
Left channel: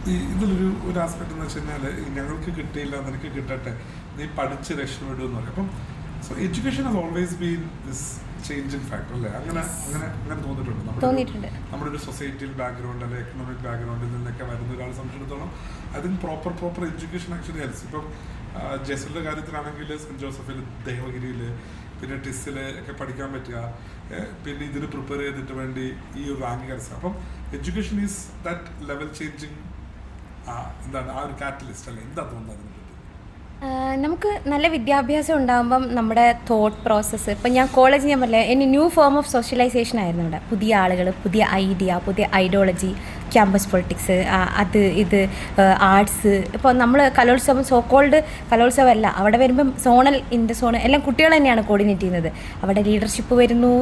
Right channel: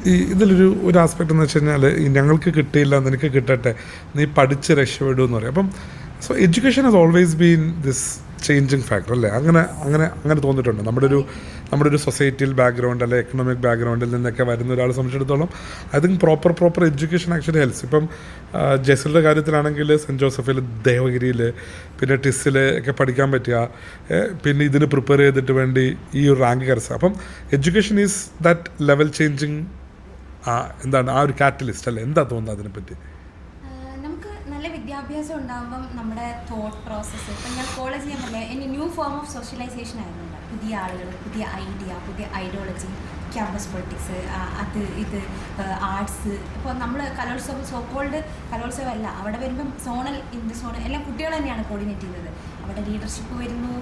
ഒരു ആസ്പെക്ട് എന്ന് വെച്ച് കഴിഞ്ഞാൽ, ഞങ്ങൾക്ക് കിട്ടിയില്ല, നിനക്ക് കിട്ടട്ടെ, നീ പഠിച്ച് രക്ഷപ്പെടും എന്ന് പറയും. അപ്പം so education has always been this changing factor അല്ലേ? അങ്ങനെ തോന്നിയിട്ടുണ്ട്. നമ്മുടെ ഒരു സൊസൈറ്റിയിൽ ബാക്ക്ഗ്രൗണ്ട് അല്ലെ എക്കണോമിക് ബാക്ക്ഗ്രൗണ്ടിൽ നിന്നൊക്കെ വരുന്ന ഒരാളെ സംബന്ധിച്ചിടത്തോളം I think proper education actually helps. ഇപ്പം ജെസിലിൻ്റെ കാര്യത്തിലാണെങ്കിൽ സെൻറ്റ് ജോസഫിൽ, ദേവഗിരിയിൽ, പിന്നെ ടിസ്സിൽ ഒക്കെ പഠിക്കാൻ പറ്റുക, പിന്നെ ഇതിന് പ്രിപ്പയർ ചെയ്തിട്ട് വേണ്ടി ഈ ഒരു റാങ്ക് കരസ്ഥ. അപ്പം education is that level changing, എന്താണ് ആ ഒരു കാറ്റലിസ്റ്റ് അല്ലേ? എന്താ തോന്നുന്നത് അതിനെപ്പറ്റി? നമുക്ക് നല്ല വിദ്യാഭ്യാസം ഉണ്ടാകുമ്പം നമ്മുടെ തോട്ട് പ്രോസസ്സ്, ഇപ്പം ഞാൻ പറഞ്ഞില്ലേ, എന്നെ ന്യൂ ഫോം ഓഫ് സോഷ്യലൈസേഷൻ ആയിരുന്നു ഇവിടെ. പുതിയ ആളുകൾ, പുതിയ ഐഡിയ, പുതിയ ഐഡിയോളജി, ക്യാമ്പസ് പൊളിറ്റിക്സ്, ഇത് ആർട്സ്. ഇപ്പോൾ നമ്മൾ കലോത്സവം, സോ കോൾഡ് കലോത്സവം അല്ല, അവിടെ വരുമ്പം സോണൽ, ഇൻ്റർ സോണൽ എല്ലാം കുട്ടികൾ തന്നെയാണ് കോർഡിനേറ്റ് ചെയ്യുന്നത്. അവിടെ ലീഡർഷിപ്പ് വരുന്നു,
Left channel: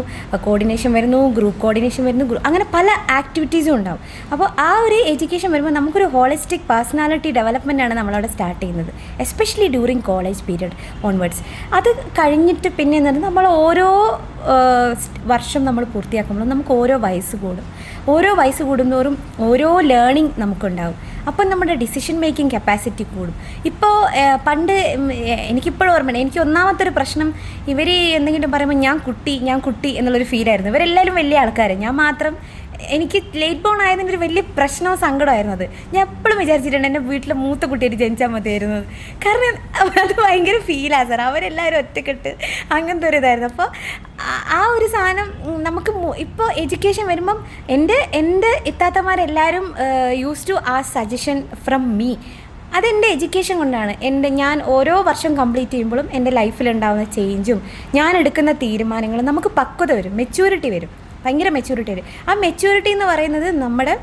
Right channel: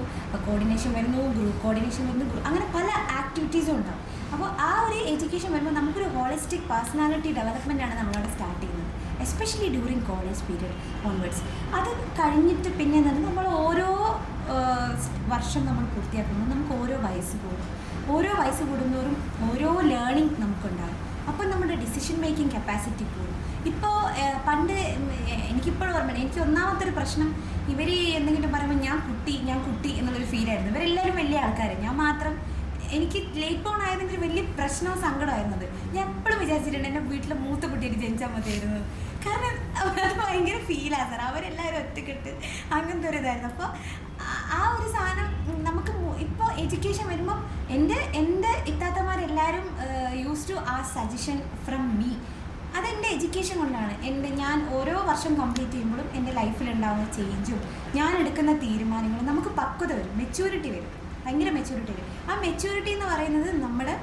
കോർഡിനേഷൻ വരുന്നു, ഗ്രൂപ്പ് കോർഡിനേഷൻ വരുന്നു, അങ്ങനെ പല ആക്ടിവിറ്റീസും ഉണ്ടാവും. അപ്പോൾ ആ ഒരു എഡ്യൂക്കേഷൻ വരുമ്പോൾ നമുക്കൊരു ഹോളിസ്റ്റിക് പേഴ്സണാലിറ്റി ഡെവലപ്മെൻറ്റാണ് നമ്മളവിടെ സ്റ്റാർട്ട് ചെയ്യുന്നത്, especially during college period onwards. അത് കഴിഞ്ഞിട്ട് പിന്നെ നമ്മൾ ഓരോ വർഷം നമ്മൾ പൂർത്തിയാക്കുമ്പോൾ നമുക്ക് ഓരോ വയസ്സ് കൂടുന്തോറും ഓരോ ലേണിംഗ് നമുക്കുണ്ടാകും. അപ്പം നമ്മുടെ ഡിസിഷൻ മേക്കിംഗ് കപ്പാസിറ്റി കൂടും. ഇപ്പോൾ പണ്ട് എനിക്കിപ്പോഴും ഓർമ്മയുണ്ട്, എനിക്ക് ഒന്നാമത്തെ ഒരു പ്രശ്നം, ഇവർ എന്തെങ്കിലും പറയുമ്പോൾ ഞാൻ കുട്ടി എന്നുള്ളൊരു ഫീലായിരുന്നു. ഇവരെല്ലാവരും വലിയ ആൾക്കാർ, ഞാൻ മാത്രം. എനിക്ക് ലേറ്റ് ബോൺ ആയതിൻ്റെ ഒരു വലിയ പ്രശ്നവും സങ്കടമായിരുന്നു അത്. ഞാൻ എപ്പോഴും വിചാരിച്ചിട്ടുണ്ട് എൻ്റെ വീട്ടിലെ മൂത്ത കുട്ടിയായിട്ട് ജനിച്ചാൽ മതിയായിരുന്നു. കാരണം അത് ഭയങ്കര ഫീലാണ് സാർ, അവരെല്ലാവരും ഒറ്റക്കെട്ട് അങ്ങനത്തെ ഒരു ഇതായിരുന്നു. അപ്പോൾ ആ ഒരു സാധനം നമുക്ക് ഇപ്പോൾ എഡ്യൂക്കേഷൻ വരുമ്പം എൻ്റെ ഇത്താത്തമാരെല്ലാവരും യൂസ് ടു ആ സജഷൻ ഫ്രം മീ. അതെൻ്റെ എഡ്യൂക്കേഷൻ കൊണ്ടാണ്. ഞാൻ ഓരോ വർഷം കംപ്ലീറ്റ് ചെയ്യുമ്പോഴും എൻ്റെ ലൈഫിലുണ്ടാകുന്ന ചേഞ്ചും ഞാൻ എടുക്കുന്ന തീരുമാനങ്ങളും നമുക്ക് പക്വത വരും, മെച്യൂരിറ്റി വരും. ഭയങ്കര മെച്യൂരിറ്റി വരും. ആ മെച്യൂരിറ്റി എന്ന് പറയുന്നത് നമ്മുടെ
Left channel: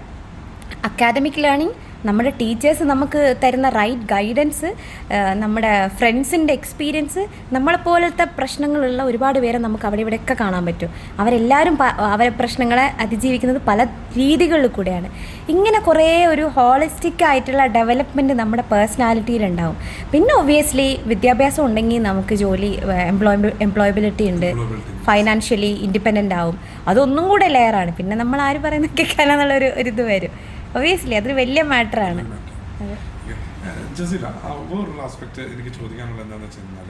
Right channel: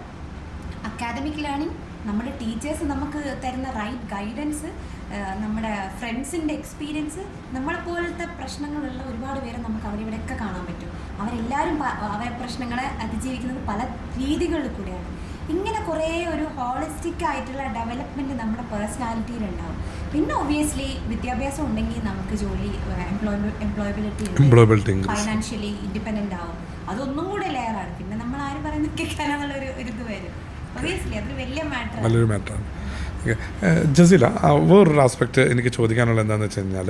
അക്കാദമിക് ലേണിംഗ്, നമ്മുടെ ടീച്ചേഴ്സ് നമുക്ക് തരുന്ന റൈറ്റ് ഗൈഡൻസ്, നമ്മുടെ ഫ്രണ്ട്സിൻ്റെ എക്സ്പീരിയൻസ്, നമ്മളെപ്പോലത്തെ പ്രശ്നങ്ങളുള്ള ഒരുപാട് പേരെ നമുക്ക് അവിടെ ഇവിടെയൊക്കെ കാണാൻ പറ്റും. അവരെല്ലാവരും അവരെ പ്രശ്നങ്ങളെ അതിജീവിക്കുന്നത് പല രീതികളിൽ കൂടെയാണ്. ഇങ്ങനെ കുറേ ഒരു ഹോളിസ്റ്റിക് ആയിട്ടുള്ള ഡെവലപ്മെൻറ്റ് നമ്മുടെ പേഴ്സണാലിറ്റിയിലുണ്ടാവും. പിന്നെ ഒബ്വിയസ്ലി വിദ്യാഭ്യാസം ഉണ്ടെങ്കിൽ നമുക്ക് ജോലി, എംപ്ലോയബിലിറ്റി ഉണ്ട്, ഫൈനാൻഷ്യലി ഇൻഡിപെൻഡൻ്റ് ആവും. അതൊന്നും കൂടെ ലെയറാണ്. പിന്നെ നമ്മൾ ആര് പറയുന്ന കേൾക്കാനെന്നുള്ളൊരു ഇത് വരും. ഒബ്വിയസ്ലി അതൊരു വലിയ മാറ്ററാണ്. ജസീല, വേറൊരു ആസ്പെക്റ്റ് എനിക്ക് ചോദിക്കാനുള്ളത് എന്താണെന്ന് വെച്ച് കഴിഞ്ഞാൽ,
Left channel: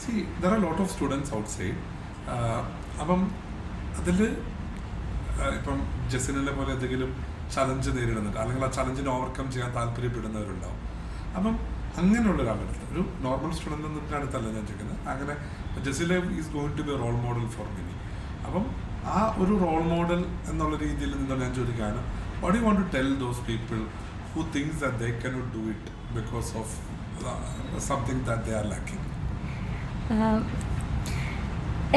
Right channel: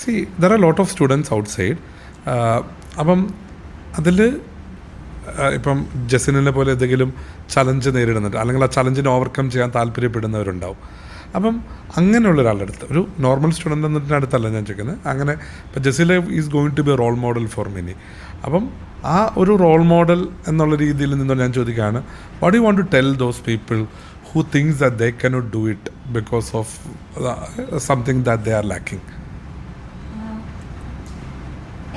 C there are lot of students out side. അപ്പം അതിൽ ഇപ്പം ജസീലിനെ പോലെ എന്തെങ്കിലും ചലഞ്ച് നേരിടുന്നുണ്ട്, അല്ലെങ്കിൽ ആ ചലഞ്ചിനെ ഓവർകം ചെയ്യാൻ താല്പര്യപ്പെടുന്നവരുണ്ടാവും. അപ്പം അങ്ങനെയുള്ള ഒരാളുടെ അടുത്ത്, ഒരു നോർമൽ സ്റ്റുഡൻ്റ് എന്നതിൻ്റെ അടുത്തല്ല ഞാൻ ചോദിക്കുന്നത്, അങ്ങനെ ഇപ്പം Jaseela is going to be role model for many. അപ്പം ആ ഒരു റോൾ മോഡൽ എന്നുള്ള രീതിയിൽ നിന്ന് ഞാൻ ചോദിക്കുകയാണ്, what you want to tell those people who thinks that they cannot do it because of something that they are lacking?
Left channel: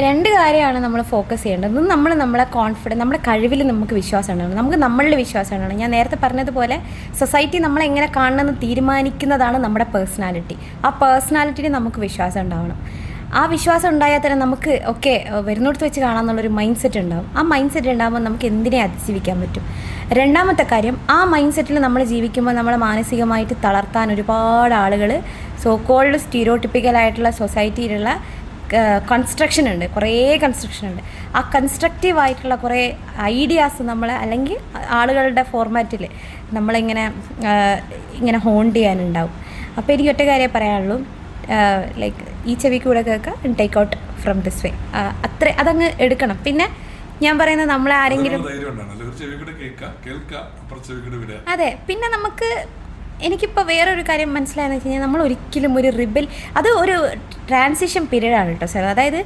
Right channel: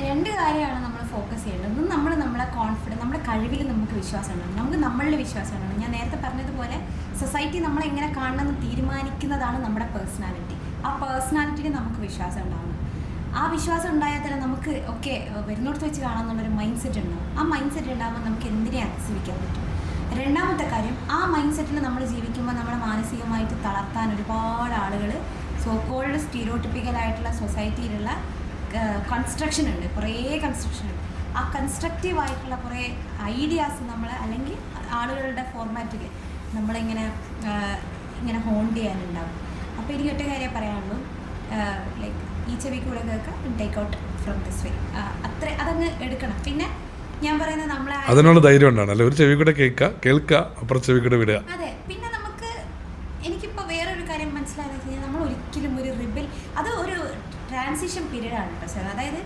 രണ്ട് കാര്യമാണ് നമ്മൾ ഫോക്കസ് ചെയ്യേണ്ടത്. നമ്മളെ കോൺഫിഡൻസ്, നമ്മുടെ കഴിവിൽ നമുക്ക് വിശ്വാസം ഉണ്ടാവണം, നമുക്ക് നമ്മളിൽ വിശ്വാസം ഉണ്ടാവണം. ഞാൻ നേരത്തെ പറഞ്ഞതുപോലെ സൊസൈറ്റി നമ്മളെ എങ്ങനെ കാണണമെന്ന് തീരുമാനിക്കുന്നതാണ് നമ്മുടെ പേഴ്സണാലിറ്റി. ആ പേഴ്സണാലിറ്റിയിൽ നമുക്ക് വിശ്വാസം ഉണ്ടാവണം. ആ വിശ്വാസം ഉണ്ടായാൽ തന്നെ നമുക്ക് ഓക്കെ വരുന്നിടത്ത് വെച്ച് കാണാമെന്നുള്ളൊരു മൈൻഡ് സെറ്റ് ഉണ്ടാവും. ആ മൈൻഡ് സെറ്റ് ഉണ്ടാകുമ്പോൾ നമുക്ക് എന്തിനെ അതിജീവിക്കാൻ പറ്റും. രണ്ടാമത്തെ കാര്യം, ആ മൈൻഡ് സെറ്റിൽ നമ്മൾ ജീവിക്കുമ്പോൾ നമ്മളെ മാനസികമായിട്ട് തളർത്താൻ ഒരുപാട് ആളുകൾ സോ കോൾഡ് സ്റ്റീരിയോട്ടിപ്പിക്കലായിട്ടുള്ള സൊസൈറ്റിയിലുള്ള കൺസ്ട്രക്ഷൻ ഉണ്ട്, കുറേ കൺസ്ട്രക്ഷൻ ഉണ്ട്. ആ കൺസ്ട്രക്റ്റീവായിട്ടുള്ള കുറേ ഐഡിയാസ് നമ്മളെ, അല്ലെങ്കിൽ ആളുകളുടെ ഫോർമാറ്റിൽ ഇങ്ങനെ ഹോണ്ട് ചെയ്യാനുണ്ടാവും. അപ്പോൾ എനിക്ക് ഒറ്റ കാര്യം പറയാനുള്ളൂ, ലൈക്ക് ഈ ചെവിക്ക് കൂടെ കേൾക്കുക, take out from this way, അത്ര അതങ്ങ് എടുക്കണം. പിന്നെ ഞാൻ പറയുന്നത് നമ്മളെ അതെ. പിന്നെ നമുക്ക് എനിക്കിപ്പോൾ വേറൊരു കാര്യം മനസ്സിലായെന്ന് വെച്ച് കഴിഞ്ഞാൽ, നമ്മൾ ഒരിക്കലും ഒരു റിബൽ, അത് ഒരു ട്രാൻസിഷൻ പീരീഡാണ് കേട്ടോ സാർ. അതായത്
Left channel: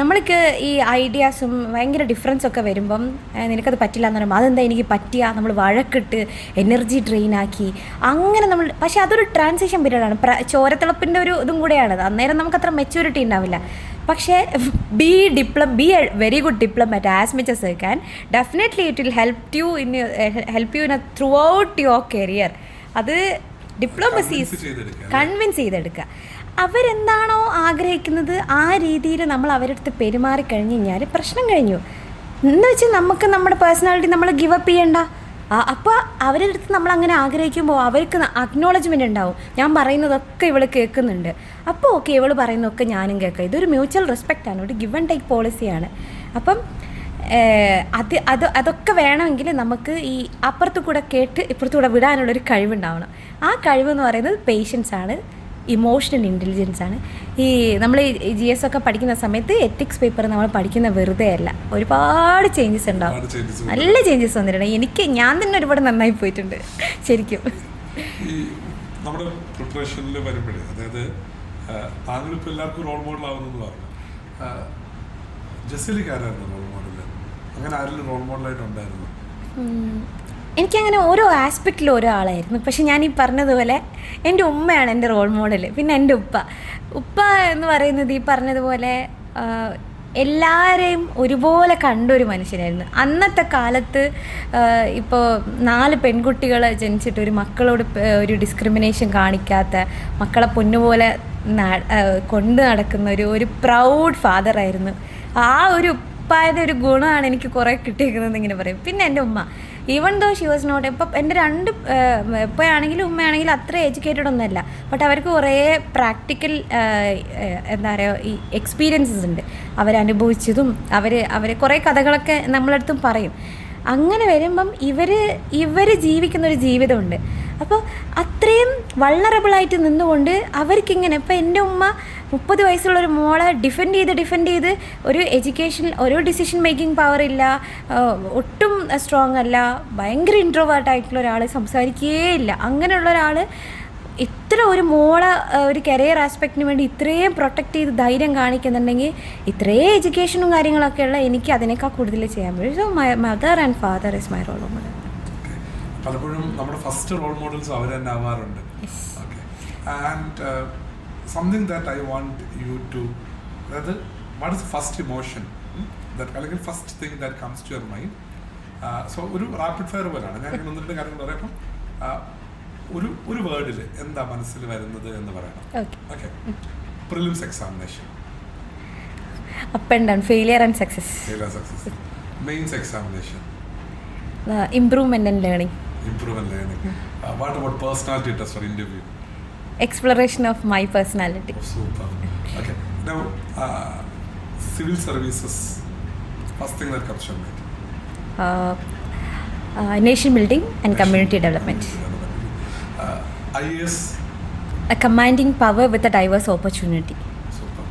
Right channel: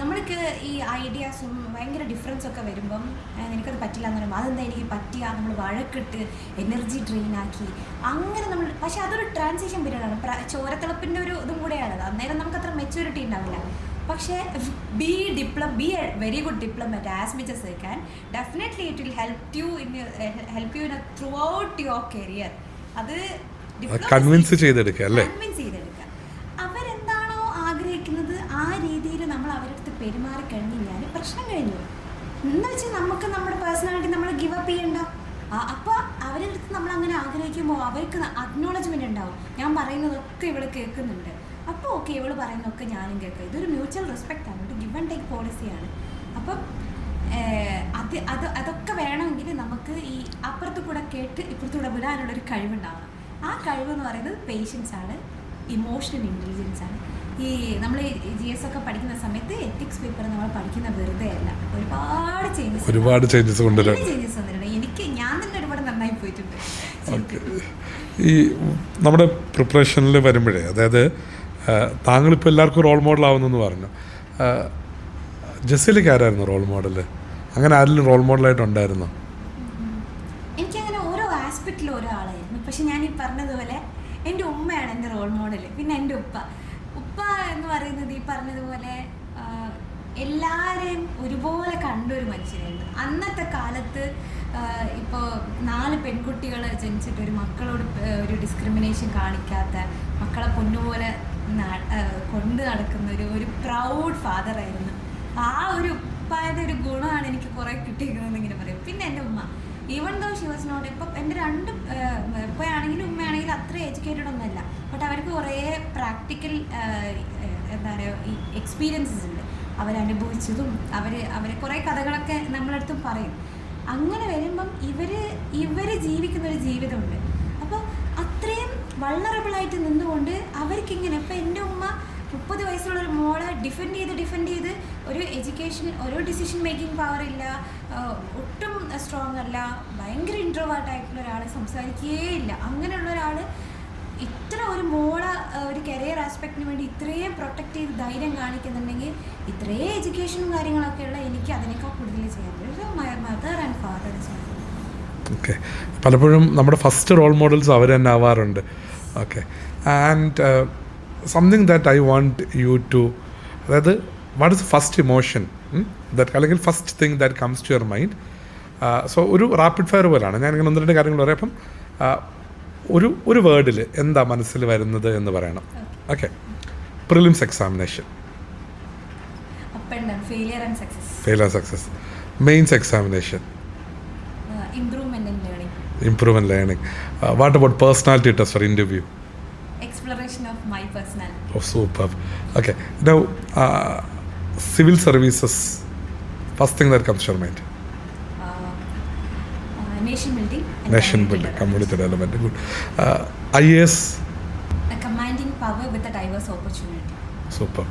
നമ്മൾക്ക് ഈ ഐഡിയാസും ഭയങ്കര ഡിഫറൻസൊക്കെ വരുമ്പം നിനക്കത് പറ്റില്ല എന്ന് പറയുമ്പോൾ അതെന്താ എനിക്ക് പറ്റിയ, നമ്മൾ വഴക്കിട്ട് എനർജി ഡ്രെയിനാക്കി അങ്ങനെ നമ്മൾ, പക്ഷേ അതൊരു ട്രാൻസിഷൻ പീരീഡാണ്, ചോരത്തിളപ്പിൻ്റെ ഒരു ഇതും കൂടെയാണത്. അന്നേരം നമുക്കത്ര മെച്യൂരിറ്റി ഉണ്ടാവില്ല. പക്ഷേ B A very good diplomat as much S you can. Definitely it will help you in through out your career. അത് ഡിപ്ലോമസി കൺവിൻസ് ചെയ്തെടുക്കുക. അവരെന്താണോ ആഗ്രഹിക്കുന്നത് ആ രീതിയിൽ നമ്മൾ അവരുടെ അടുത്ത് പെരുമാറിക്കഴിഞ്ഞ് കഴിഞ്ഞാൽ പ്രശ്നം കഴിഞ്ഞു. എന്ന് വെച്ചാൽ നമുക്ക് നമ്മുടെ പേഴ്സണാലിറ്റി നമ്മൾ ഗിവ് അപ്പ് ചെയ്യണ്ട. അപ്പോൾ അവരുടെ അടുത്ത് നമ്മൾ അങ്ങനെ ആഗ്രഹിക്കുമ്പോൾ അവർക്ക് അക്നോളജ്മെൻറ്റ് ഉണ്ടാവും. ഞാൻ പറയുന്നതൊക്കെ ഇവൾ കേൾക്കുന്നുണ്ട്, അപ്പോൾ ഓക്കെ ഇവൾ പറയുന്നതൊക്കെ ഞാനും കേൾക്കാം. ഇതൊരു മ്യൂച്വൽ റെസ്പെക്റ്റാണ്, ഒരു ഗിവ് ആൻഡ് ടേക്ക് പോളിസിയാണ്. അപ്പം അതൊക്കെ വേണമെങ്കിൽ നമുക്ക് ഈ അപ്പുറത്തു കൂടെ കേട്ട് ഇപ്പുറത്തു കൂടെ വിടാനുള്ളൊരു കഴിവുണ്ടാവണം. ആ കഴിവെന്ന് പറയുന്നത് പേഷ്യൻസ് ആണ്, ഇമോഷണൽ ഇൻ്റലിജൻസ് ആണ്. ഈ നമ്മൾ GS ഒക്കെ പഠിക്കുന്ന സമയത്ത് എത്തിക്സ് പേപ്പർ നമ്മൾ പഠിക്കുന്ന വെറുതെ അല്ല, ഒരുപാട് ചേഞ്ചസ് ഉണ്ടാവും, നല്ല ചേഞ്ചസ് വന്നിട്ടുണ്ട്. ഞാൻ തന്നെ ഒരുപാട് നന്നായി പോയിട്ടുണ്ട് ശരിക്കും. ഈ നമ്മുടെ പ്രിപ്പറേഷനിൽ വരുമ്പോഴേ, അതായത് താങ്കളിപ്പോൾ എല്ലാവർക്കും റോൾ മോഡൽ ആവുന്നെന്ന് പറഞ്ഞു, ജസീലയ്ക്ക് ആരായിരുന്നു റോൾ മോഡൽ? അങ്ങനെ ആരെങ്കിലും റോൾ മോഡലായിട്ടുണ്ടായിരുന്നു? എനിക്കങ്ങനെ ഓരോ ആസ്പെക്റ്റിലും ഓരോ ആളായിരുന്നു. പക്ഷെ ഞാൻ ഈ പറഞ്ഞതുപോലെ എൻ്റെ ഉമ്മയാണ് എൻ്റെ റോൾ മോഡൽ. പിന്നെ എൻ്റെ ഉപ്പ എന്ന് പറയുന്നത് ഈ പറഞ്ഞതുപോലെ എല്ലാവരെയും ഒരുപോലെ കണ്ടൊരു മനുഷ്യനായിരുന്നു. അന്നത്തെ കാലത്ത് ഇപ്പോൾ 4 പെൺകുട്ടികൾ ജനിച്ചിട്ട് ഒരു മക്കളോട് ഒരു ഡിസ്ക്രിമിനേഷൻ കാണിക്കാത്ത, മക്കളെ പൊന്നുപോലെ കൊണ്ട് നടക്കുന്ന ഒരു പ്രൗഡ് ഫാദറായിരുന്നു. ആ ഒരു ഉപ്പായുടെ ഒരു ഗുണമാണ് എനിക്ക് കുറേ കിട്ടിയിരിക്കുന്നത് ഇങ്ങനെ പറയും. പിന്നെ എൻ്റെ ഉമ്മ, even though she was not, ഇപ്പം എൻ്റെ 2 ഉപ്പയാണെങ്കിലും ഉമ്മയാണെങ്കിലും അത്ര എഡ്യൂക്കേറ്റഡ് ഒന്നുമല്ല, ബട്ട് അവർക്ക് കുറേ പ്രാക്ടിക്കൽ എന്താ പറയുക ഈ എക്സ്പീരിയൻസസ് ഉണ്ട്. അവരനുഭവിച്ചതും അവർ കുറേ കഥകളൊക്കെ നമ്മളടുത്തും പറയും. അങ്ങനെ വരുമ്പം ഇവർ ജീവിക്കുന്നൊരു ജീവിതമുണ്ട്. അപ്പോൾ അത്രയും വൾണറബിളായിട്ട് നിന്നുകൊണ്ട് അവർക്കിങ്ങനെ, ഇപ്പം എൻ്റെ ഉമ്മ 30 വയസ്സുള്ളൊരു മോളെ ഡിഫെൻഡ് ചെയ്ത് ഒരു എഡ്യൂക്കേഷൻ, ഒരു ഡിസിഷൻ മേക്കിംഗ് പവർ ഇല്ല, ഒട്ടും സ്ട്രോങ് അല്ല, ഭയങ്കര ഇൻട്രോവേർട്ടായിട്ടുള്ള ഒരാൾ, സംസാരിക്കുകയേ ഇല്ല. അങ്ങനെയുള്ള ഒരാൾ ഇത്ര ഒരു മോളെ ഒരു കരിയർ ആസ്പെക്റ്റിന് വേണ്ടി ഇത്രയും പ്രൊട്ടക്റ്റ് ചെയ്ത് ധൈര്യം കാണിക്കുന്നുണ്ടെങ്കിൽ, ഇത്രയും എഡ്യൂക്കേഷനും കാര്യങ്ങളൊക്കെ ഉള്ള എനിക്ക് അതിനേക്കാൾ കൂടുതൽ ചെയ്യാൻ പറ്റും. So my mother and father is my role model. Okay, പലപ്പോഴും നമ്മുടെ ഫസ്റ്റ് റോൾ മോഡൽസ് അവർ തന്നെ ആവാറുണ്ട്. Okay, and something that I want you to, അതായത് what is first emotion that അല്ലെങ്കിൽ first thing that comes to your mind? So ഒരു rapid fire പോലാണ് ഞാനിങ്ങനെ 1-2 കാര്യങ്ങൾ പറയാം. അപ്പം ഒരു വേർഡിൽ എന്താ മനസ്സിൽ വരുന്നത് എന്ന് പറയണം. Okay. Prelims examination. Up and down, failure and success. Failure success. Mains examination. Improvement and learning. Improvement learning. What about personality test or interview? Exploration of my personality. Oh, super. Okay. Now, civil services. First thing that comes to your mind. Nation building and Nation community building, development. Community development. Good. IAS. A commanding power with a diverse opportunity. Super.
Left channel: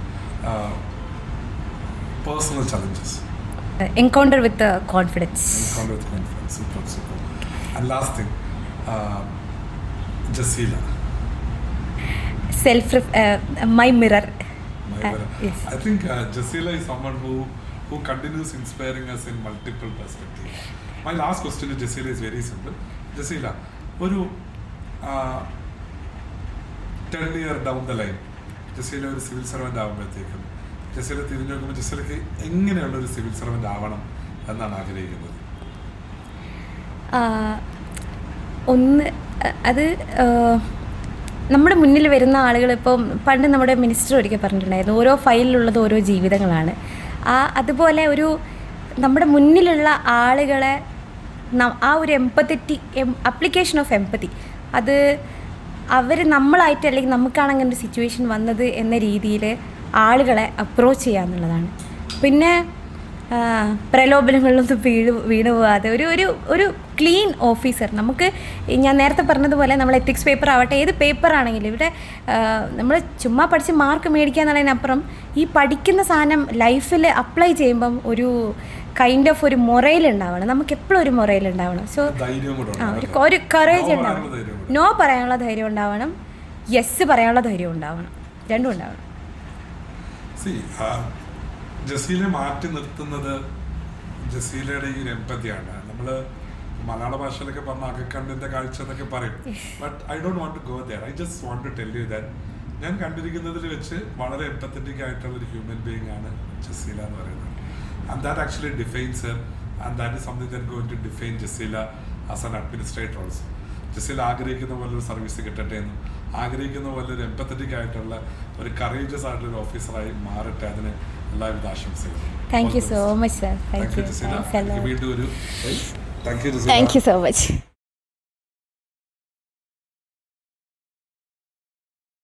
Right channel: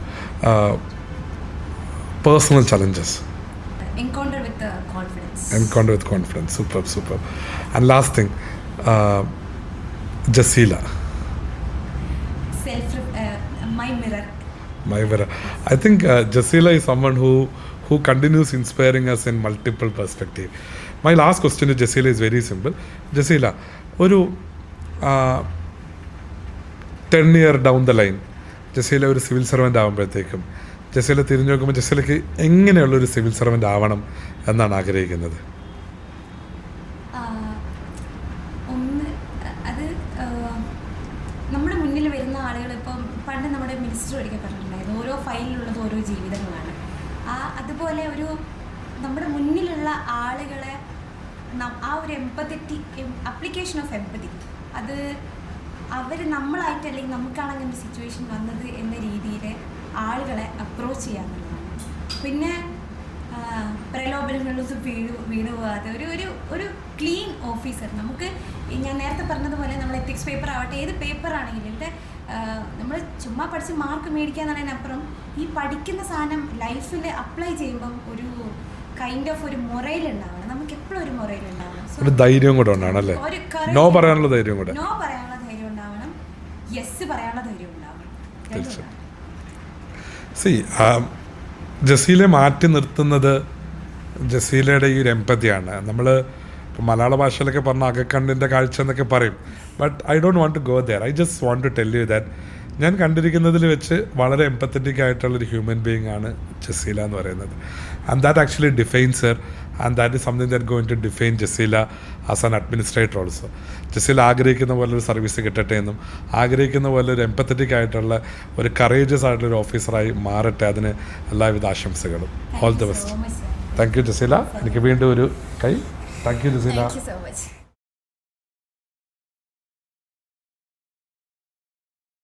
Personal challenges. Encounter with confidence. Encounter with confidence. Super, super. And last thing, Jasila. My mirror. My mirror. Yes. I think Jasila is someone who continues inspiring us in multiple perspectives. My last question to Jasila is very simple. Jasila, ഒരു 10 year down the line, Jaseela ഒരു civil servant ആകുമ്പോഴത്തേക്കും ജസീല തിരിഞ്ഞു നോക്കുമ്പോൾ ജസീലയ്ക്ക് എങ്ങനെയുള്ളൊരു civil servant ആവണം എന്നാണ് ആഗ്രഹിക്കുന്നത്? ഒന്ന് അത് നമ്മുടെ മുന്നിൽ വരുന്ന ആളുകൾ, ഇപ്പം പണ്ട് നമ്മുടെ മിനിസ്റ്റർ ഒരിക്കൽ പറഞ്ഞിട്ടുണ്ടായിരുന്നു, ഓരോ ഫയലിലുള്ളത് ഓരോ ജീവിതങ്ങളാണ്. അതുപോലെ ഒരു നമ്മുടെ മുന്നിലുള്ള ആളുകളെ ആ ഒരു അപ്ലിക്കേഷൻ ഓഫ് എംപതി, അത് അവർ നമ്മളായിട്ട് അല്ലെങ്കിൽ നമുക്കാണ് അങ്ങനെ ഒരു സിറ്റുവേഷൻ വന്നത് എന്ന രീതിയിൽ ആളുകളെ അപ്രോച്ച് ചെയ്യുക എന്നുള്ളതാണ്. പിന്നെ പ്രലോഭനങ്ങളിലൊന്നും വീണു പോകാതെ ഒരു ക്ലീൻ ഓഫീസർ. നമുക്ക് ഞാൻ നേരത്തെ പറഞ്ഞതുപോലെ നമ്മൾ എത്തിക്സ് പേപ്പർ ആവട്ടെ, ഏത് പേപ്പർ ആണെങ്കിലും ഇവിടെ നമ്മൾ ചുമ്മാ പഠിച്ച് മാർക്ക് മേടിക്കുക എന്നുള്ളതിനപ്പുറം ഈ പഠിക്കുന്ന സാധനം ലൈഫിൽ അപ്ലൈ ചെയ്യുമ്പം ഒരു കൈൻഡ് ഓഫ് ഒരു മൊറയിൽ ഉണ്ടാവണം. നമുക്ക് എപ്പോഴും ഒരു മൊറയിൽ ഉണ്ടാവണം. സോ ധൈര്യം കൂടെ ഒരു കറേജ്, നോ പറയാനുള്ള ധൈര്യം ഉണ്ടാവണം, യെസ് പറയാനുള്ള ധൈര്യം ഉണ്ടാവണം, രണ്ടും ഉണ്ടാവണം. ജസീലയെ മാറ്റി നിർത്തുന്നത് ജസീലയുടെ ഈ ഒരു എംപതിയാണ്. നമ്മൾ മലയാള ഭാഷയിലൊക്കെ പറഞ്ഞ അകക്കണ്ണിൻ്റെ കാഴ്ച എന്നൊക്കെ പറയും. But I don't want to go there. I just want to tell you that ഞാൻ കണ്ടിരിക്കുന്നതിൽ വെച്ച് വളരെ എംപത്തറ്റിക് ആയിട്ടുള്ളൊരു ഹ്യൂമൻ ബീയിങ് ആണ് ജസീല എന്ന് പറയുന്നത്. And that actually defines her and that is something that going to define Jaseela as an administrator also. Jaseela ആഗ്രഹിക്കുന്ന പോലെ ഒരു സർവീസ് കിട്ടട്ടെ എന്നും ആഗ്രഹിക്കുന്ന പോലെ ഒരു എംപത്തറ്റിക് ആയിട്ടുള്ള ഒരു കറേജസ് ആയിട്ടുള്ള ഒരു ഓഫീസറായി മാറട്ടെ. അതിന് എല്ലാവിധ ആശംസകളും. Thank you so much, sir. Thank you Jaseela. എനിക്ക് വീണ്ടും ഒരു കൈ. Thank you Jaseela. Thank you so much.